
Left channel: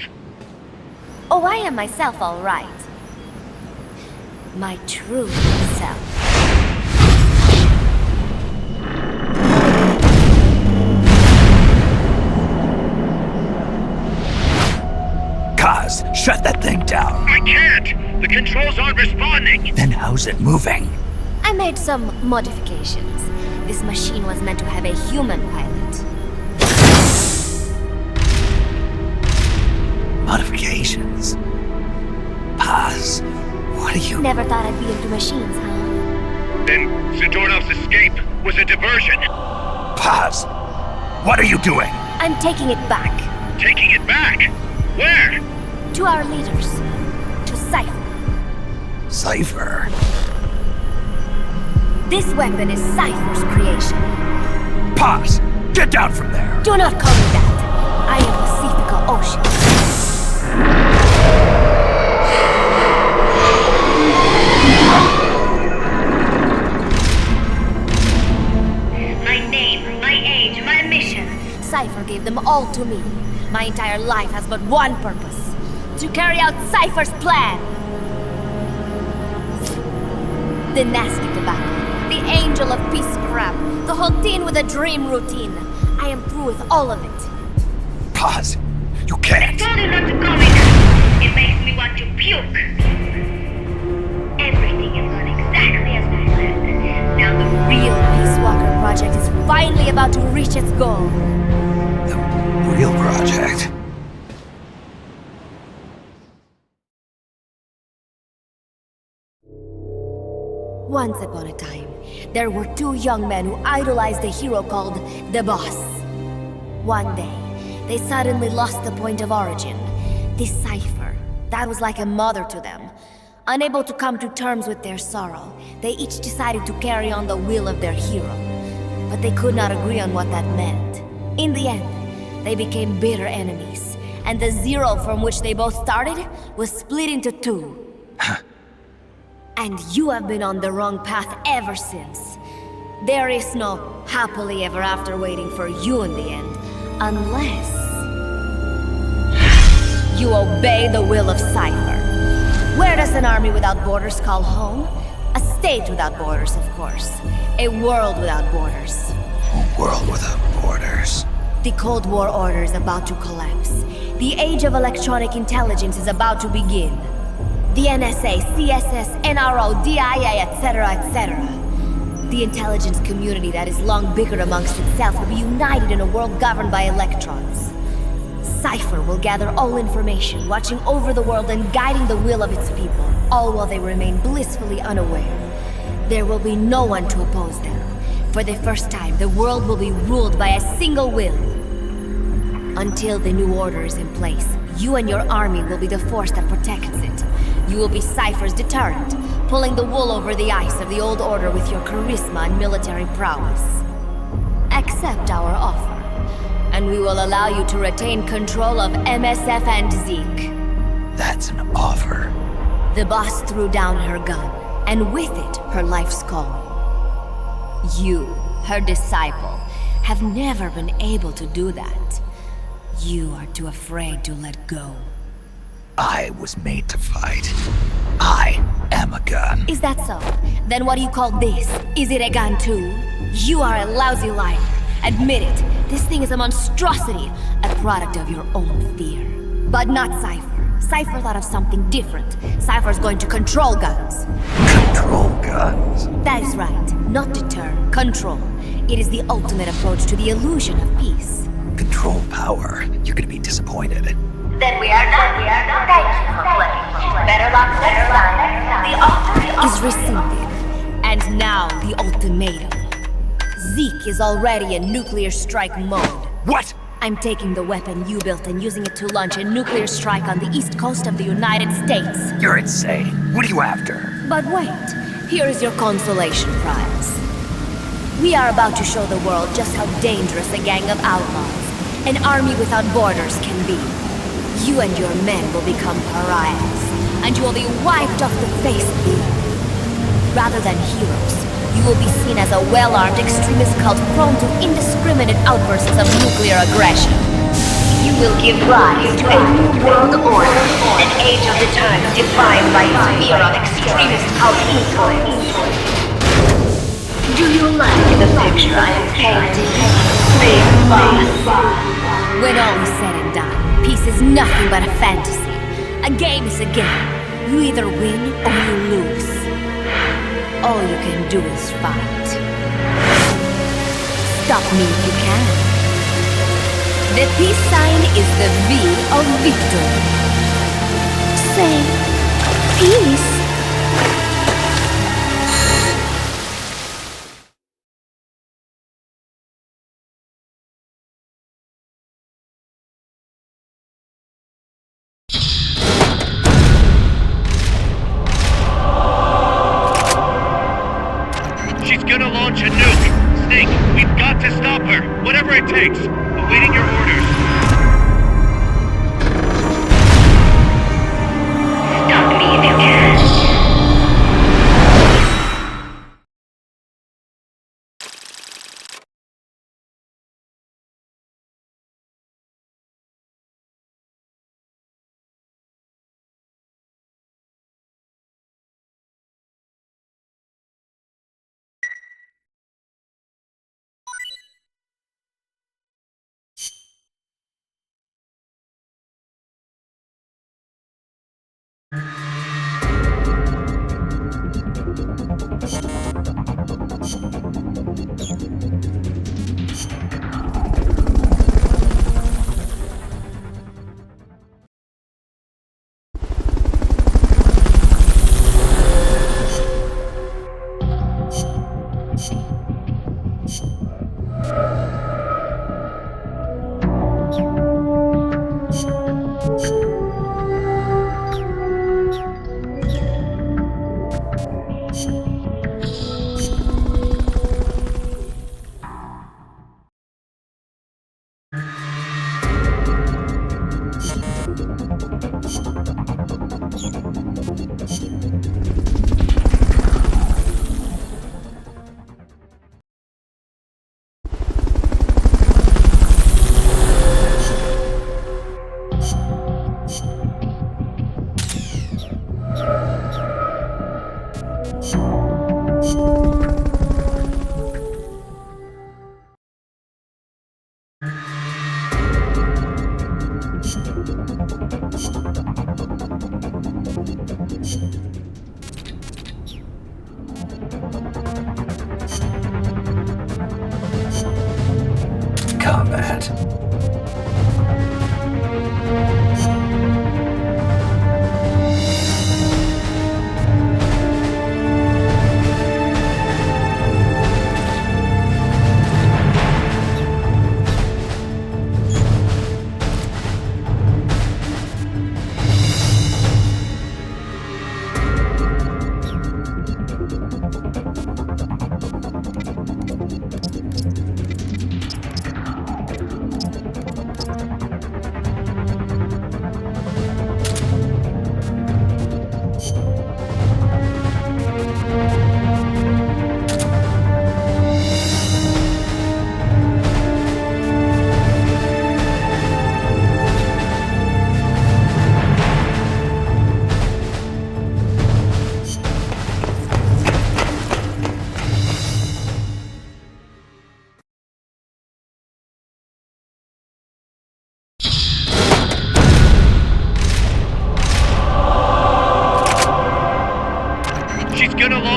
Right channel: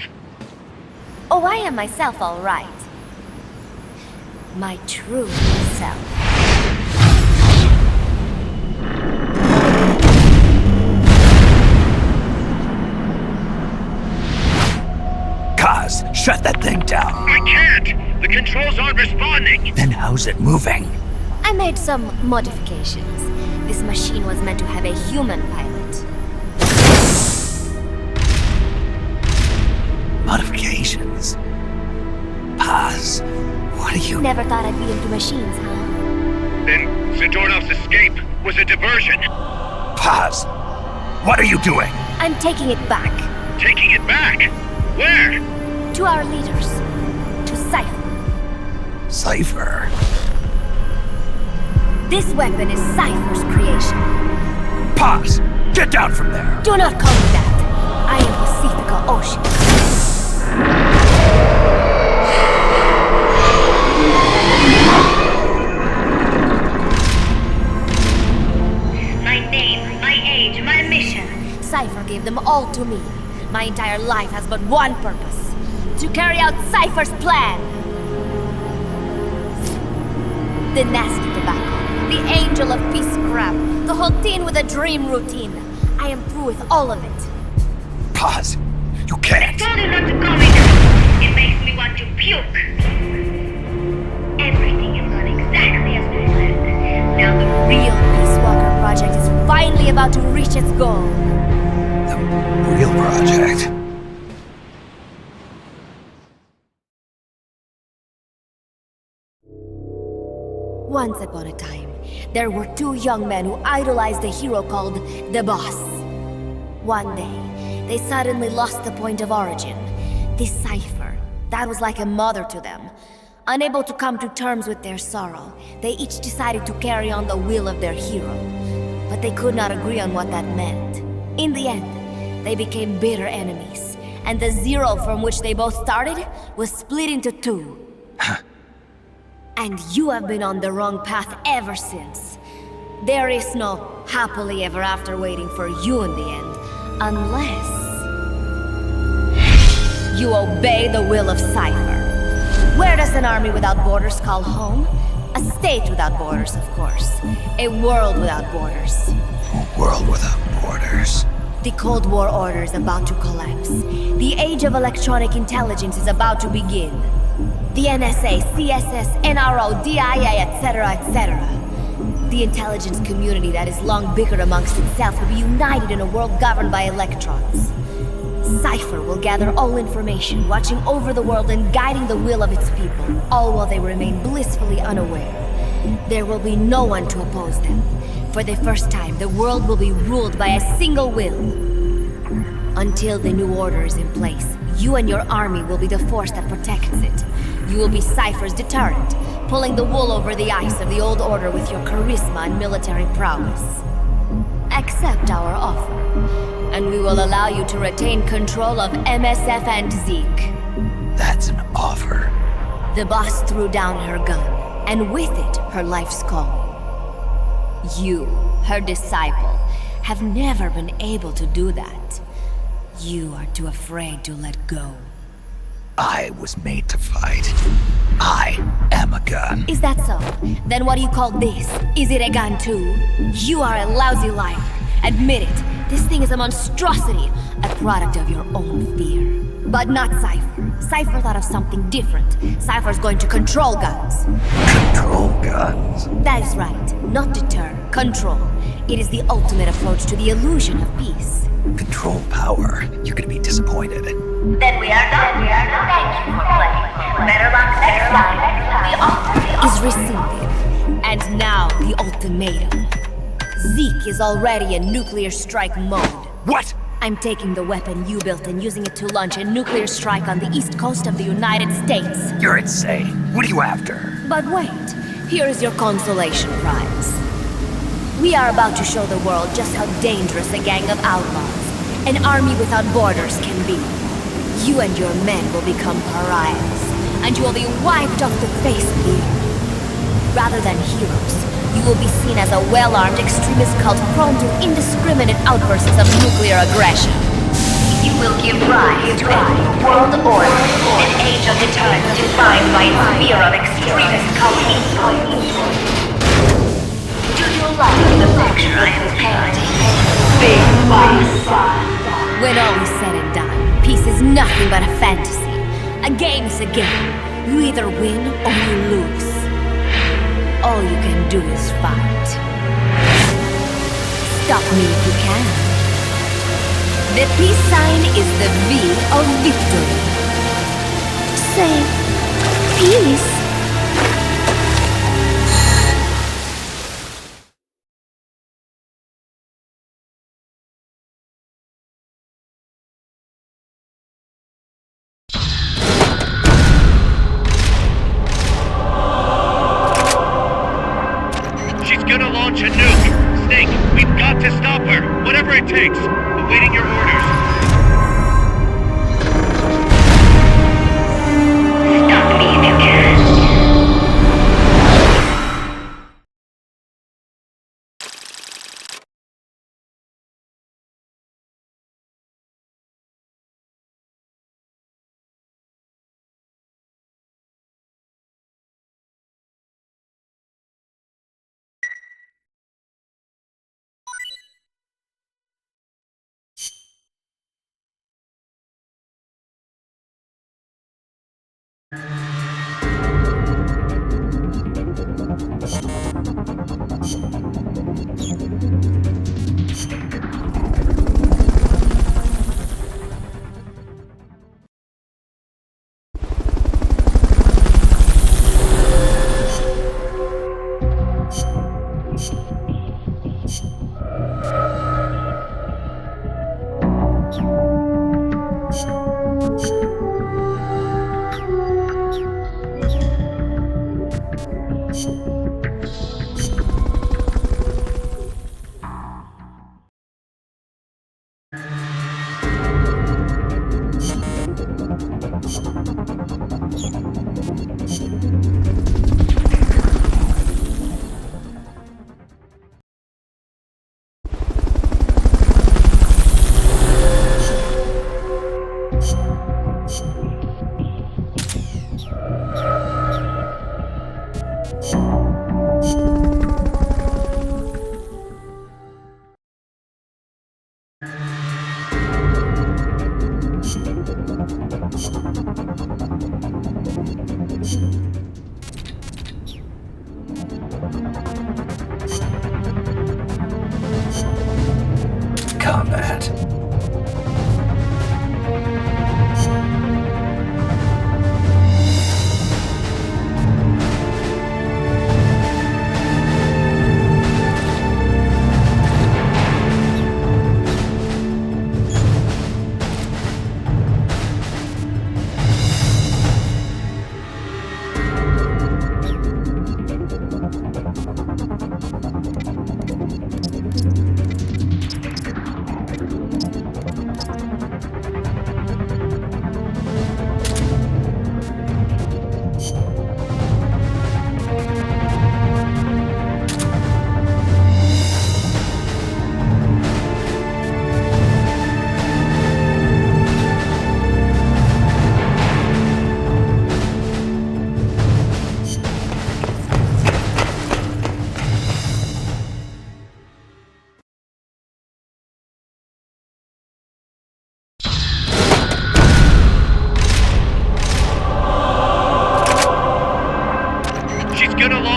Oh, I am myself, all right. My true self. Kaz, shut that thing down. I can't! The controls aren't responding! Then how's it moving? I made some modifications. This machine was meant to have a human pilot. Modifications? Kaz, what are you... Never thought I'd be into machines, huh? Then Zadornov's escape was a diversion. Kaz, what are you doing? I'm taking it back. Taking it back? Where? To our leaders. To Cypher. Cypher? This weapon is Cypher's creation. Paz, get down from there. Do not call me that. I am Pacifica Ocean. My name, my age, my mission. Cypher gave them all to me. My entire life has but one purpose. To carry out Cypher's plan. The nasty tobacco. The angel of peace crap. The whole thing with a dream routine. I am through with all of it. Pause. You can't. Told you not to call me that. It makes me want to puke. Everything has gone exactly as we planned. Now the Real Peace Walker project is finally about to reach its goal. The real project. Once upon a time, there were two young men who idolized a hero called the Boss. One day, they suddenly lost the point of origin. This Cypher, that was like a mother to them. Unable to come to terms with their sorrow, they each decided to carry on the will of their hero. But they could not agree on what that meant. In the end, they became bitter enemies, and the Zero from which they both started was split into two. And you have been on the wrong path ever since. There is no happily ever after waiting for you in the end, unless you obey the will of Cypher. Where does an army without borders call home? A state without borders, of course. A world without borders. A world without borders. The Cold War order is about to collapse. The age of electronic intelligence is about to begin. The NSA, CSS, NRO, DIA, etc., etc. The intelligence community that has long bickered amongst itself will be united in a world governed by electrons. Cypher will gather all information, watching over the world and guiding the will of its people, all while they remain blissfully unaware. There will be no one to oppose them. For the first time, the world will be ruled by a single will. Until the new order is in place, you and your army will be the force that protects it. You will be Cypher's deterrent, pulling the wool over the eyes of the old order with your charisma and military prowess. Accept our offer, and we will allow you to retain control of MSF and Zeke. That's an offer. The boss threw down her gun, and with it, her life's calling. You, her disciple, have never been able to do that. You are too afraid to let go. I was made to fight. I am a gun. Is that so? Then what do you call this? Is it a gun too? You are a lousy liar. Admit it. This thing is a monstrosity, a product of your own fear. But not Cypher. Cypher thought of something different. Cypher's going to control guns. Control guns. That is right. Not deter, control. It is the ultimate approach to the illusion of peace. Control power. You're gonna be disappointed. Then we are done. Thank you for playing. Better luck next time. The offer Is rescinded. And now the ultimatum. Zeke is already in nuclear strike mode. What? I'm taking the weapon you built and using it to launch a nuclear strike on the east coast of the United States. You're insane. What are you after? But wait, here is your consolation prize. We are about to show the world just how dangerous a gang of outlaws, an army without borders, can be. You and your men will become pariahs, and you will be wiped off the face of the earth. Rather than heroes, you will be seen as a well-armed extremist cult prone to indiscriminate outbursts of nuclear aggression. you will give rise to a new world order, an age of deterrence defined by its fear of extremist cult influence. Do you like the picture I am painting, Big Boss? When all is said and done, peace is nothing but a fantasy. A game is a game. You either win or you lose. All you can do is fight. Stop me if you can. The peace sign is the V of victory. Say, peace. She's gonna launch a nuke. Snake, we've got to stop her. Whatever it takes. Awaiting your orders.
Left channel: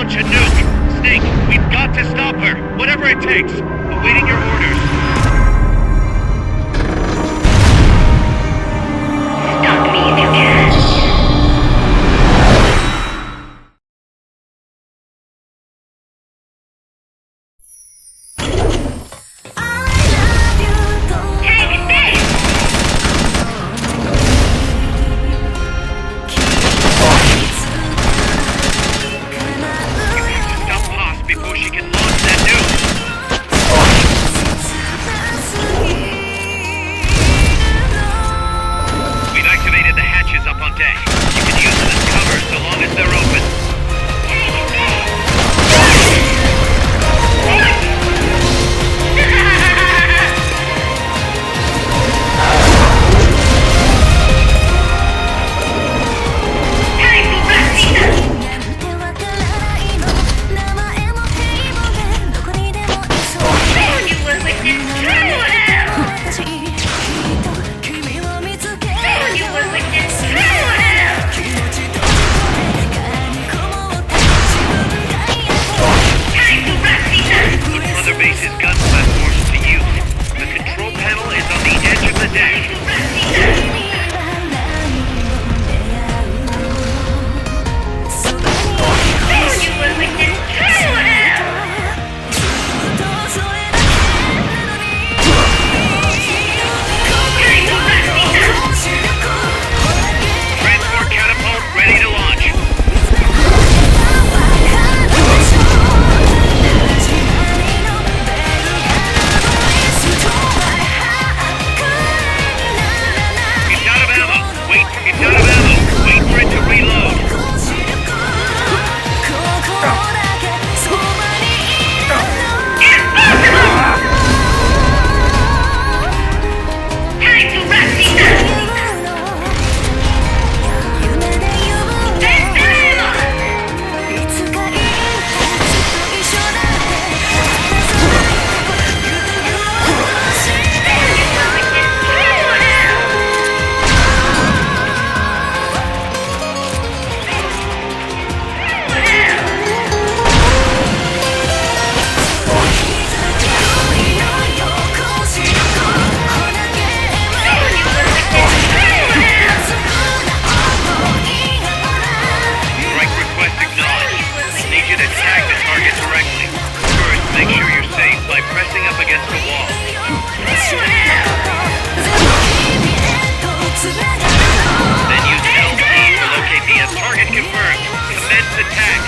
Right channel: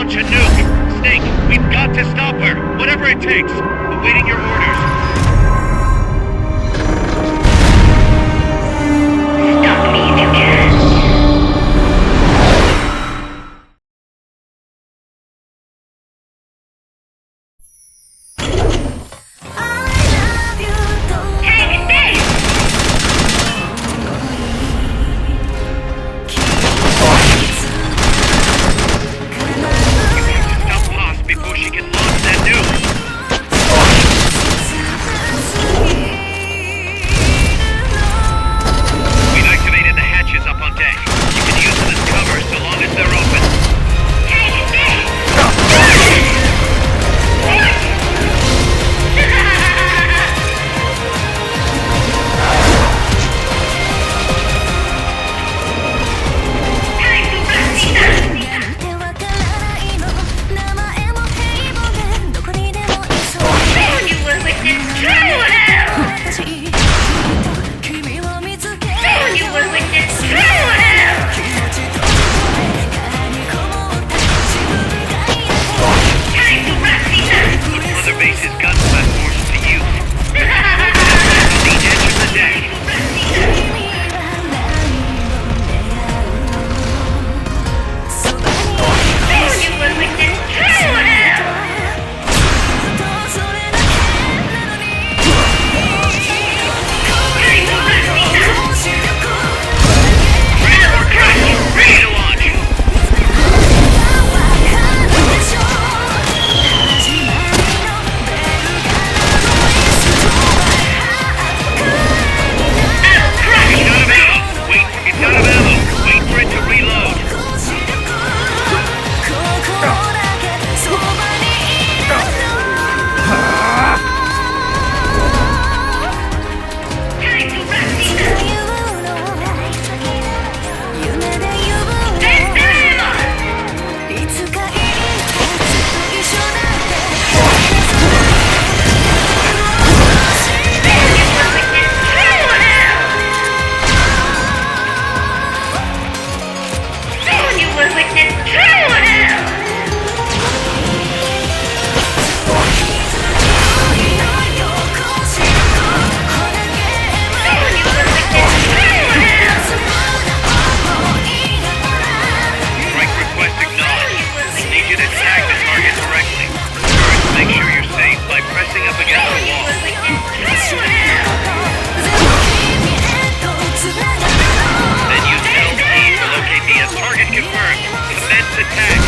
launch a nuke. Snake, we've got to stop her. Whatever it takes. Awaiting your orders. Stop me if you can. Take this! Stop Haas before she can launch that nuke. We've activated the hatches up on deck. You can use them as cover so long as they're open. Take this! Time to rest, Soon you will witness true hell! Soon you will witness true hell! Time to rest, Put Mother Base's gun platforms to use. The control panel is on the edge of the deck. Soon you will witness true hell! Time to rest, Transport catapult ready to launch. It's out of ammo. Wait for it to reload. Time to rest, Soon you will witness true hell! Soon you will witness true hell! Strike request acknowledged. Need you to tag the target directly. First, make sure you're safe by pressing up against the wall. Then use LT to locate the target confirmed. Commence attack.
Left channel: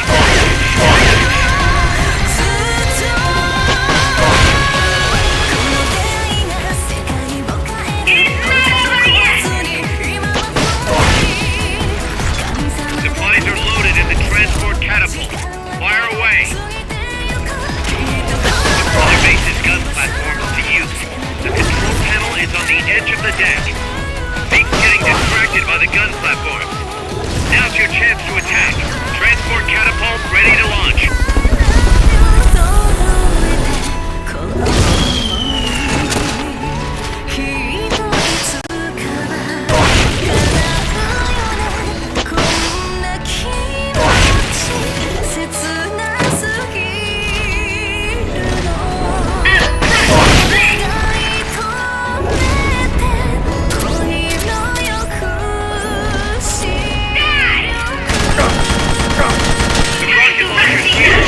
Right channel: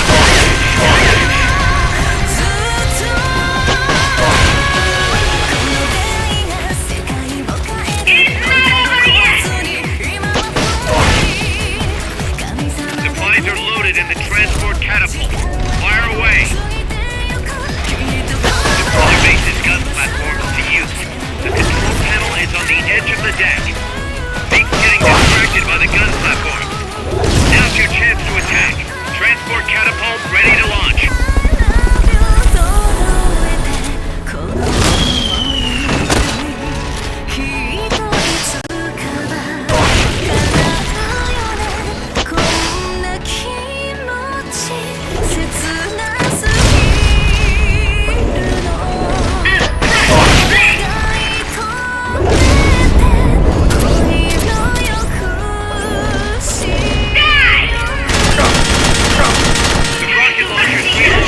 Supplies are loaded in the transport catapult. Fire away. Mother Base's gun platforms to use. The control panel is on the edge of the deck. Snake's getting distracted by the gun platforms. Now's your chance to attack. Transport catapult ready to launch. The rocket launcher's shield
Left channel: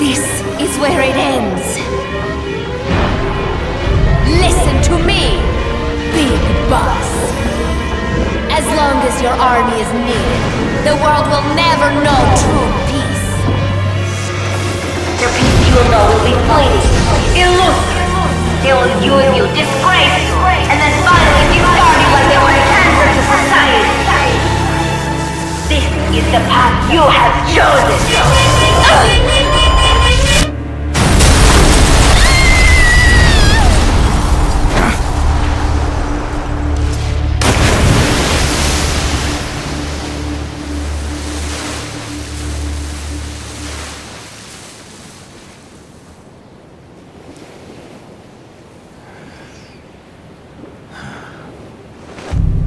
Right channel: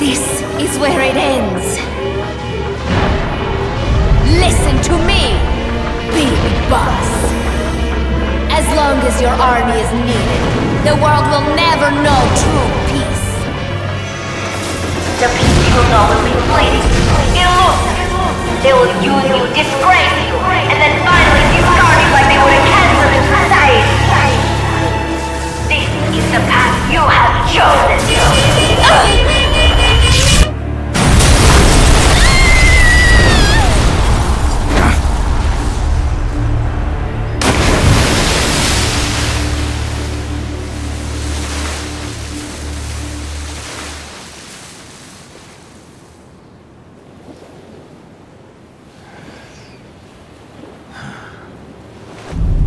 This is where it ends. Listen to me, Big Boss. As long as your army is needed, the world will never know true peace. The peace you will know will be fleeting, illusory. They will use you, disgrace you, and then finally discard you like they would a cancer to society. This is the path you have chosen.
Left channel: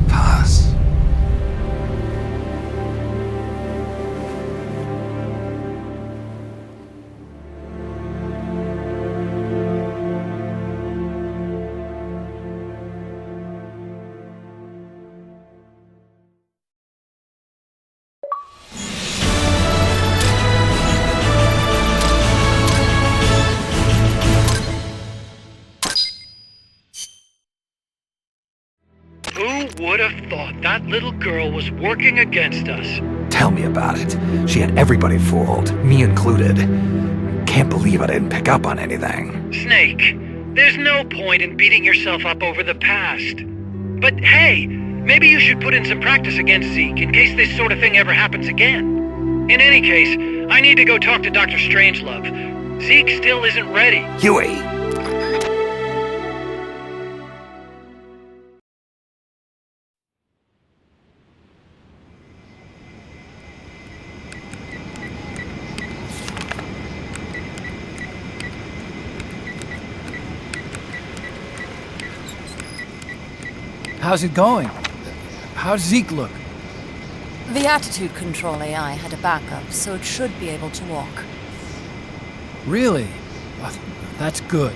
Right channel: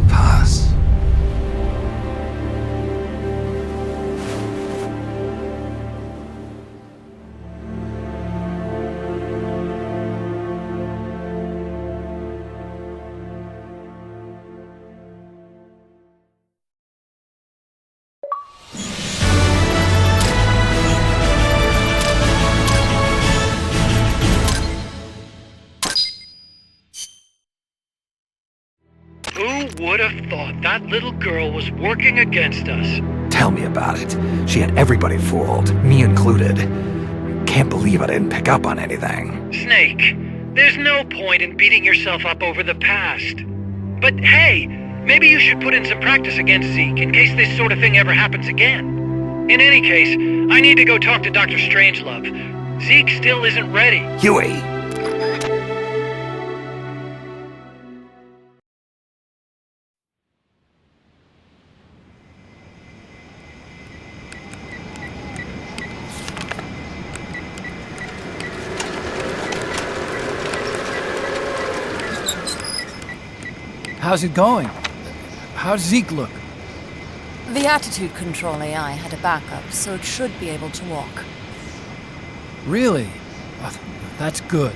Paz. Who would have thought that little girl was working against us? Tell me about it. She had everybody fooled, me included. Can't believe I didn't pick up on anything. Snake, there's no point in beating yourself up over the past. But hey, maybe you should put in some practice against Zeke in case this sort of thing ever happens again. In any case, I need to go talk to Dr. Strangelove. Zeke still isn't ready. Huey! How's it going? How's Zeke look? The attitude control AI had a backup, so it should be able to walk. Really? Oh, that's good.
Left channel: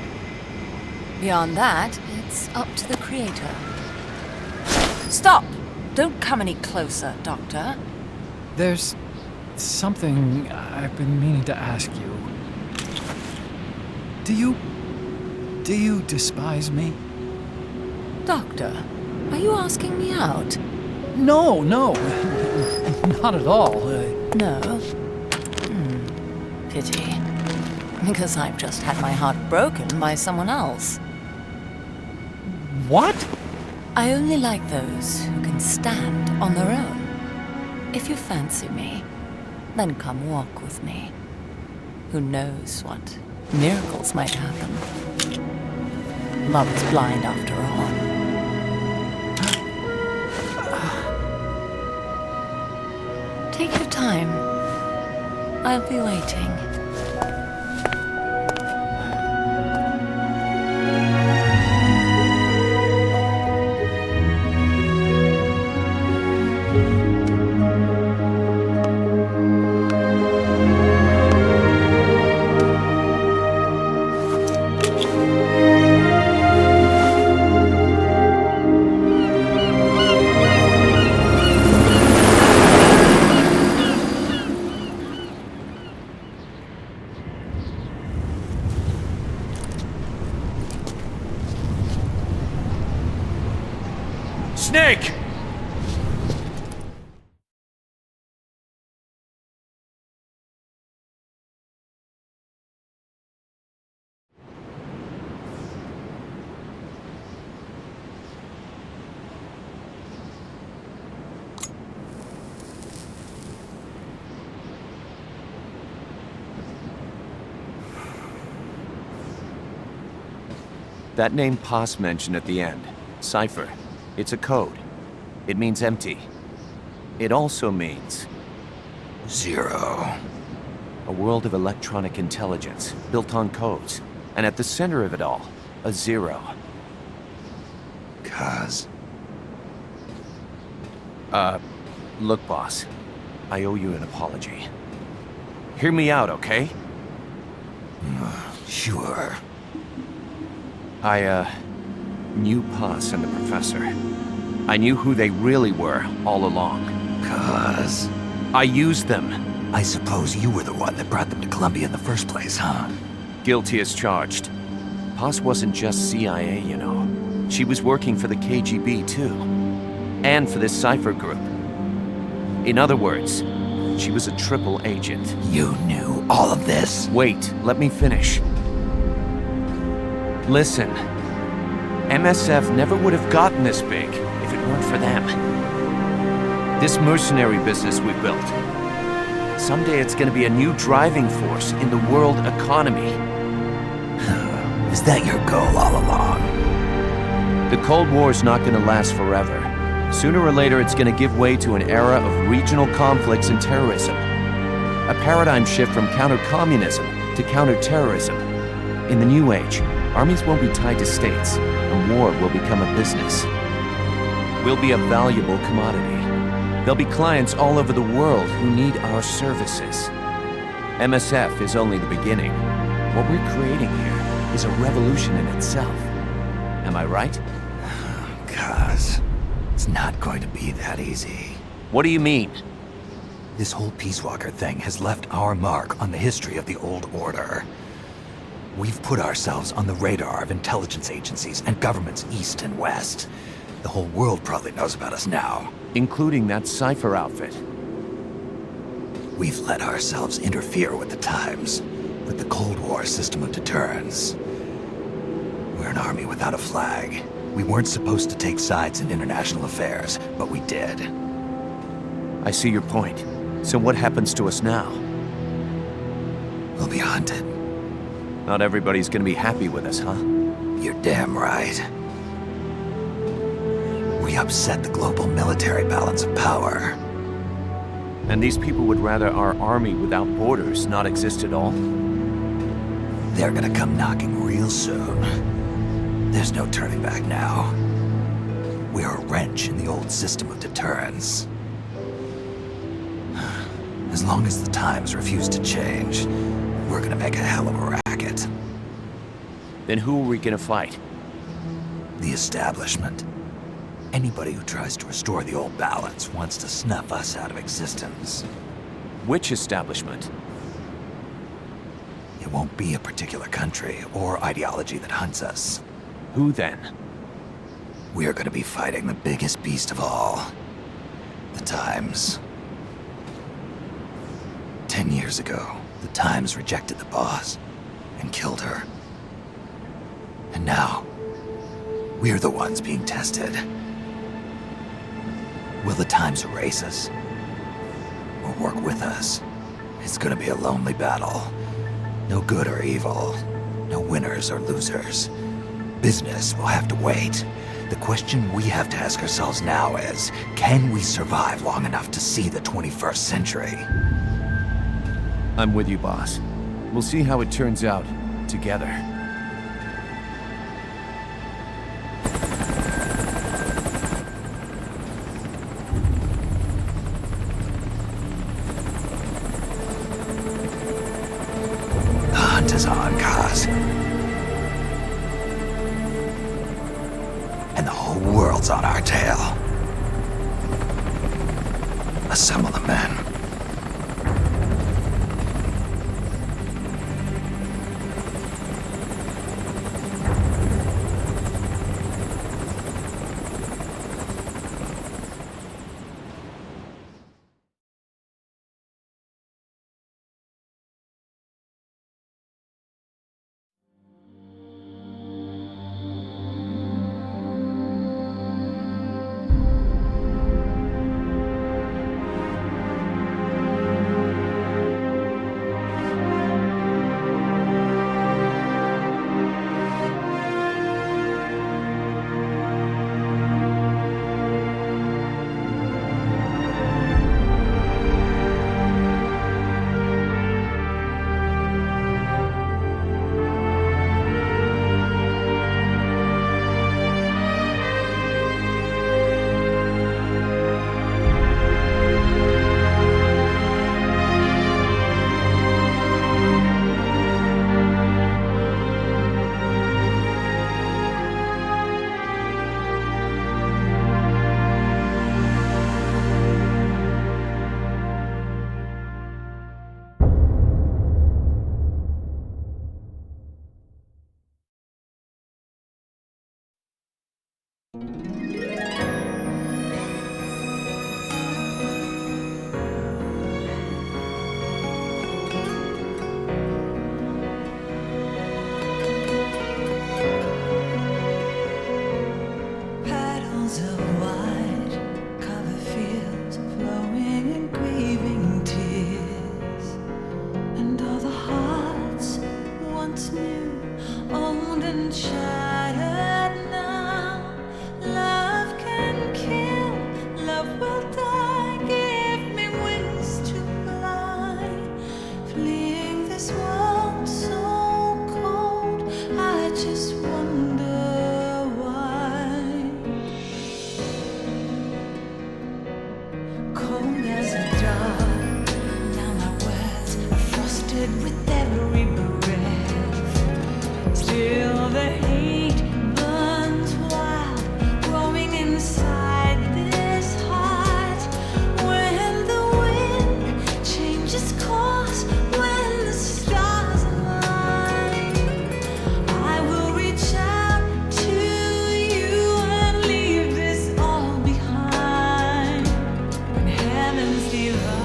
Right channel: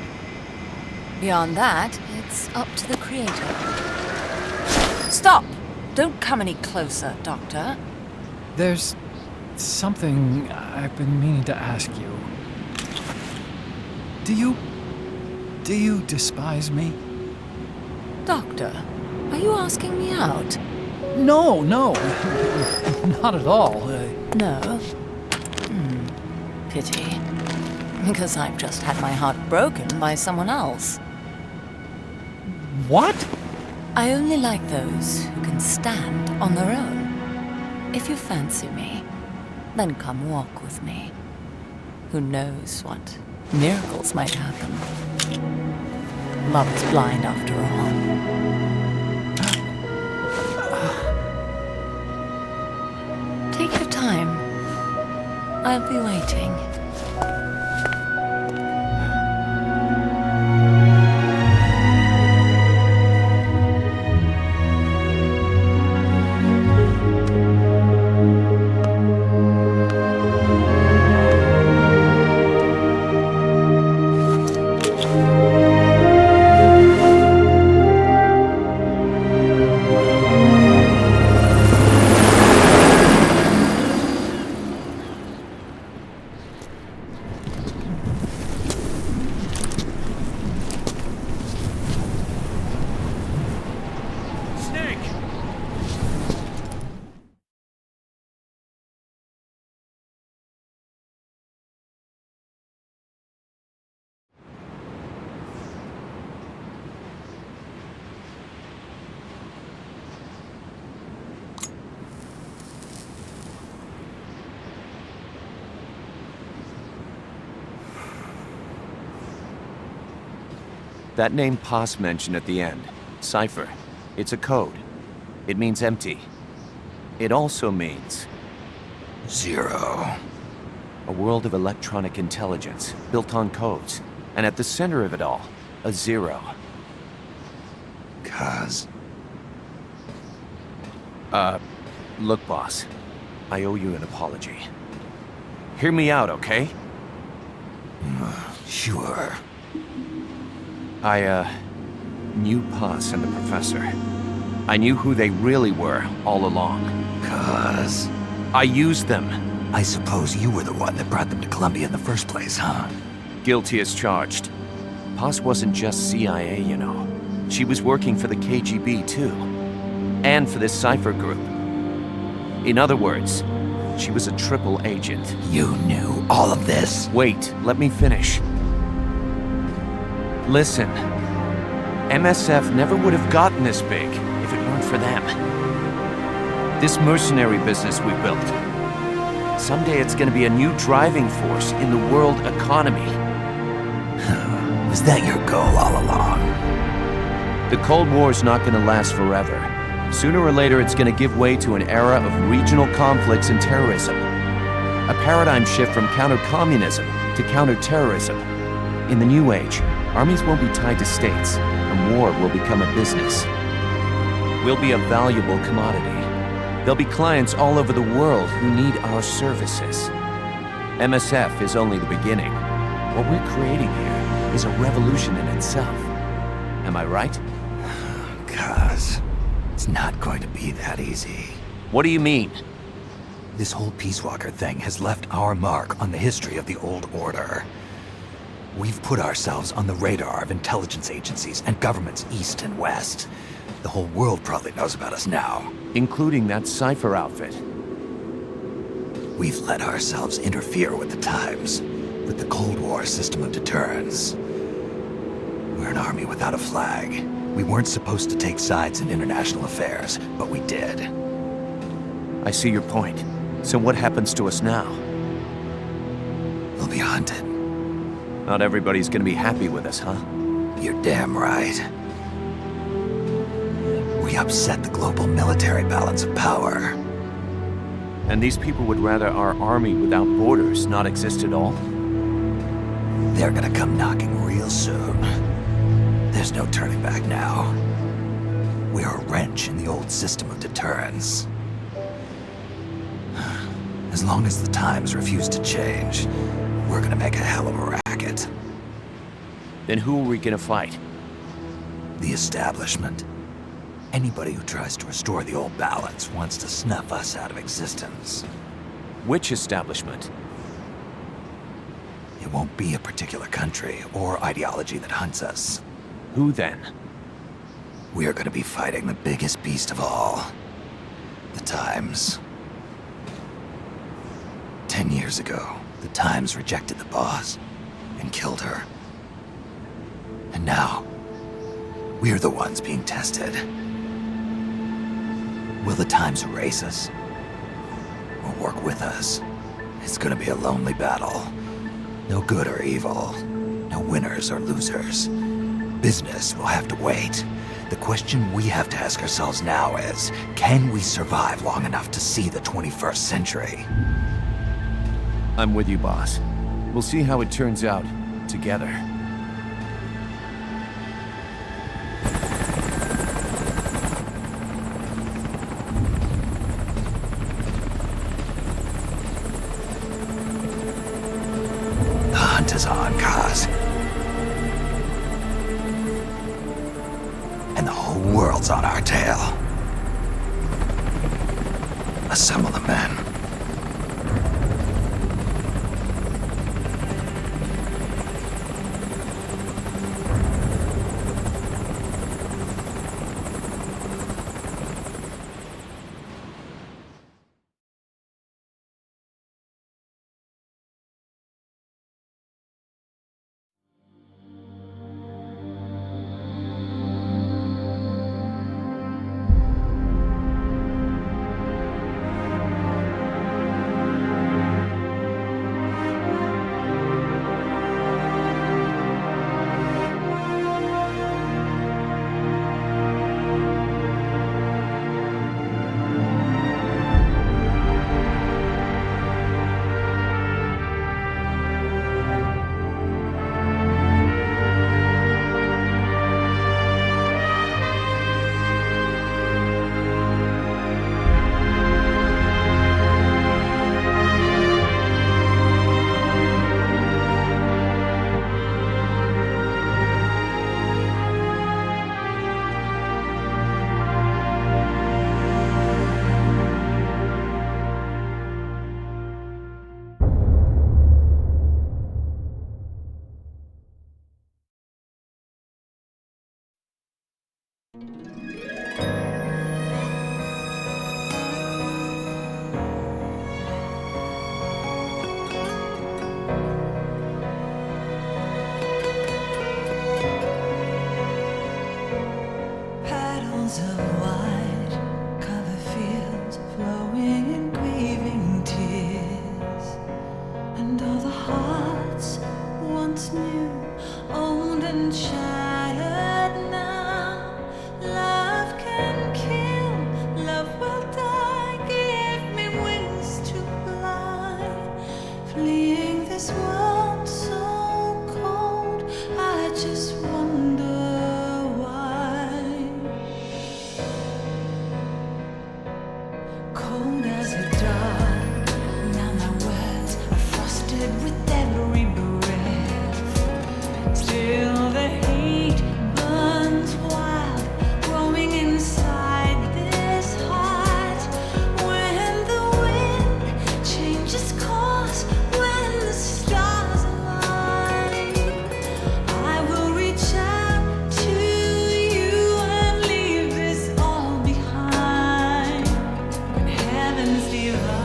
Beyond that, it's up to the creator. Stop! Don't come any closer, Doctor. There's something I've been meaning to ask you. Do you despise me? Doctor, are you asking me out? No, not at all. No? Pity. Because I've just had my heart broken by someone else. What? I only like those who can stand on their own. If you fancy me, then come walk with me. Who knows what miracles might happen. Love is blind after all. Take your time. I'll be waiting. Snake! That name Paz mentioned at the end, Cypher, it's a code. It means empty. It also means Zero. a world of electronic intelligence built on codes, and at the center of it all, a zero. Cuz. Look, boss, I owe you an apology. Hear me out, okay? Sure. I knew Paz and the professor. I knew who they really were all along. Cuz. I used them. I suppose you were the one that brought them to Columbia in the first place, huh? Guilty as charged. Paz wasn't just CIA, you know. She was working for the KGB, too. And for this Cypher group. In other words, she was a triple agent. You knew all of this? Wait, let me finish. Listen. MSF never would have gotten this big if it weren't for them. This mercenary business we built. Someday it's gonna be a new driving force in the world economy. Is that your goal all along? The Cold War's not gonna last forever. Sooner or later, it's gonna give way to an era of regional conflicts and terrorism. A paradigm shift from counter-communism to counter-terrorism. In the new age, armies won't be tied to states, and war will become a business. We'll be a valuable commodity. There'll be clients all over the world who need our services. MSF is only the beginning. What we're creating here is a revolution in itself. Am I right? Cuz, it's not going to be that easy. What do you mean? This whole Peace Walker thing has left our mark on the history of the Old Order. We've put ourselves on the radar of intelligence agencies and governments east and west. The whole world probably knows about us now. Including that Cypher outfit. We've let ourselves interfere with the times, with the Cold War system of deterrence. We're an army without a flag. We weren't supposed to take sides in international affairs, but we did. I see your point. So what happens to us now? We'll be hunted. Not everybody's gonna be happy with us, huh? You're damn right. We upset the global military balance of power. And these people would rather our army without borders not exist at all? They're gonna come knocking real soon. There's no turning back now. We're a wrench in the old system of deterrence. As long as the times refuse to change, we're gonna make a hell of a racket. Then who are we gonna fight? The establishment. Anybody who tries to restore the old balance wants to snuff us out of existence. Which establishment? It won't be a particular country or ideology that hunts us. Who then? We are gonna be fighting the biggest beast of all. The Times. 10 years ago, the Times rejected the boss and killed her. And now, we're the ones being tested. Will the Times erase us? Or work with us? It's gonna be a lonely battle. No good or evil. No winners or losers. Business will have to wait. The question we have to ask ourselves now is, can we survive long enough to see the 21st century? I'm with you, boss. We'll see how it turns out, together. The hunt is on, Kaz. And the whole world's on our tail. Assemble the men. once knew, old and shattered now. Love can kill, love will die. Give me wings to fly, fleeing this world so cold. I just wonder why. Cold as a dart, now my words are frosted with every breath. Still the hate burns wild, growing inside this heart. When the wind changes course, when the stars align, I will reach out to you and leave this all behind. When heavens divide.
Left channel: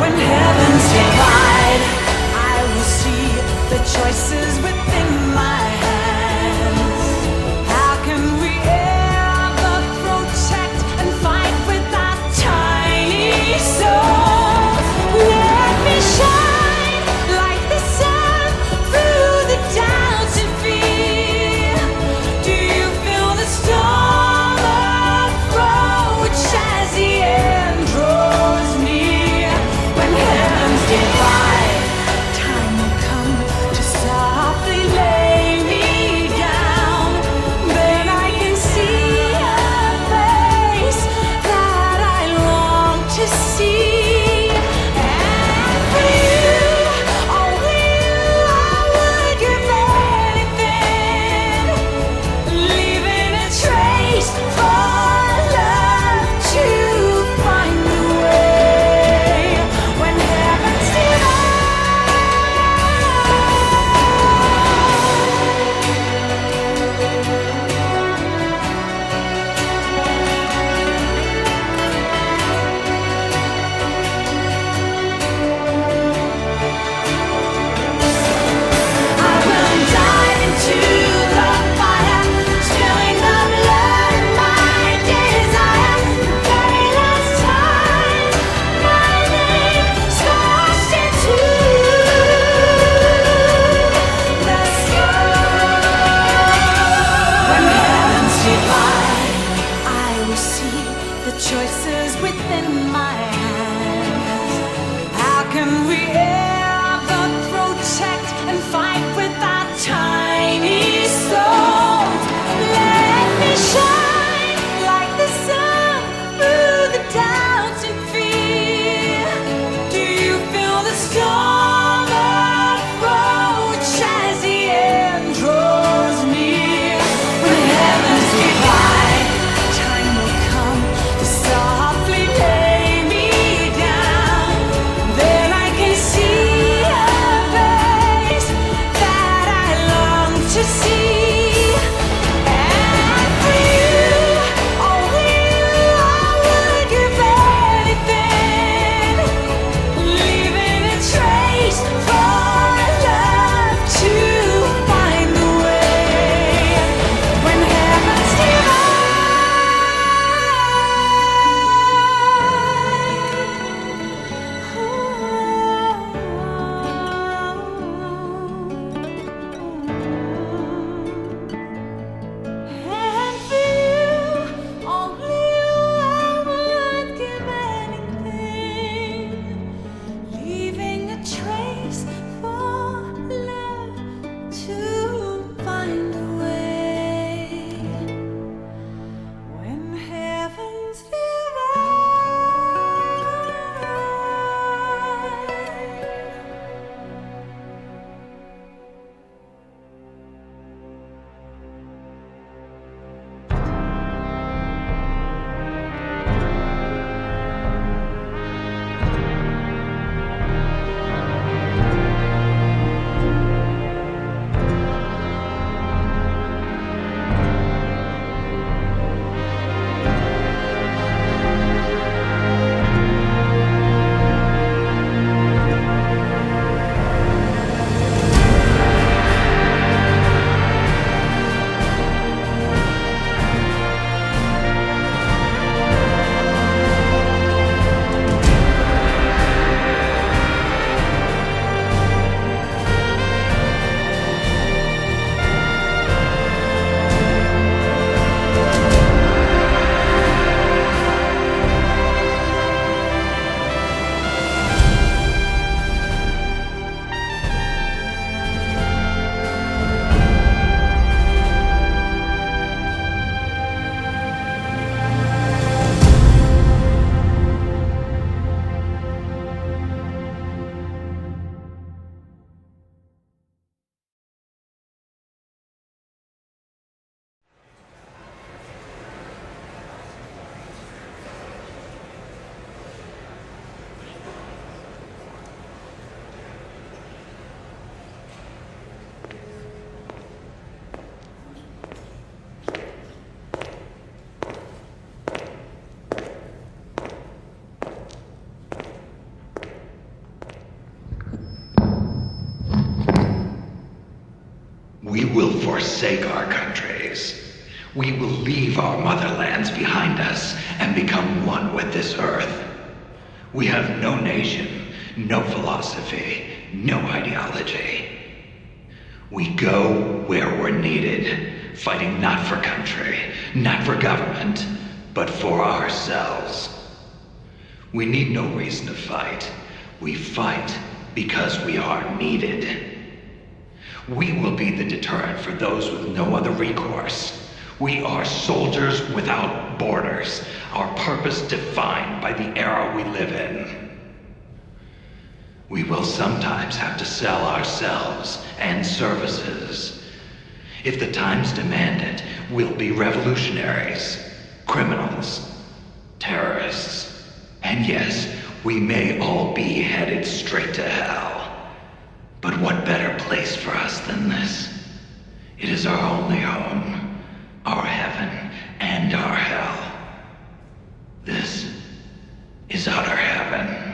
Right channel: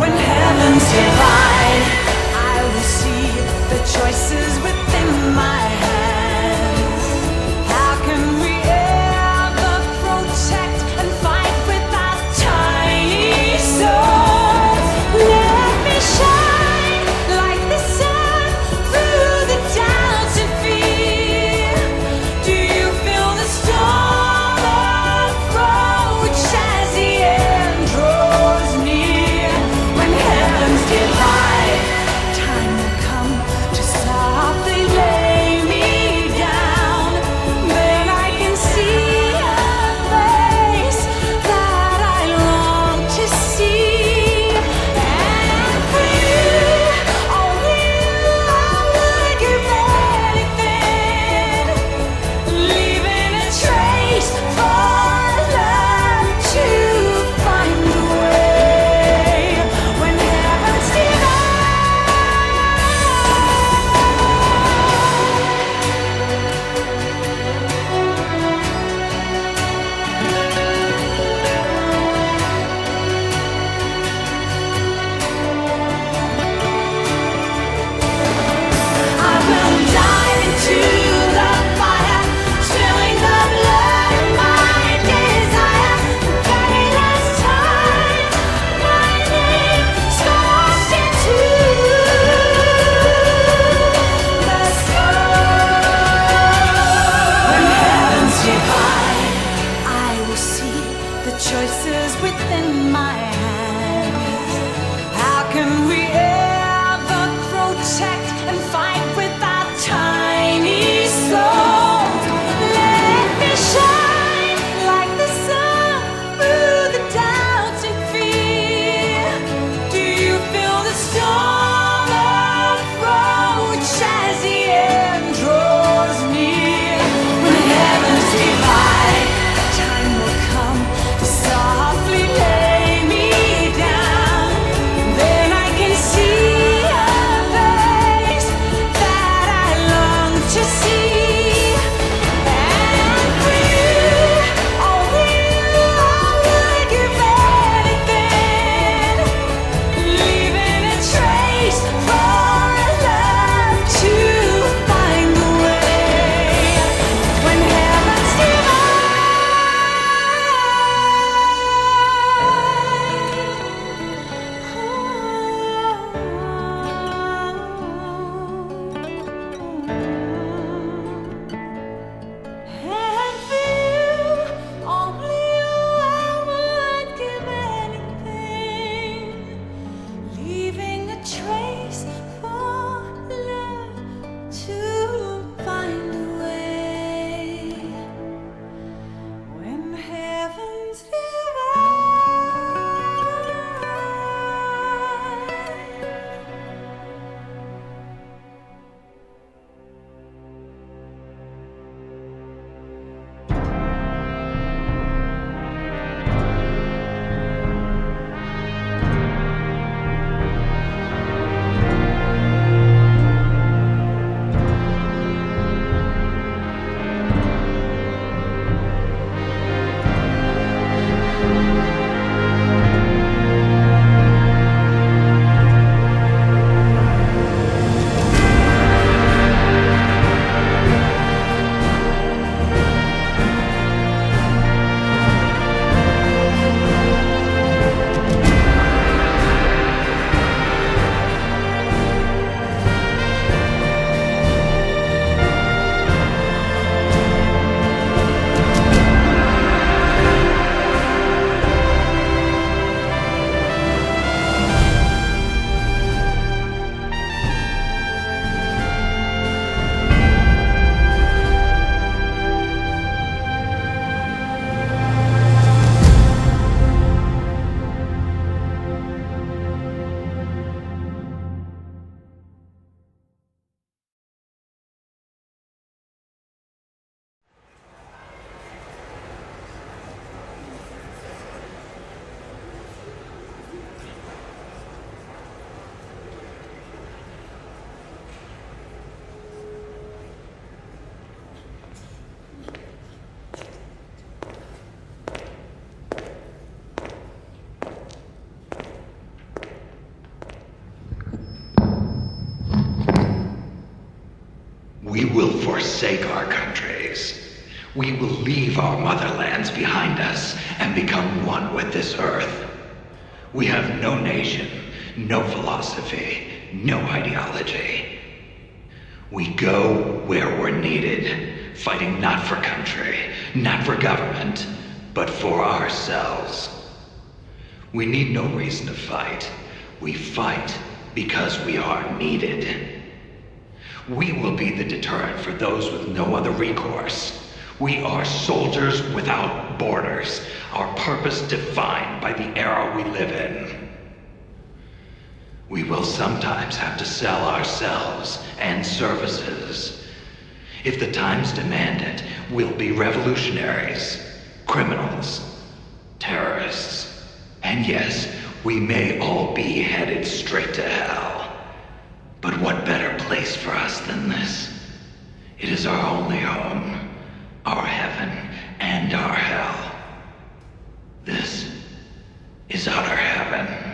When heavens divide, I will see the choices within my hands. How can we ever protect and fight with our tiny souls? Let me shine like the sun through the doubts and fear. Do you feel the storm approach as the end draws near? When heavens divide, time will come to softly forsake our countries. We will leave our motherlands behind us and become one with this earth. We have no nation, no philosophy, no ideology. We go where we're needed, fighting not for country, not for government, but for ourselves. We need no reason to fight. We fight because we are needed. We will be the deterrent for those with no other recourse. We are soldiers without borders, our purpose defined by the era we live in. We will sometimes have to sell ourselves and services. If the times demand it, we'll be revolutionaries, criminals, terrorists, and yes, we may all be headed straight to hell. But what better place for us than this? It is our only home, our heaven and our hell. This is utter heaven.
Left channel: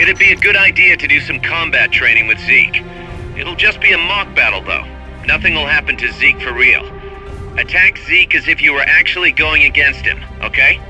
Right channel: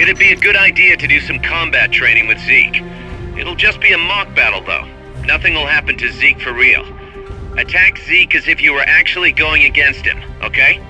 It'd be a good idea to do some combat training with Zeke. It'll just be a mock battle, though. Nothing will happen to Zeke for real. Attack Zeke as if you were actually going against him, okay?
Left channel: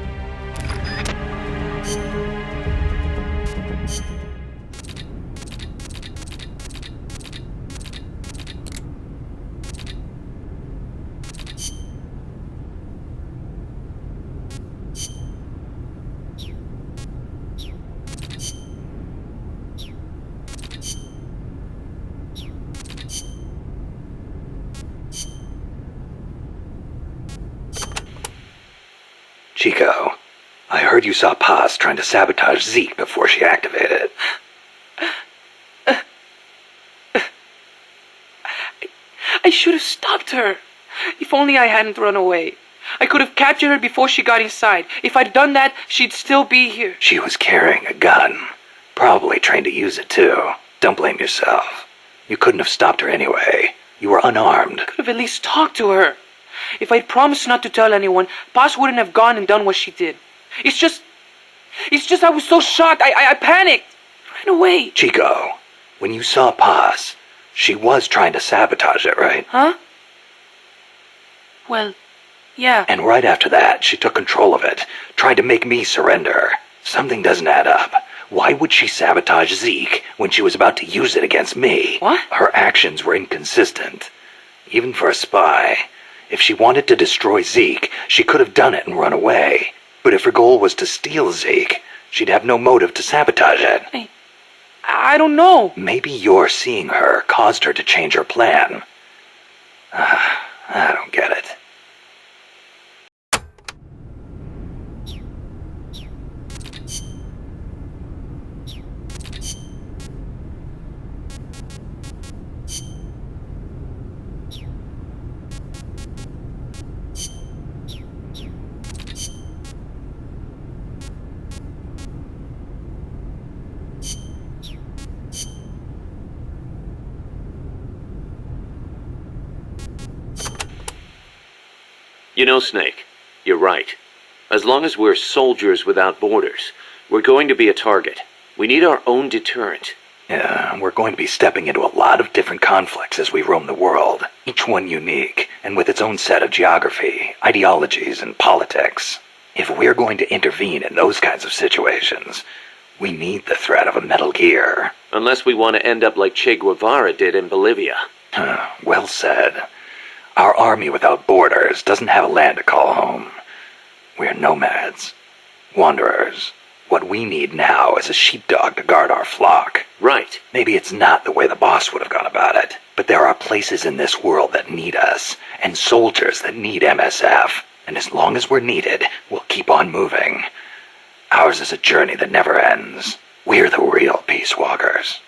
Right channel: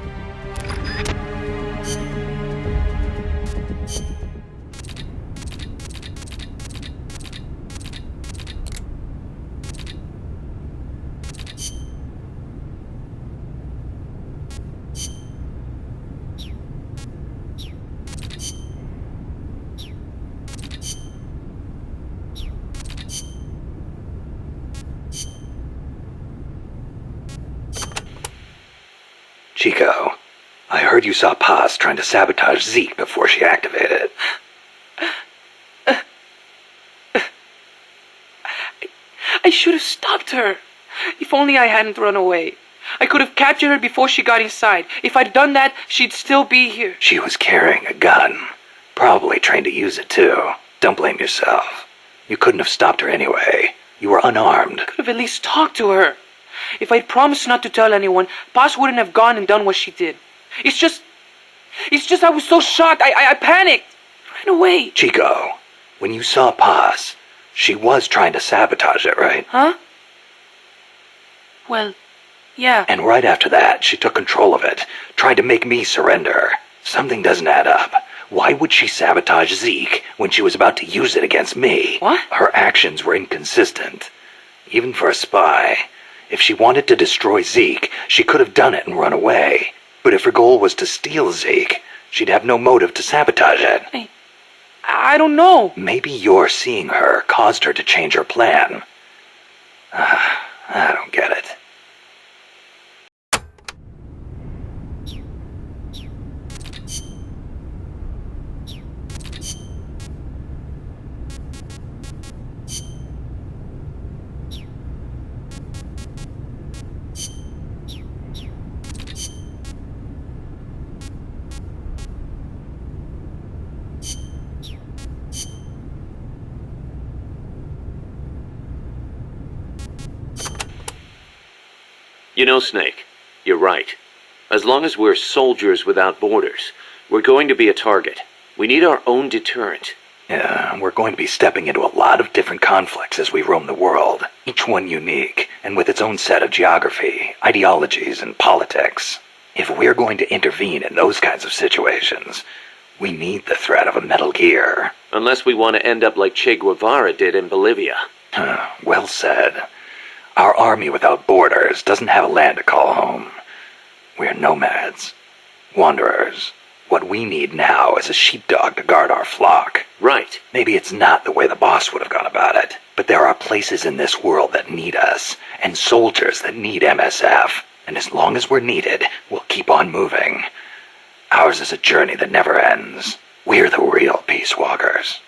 Chico, I heard you saw Paz trying to sabotage Zeke before she activated. I should have stopped her. If only I hadn't run away. I could have captured her before she got inside. If I'd done that, she'd still be here. She was carrying a gun. Probably trained to use it too. Don't blame yourself. You couldn't have stopped her anyway. You were unarmed. Could have at least talked to her. If I'd promised not to tell anyone, Paz wouldn't have gone and done what she did. It's just I was so shocked. I panicked. Ran away. Chico, when you saw Paz, she was trying to sabotage it, right? Huh? Well, yeah. And right after that, she took control of it, tried to make me surrender. Something doesn't add up. Why would she sabotage Zeke when she was about to use it against me? What? Her actions were inconsistent. Even for a spy. If she wanted to destroy Zeke, she could have done it and run away. But if her goal was to steal Zeke, she'd have no motive to sabotage it. I don't know. Maybe your seeing her caused her to change her plan. I don't get it. You know, Snake, you're right. As long as we're soldiers without borders, we're going to be a target. We need our own deterrent. Yeah, we're going to be stepping into a lot of different conflicts as we roam the world, each one unique, and with its own set of geography, ideologies, and politics. If we're going to intervene in those kinds of situations, we need the threat of a Metal Gear. Unless we want to end up like Che Guevara did in Bolivia. Well said. Our army without borders doesn't have a land to call home. We're nomads, wanderers. What we need now is a sheepdog to guard our flock. Right. Maybe it's not the way the boss would have gone about it, but there are places in this world that need us, and soldiers that need MSF. And as long as we're needed, we'll keep on moving. Ours is a journey that never ends. We're the real Peace Walkers.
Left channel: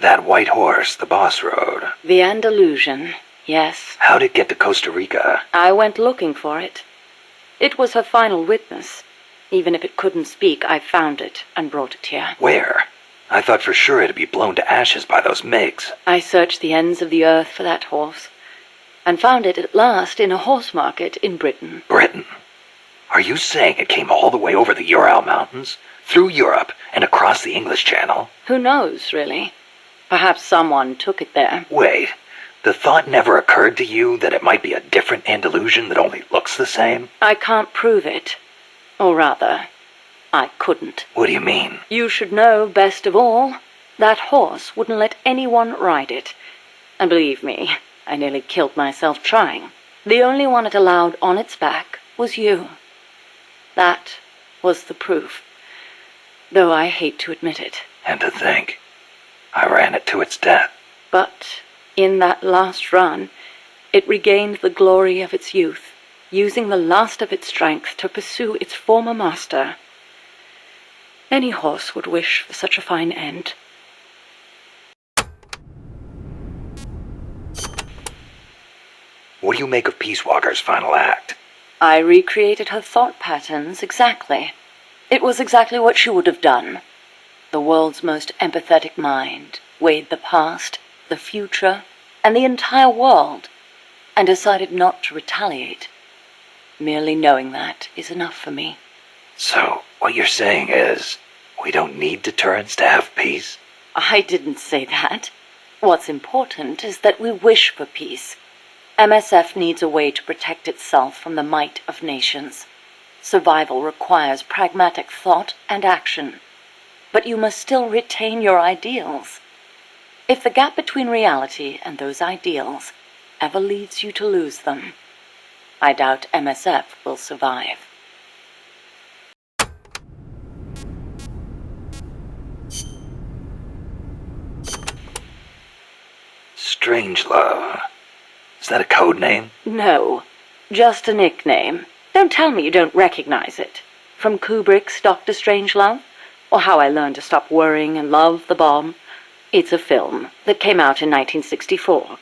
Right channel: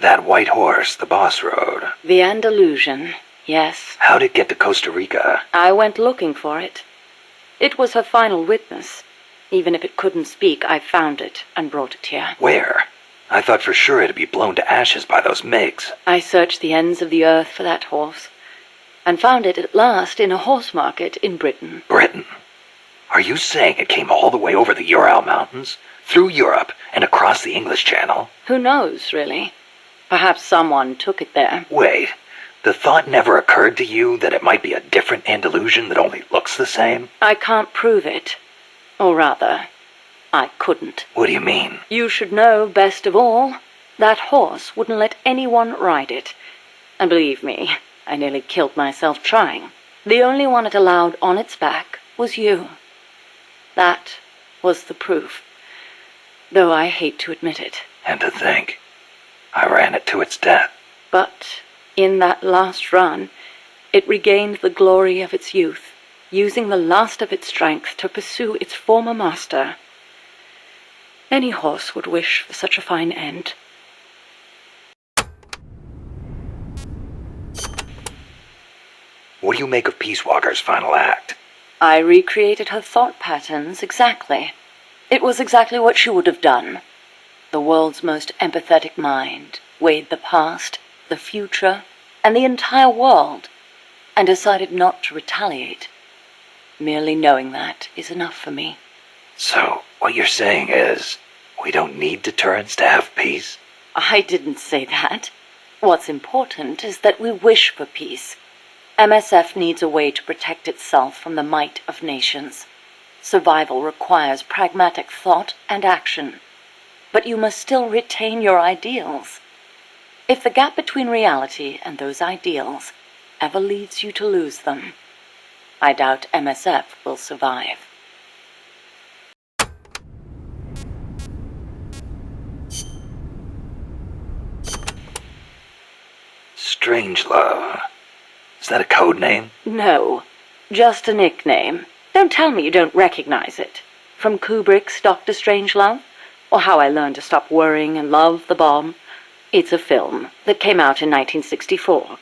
That white horse the boss rode. The Andalusian, yes. How'd it get to Costa Rica? I went looking for it. It was her final witness. Even if it couldn't speak, I found it and brought it here. Where? I thought for sure it'd be blown to ashes by those MiGs. I searched the ends of the earth for that horse, and found it at last in a horse market in Britain. Britain? Are you saying it came all the way over the Ural Mountains, through Europe, and across the English Channel? Who knows, really? Perhaps someone took it there. Wait, the thought never occurred to you that it might be a different Andalusian that only looks the same? I can't prove it. Or rather, I couldn't. What do you mean? You should know best of all. That horse wouldn't let anyone ride it. And believe me, I nearly killed myself trying. The only one it allowed on its back was you. That was the proof. Though I hate to admit it. And to think, I ran it to its death. But in that last run, it regained the glory of its youth, using the last of its strength to pursue its former master. Any horse would wish for such a fine end. What do you make of Peace Walker's final act? I recreated her thought patterns exactly. It was exactly what she would have done. The world's most empathetic mind weighed the past, the future, and the entire world, and decided not to retaliate. Merely knowing that is enough for me. So, what you're saying is, we don't need deterrence to have peace? I didn't say that. What's important is that we wish for peace. MSF needs a way to protect itself from the might of nations. Survival requires pragmatic thought and action. But you must still retain your ideals. If the gap between reality and those ideals ever leads you to lose them, I doubt MSF will survive. Strangelove. Is that a code name? No, just a nickname. Don't tell me you don't recognize it. From Kubrick's Dr. Strangelove, or How I Learned to Stop Worrying and Love the Bomb. It's a film that came out in 1964.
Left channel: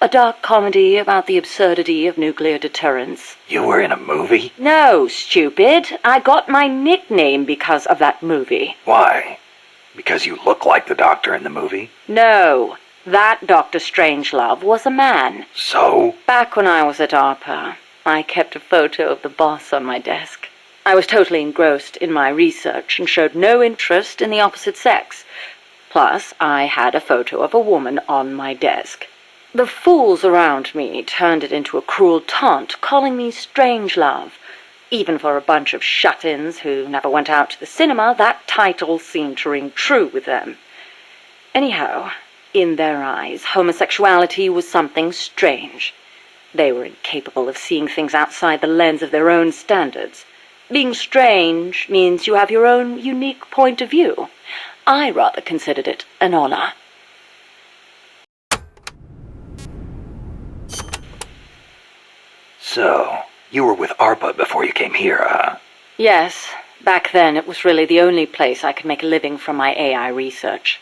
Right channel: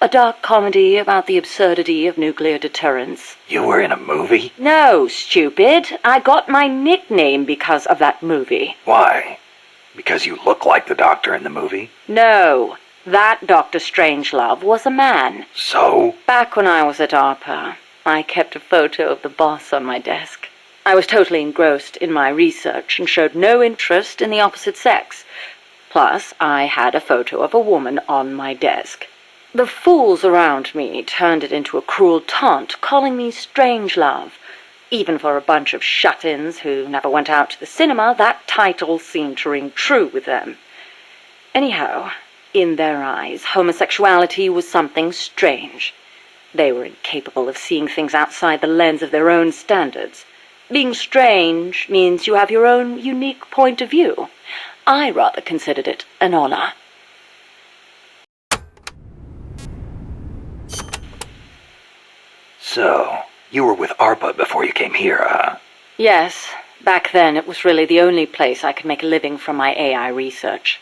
A dark comedy about the absurdity of nuclear deterrence. You were in a movie? No, stupid. I got my nickname because of that movie. Why? Because you look like the doctor in the movie? No, that Dr. Strangelove was a man. So? Back when I was at ARPA, I kept a photo of the boss on my desk. I was totally engrossed in my research and showed no interest in the opposite sex. Plus, I had a photo of a woman on my desk. The fools around me turned it into a cruel taunt, calling me Strangelove. Even for a bunch of shut-ins who never went out to the cinema, that title seemed to ring true with them. Anyhow, in their eyes, homosexuality was something strange. They were incapable of seeing things outside the lens of their own standards. Being strange means you have your own unique point of view. I rather considered it an honor. So, you were with ARPA before you came here, huh? Yes, back then it was really the only place I could make a living from my AI research.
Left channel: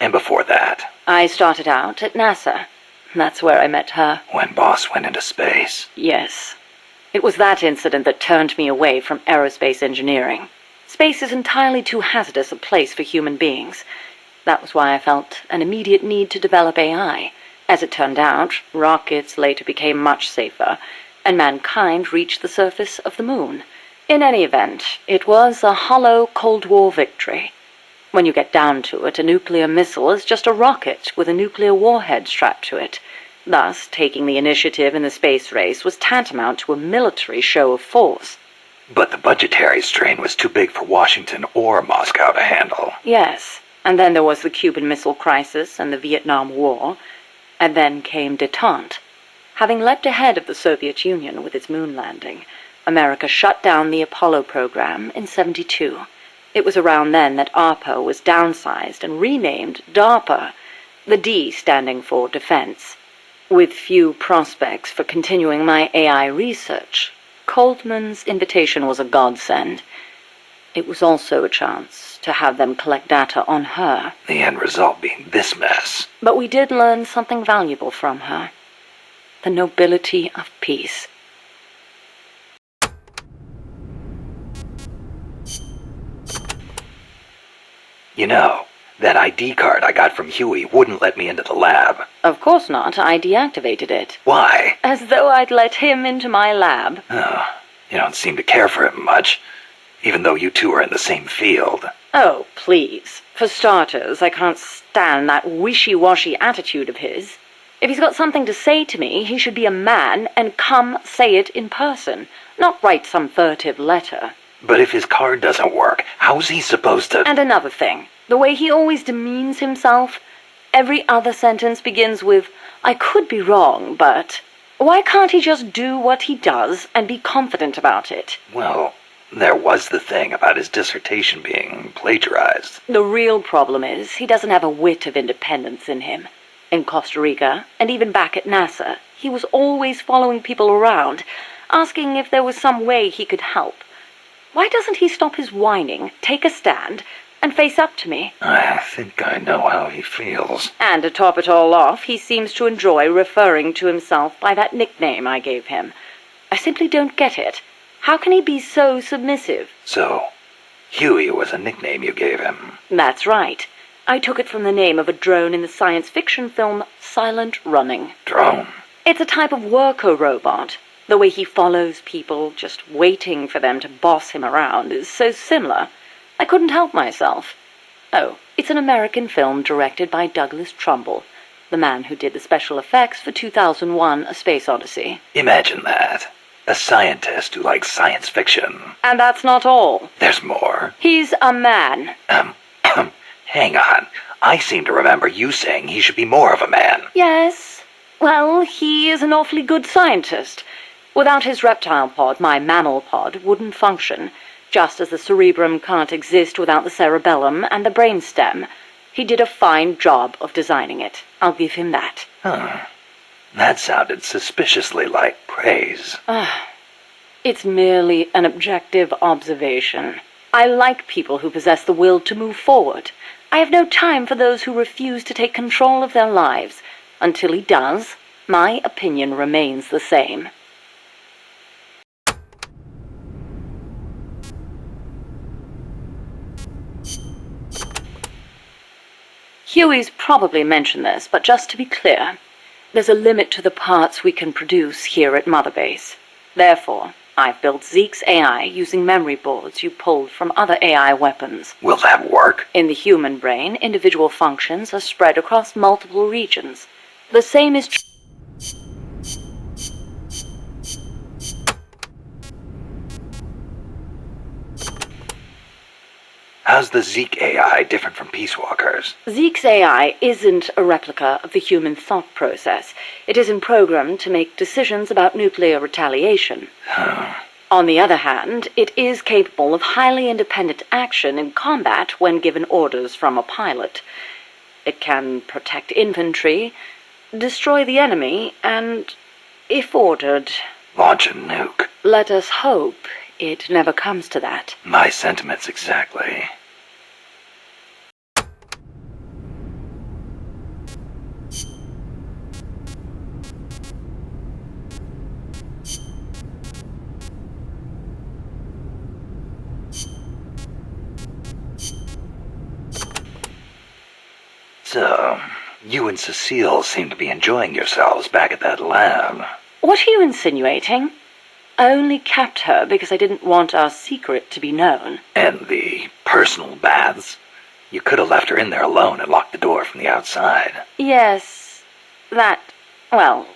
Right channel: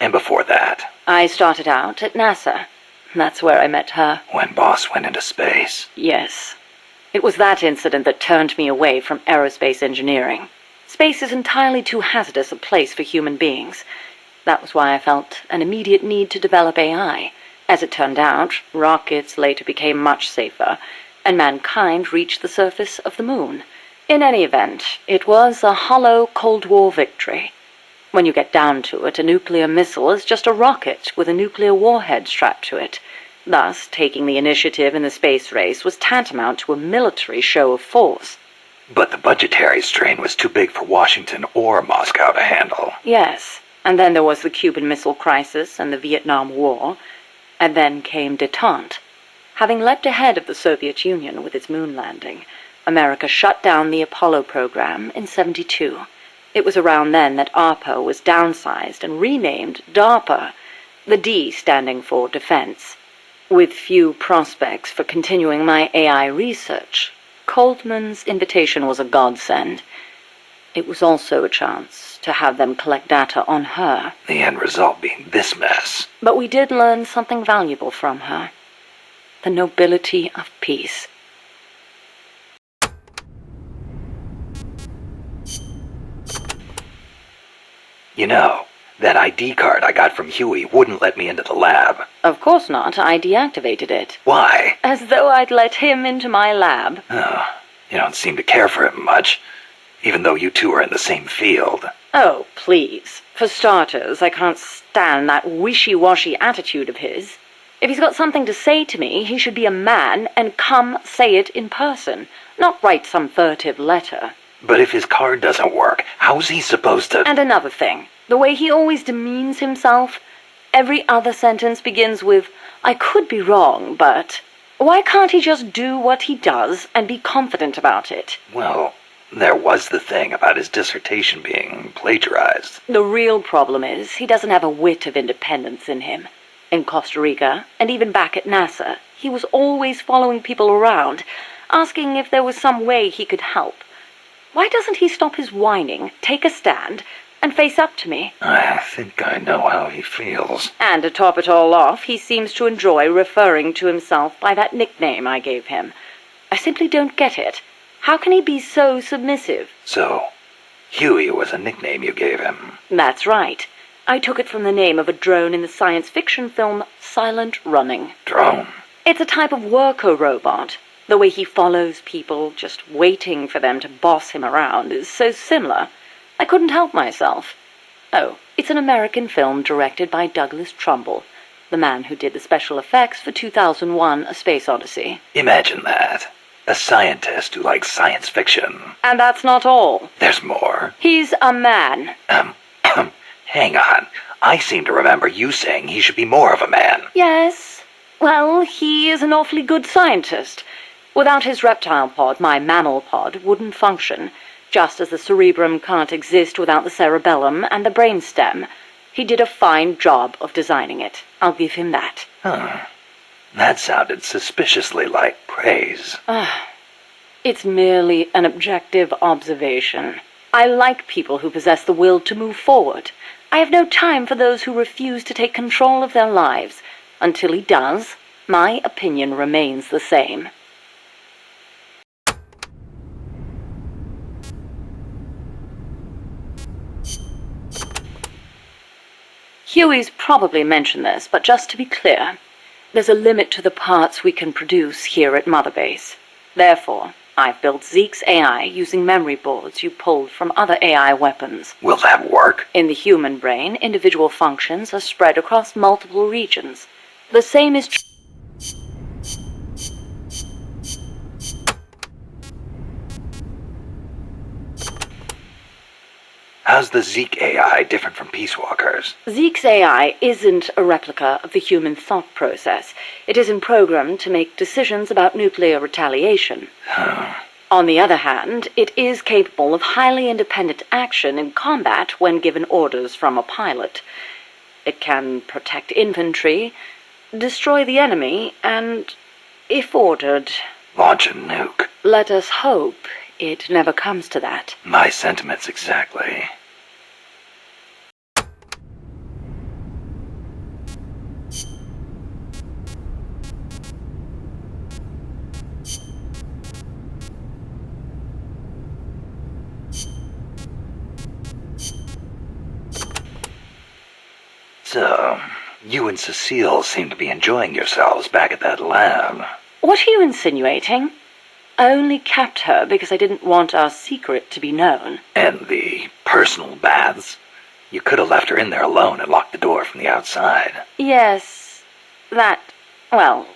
And before that? I started out at NASA. That's where I met her. When Boss went into space? Yes. It was that incident that turned me away from aerospace engineering. Space is entirely too hazardous a place for human beings. That was why I felt an immediate need to develop AI. As it turned out, rockets later became much safer, and mankind reached the surface of the moon. In any event, it was a hollow Cold War victory. When you get down to it, a nuclear missile is just a rocket with a nuclear warhead strapped to it. Thus, taking the initiative in the space race was tantamount to a military show of force. But the budgetary strain was too big for Washington or Moscow to handle. Yes, and then there was the Cuban Missile Crisis and the Vietnam War, and then came détente. Having leapt ahead of the Soviet Union with its moon landing, America shut down the Apollo program in '72. It was around then that ARPA was downsized and renamed DARPA, the D standing for Defense. With few prospects for continuing my AI research, Coldman's invitation was a godsend. It was also a chance to have them collect data on her. The end result being this mess. But we did learn something valuable from her. The nobility of peace. You know, that ID card I got from Huey wouldn't let me into the lab. Of course not. I deactivated it. Why? As though I'd let him into my lab. Oh, You don't seem to care for him much, even though you two are in the same field. Oh, please. For starters, I can't stand that wishy-washy attitude of his. If he's got something to say to me, he should be a man and come say it in person, not write some furtive letter. But if his card doesn't work, how's he supposed to— And another thing, the way he always demeans himself. Every other sentence begins with, I could be wrong, but... Why can't he just do what he does and be confident about it? Well, there was the thing about his dissertation being plagiarized. The real problem is he doesn't have a whit of independence in him. In Costa Rica, and even back at NASA, he was always following people around, asking if there was some way he could help. Why doesn't he stop his whining, take a stand, and face up to me? I think I know how he feels. And to top it all off, he seems to enjoy referring to himself by that nickname I gave him. I simply don't get it. How can he be so submissive? So, Huey was a nickname you gave him. That's right. I took it from the name of a drone in the science fiction film Silent Running. Drone? It's a type of worker robot. The way he follows people, just waiting for them to boss him around, is so similar. I couldn't help myself. Oh, it's an American film directed by Douglas Trumbull, the man who did the special effects for 2001: A Space Odyssey. Imagine that. A scientist who likes science fiction. And that's not all. There's more. He's a man. Hang on. I seem to remember you saying he should be more of a man. Yes. Well, he is an awfully good scientist. Without his reptile pod, my mammal pod wouldn't function, just as the cerebrum can't exist without the cerebellum and the brainstem. He did a fine job of designing it. I'll give him that. Huh. That sounded suspiciously like praise. It's merely an objective observation. I like people who possess the will to move forward. I have no time for those who refuse to take control of their lives. Until he does, my opinion remains the same. Huey's probably mentioned this, but just to be clear, there's a limit to the parts we can produce here at Mother Base. Therefore, I've built Zeke's AI using memory boards you pulled from other AI weapons. Will that work? In the human brain, individual functions are spread across multiple regions. The same is true. How's the Zeke AI different from Peace Walker's? Zeke's AI isn't a replica of the human thought process. It isn't programmed to make decisions about nuclear retaliation. On the other hand, it is capable of highly independent action in combat when given orders from a pilot. It can protect infantry, destroy the enemy, and, if ordered... launch a nuke. Let us hope it never comes to that. My sentiments exactly. So, you and Cecile seem to be enjoying yourselves back at that lab. What are you insinuating? I only kept her because I didn't want our secret to be known. And the personal baths? You could have left her in there alone and locked the door from the outside. Yes, well,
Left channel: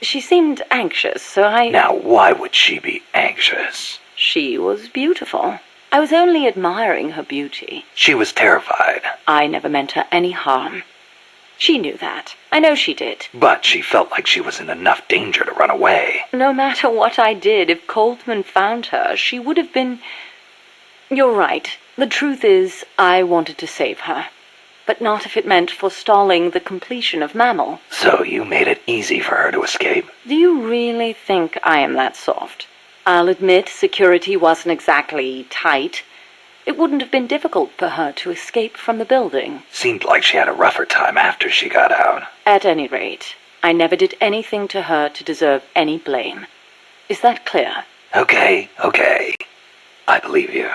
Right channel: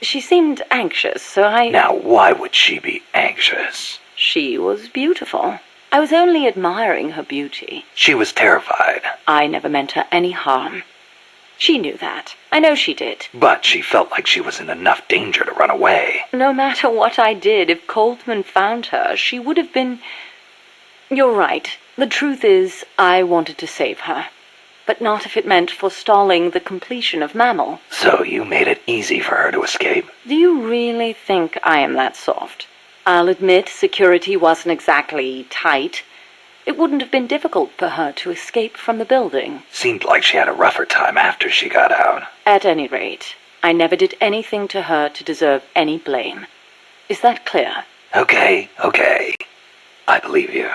she seemed anxious, so I... Now, why would she be anxious? She was beautiful. I was only admiring her beauty. She was terrified. I never meant her any harm. She knew that. I know she did. But she felt like she was in enough danger to run away. No matter what I did, if Coltman found her, she would have been... You're right. The truth is, I wanted to save her. But not if it meant forestalling the completion of Mammal. So you made it easy for her to escape? Do you really think I am that soft? I'll admit security wasn't exactly tight. It wouldn't have been difficult for her to escape from the building. Seemed like she had a rougher time after she got out. At any rate, I never did anything to her to deserve any blame. Is that clear? Okay. I believe you.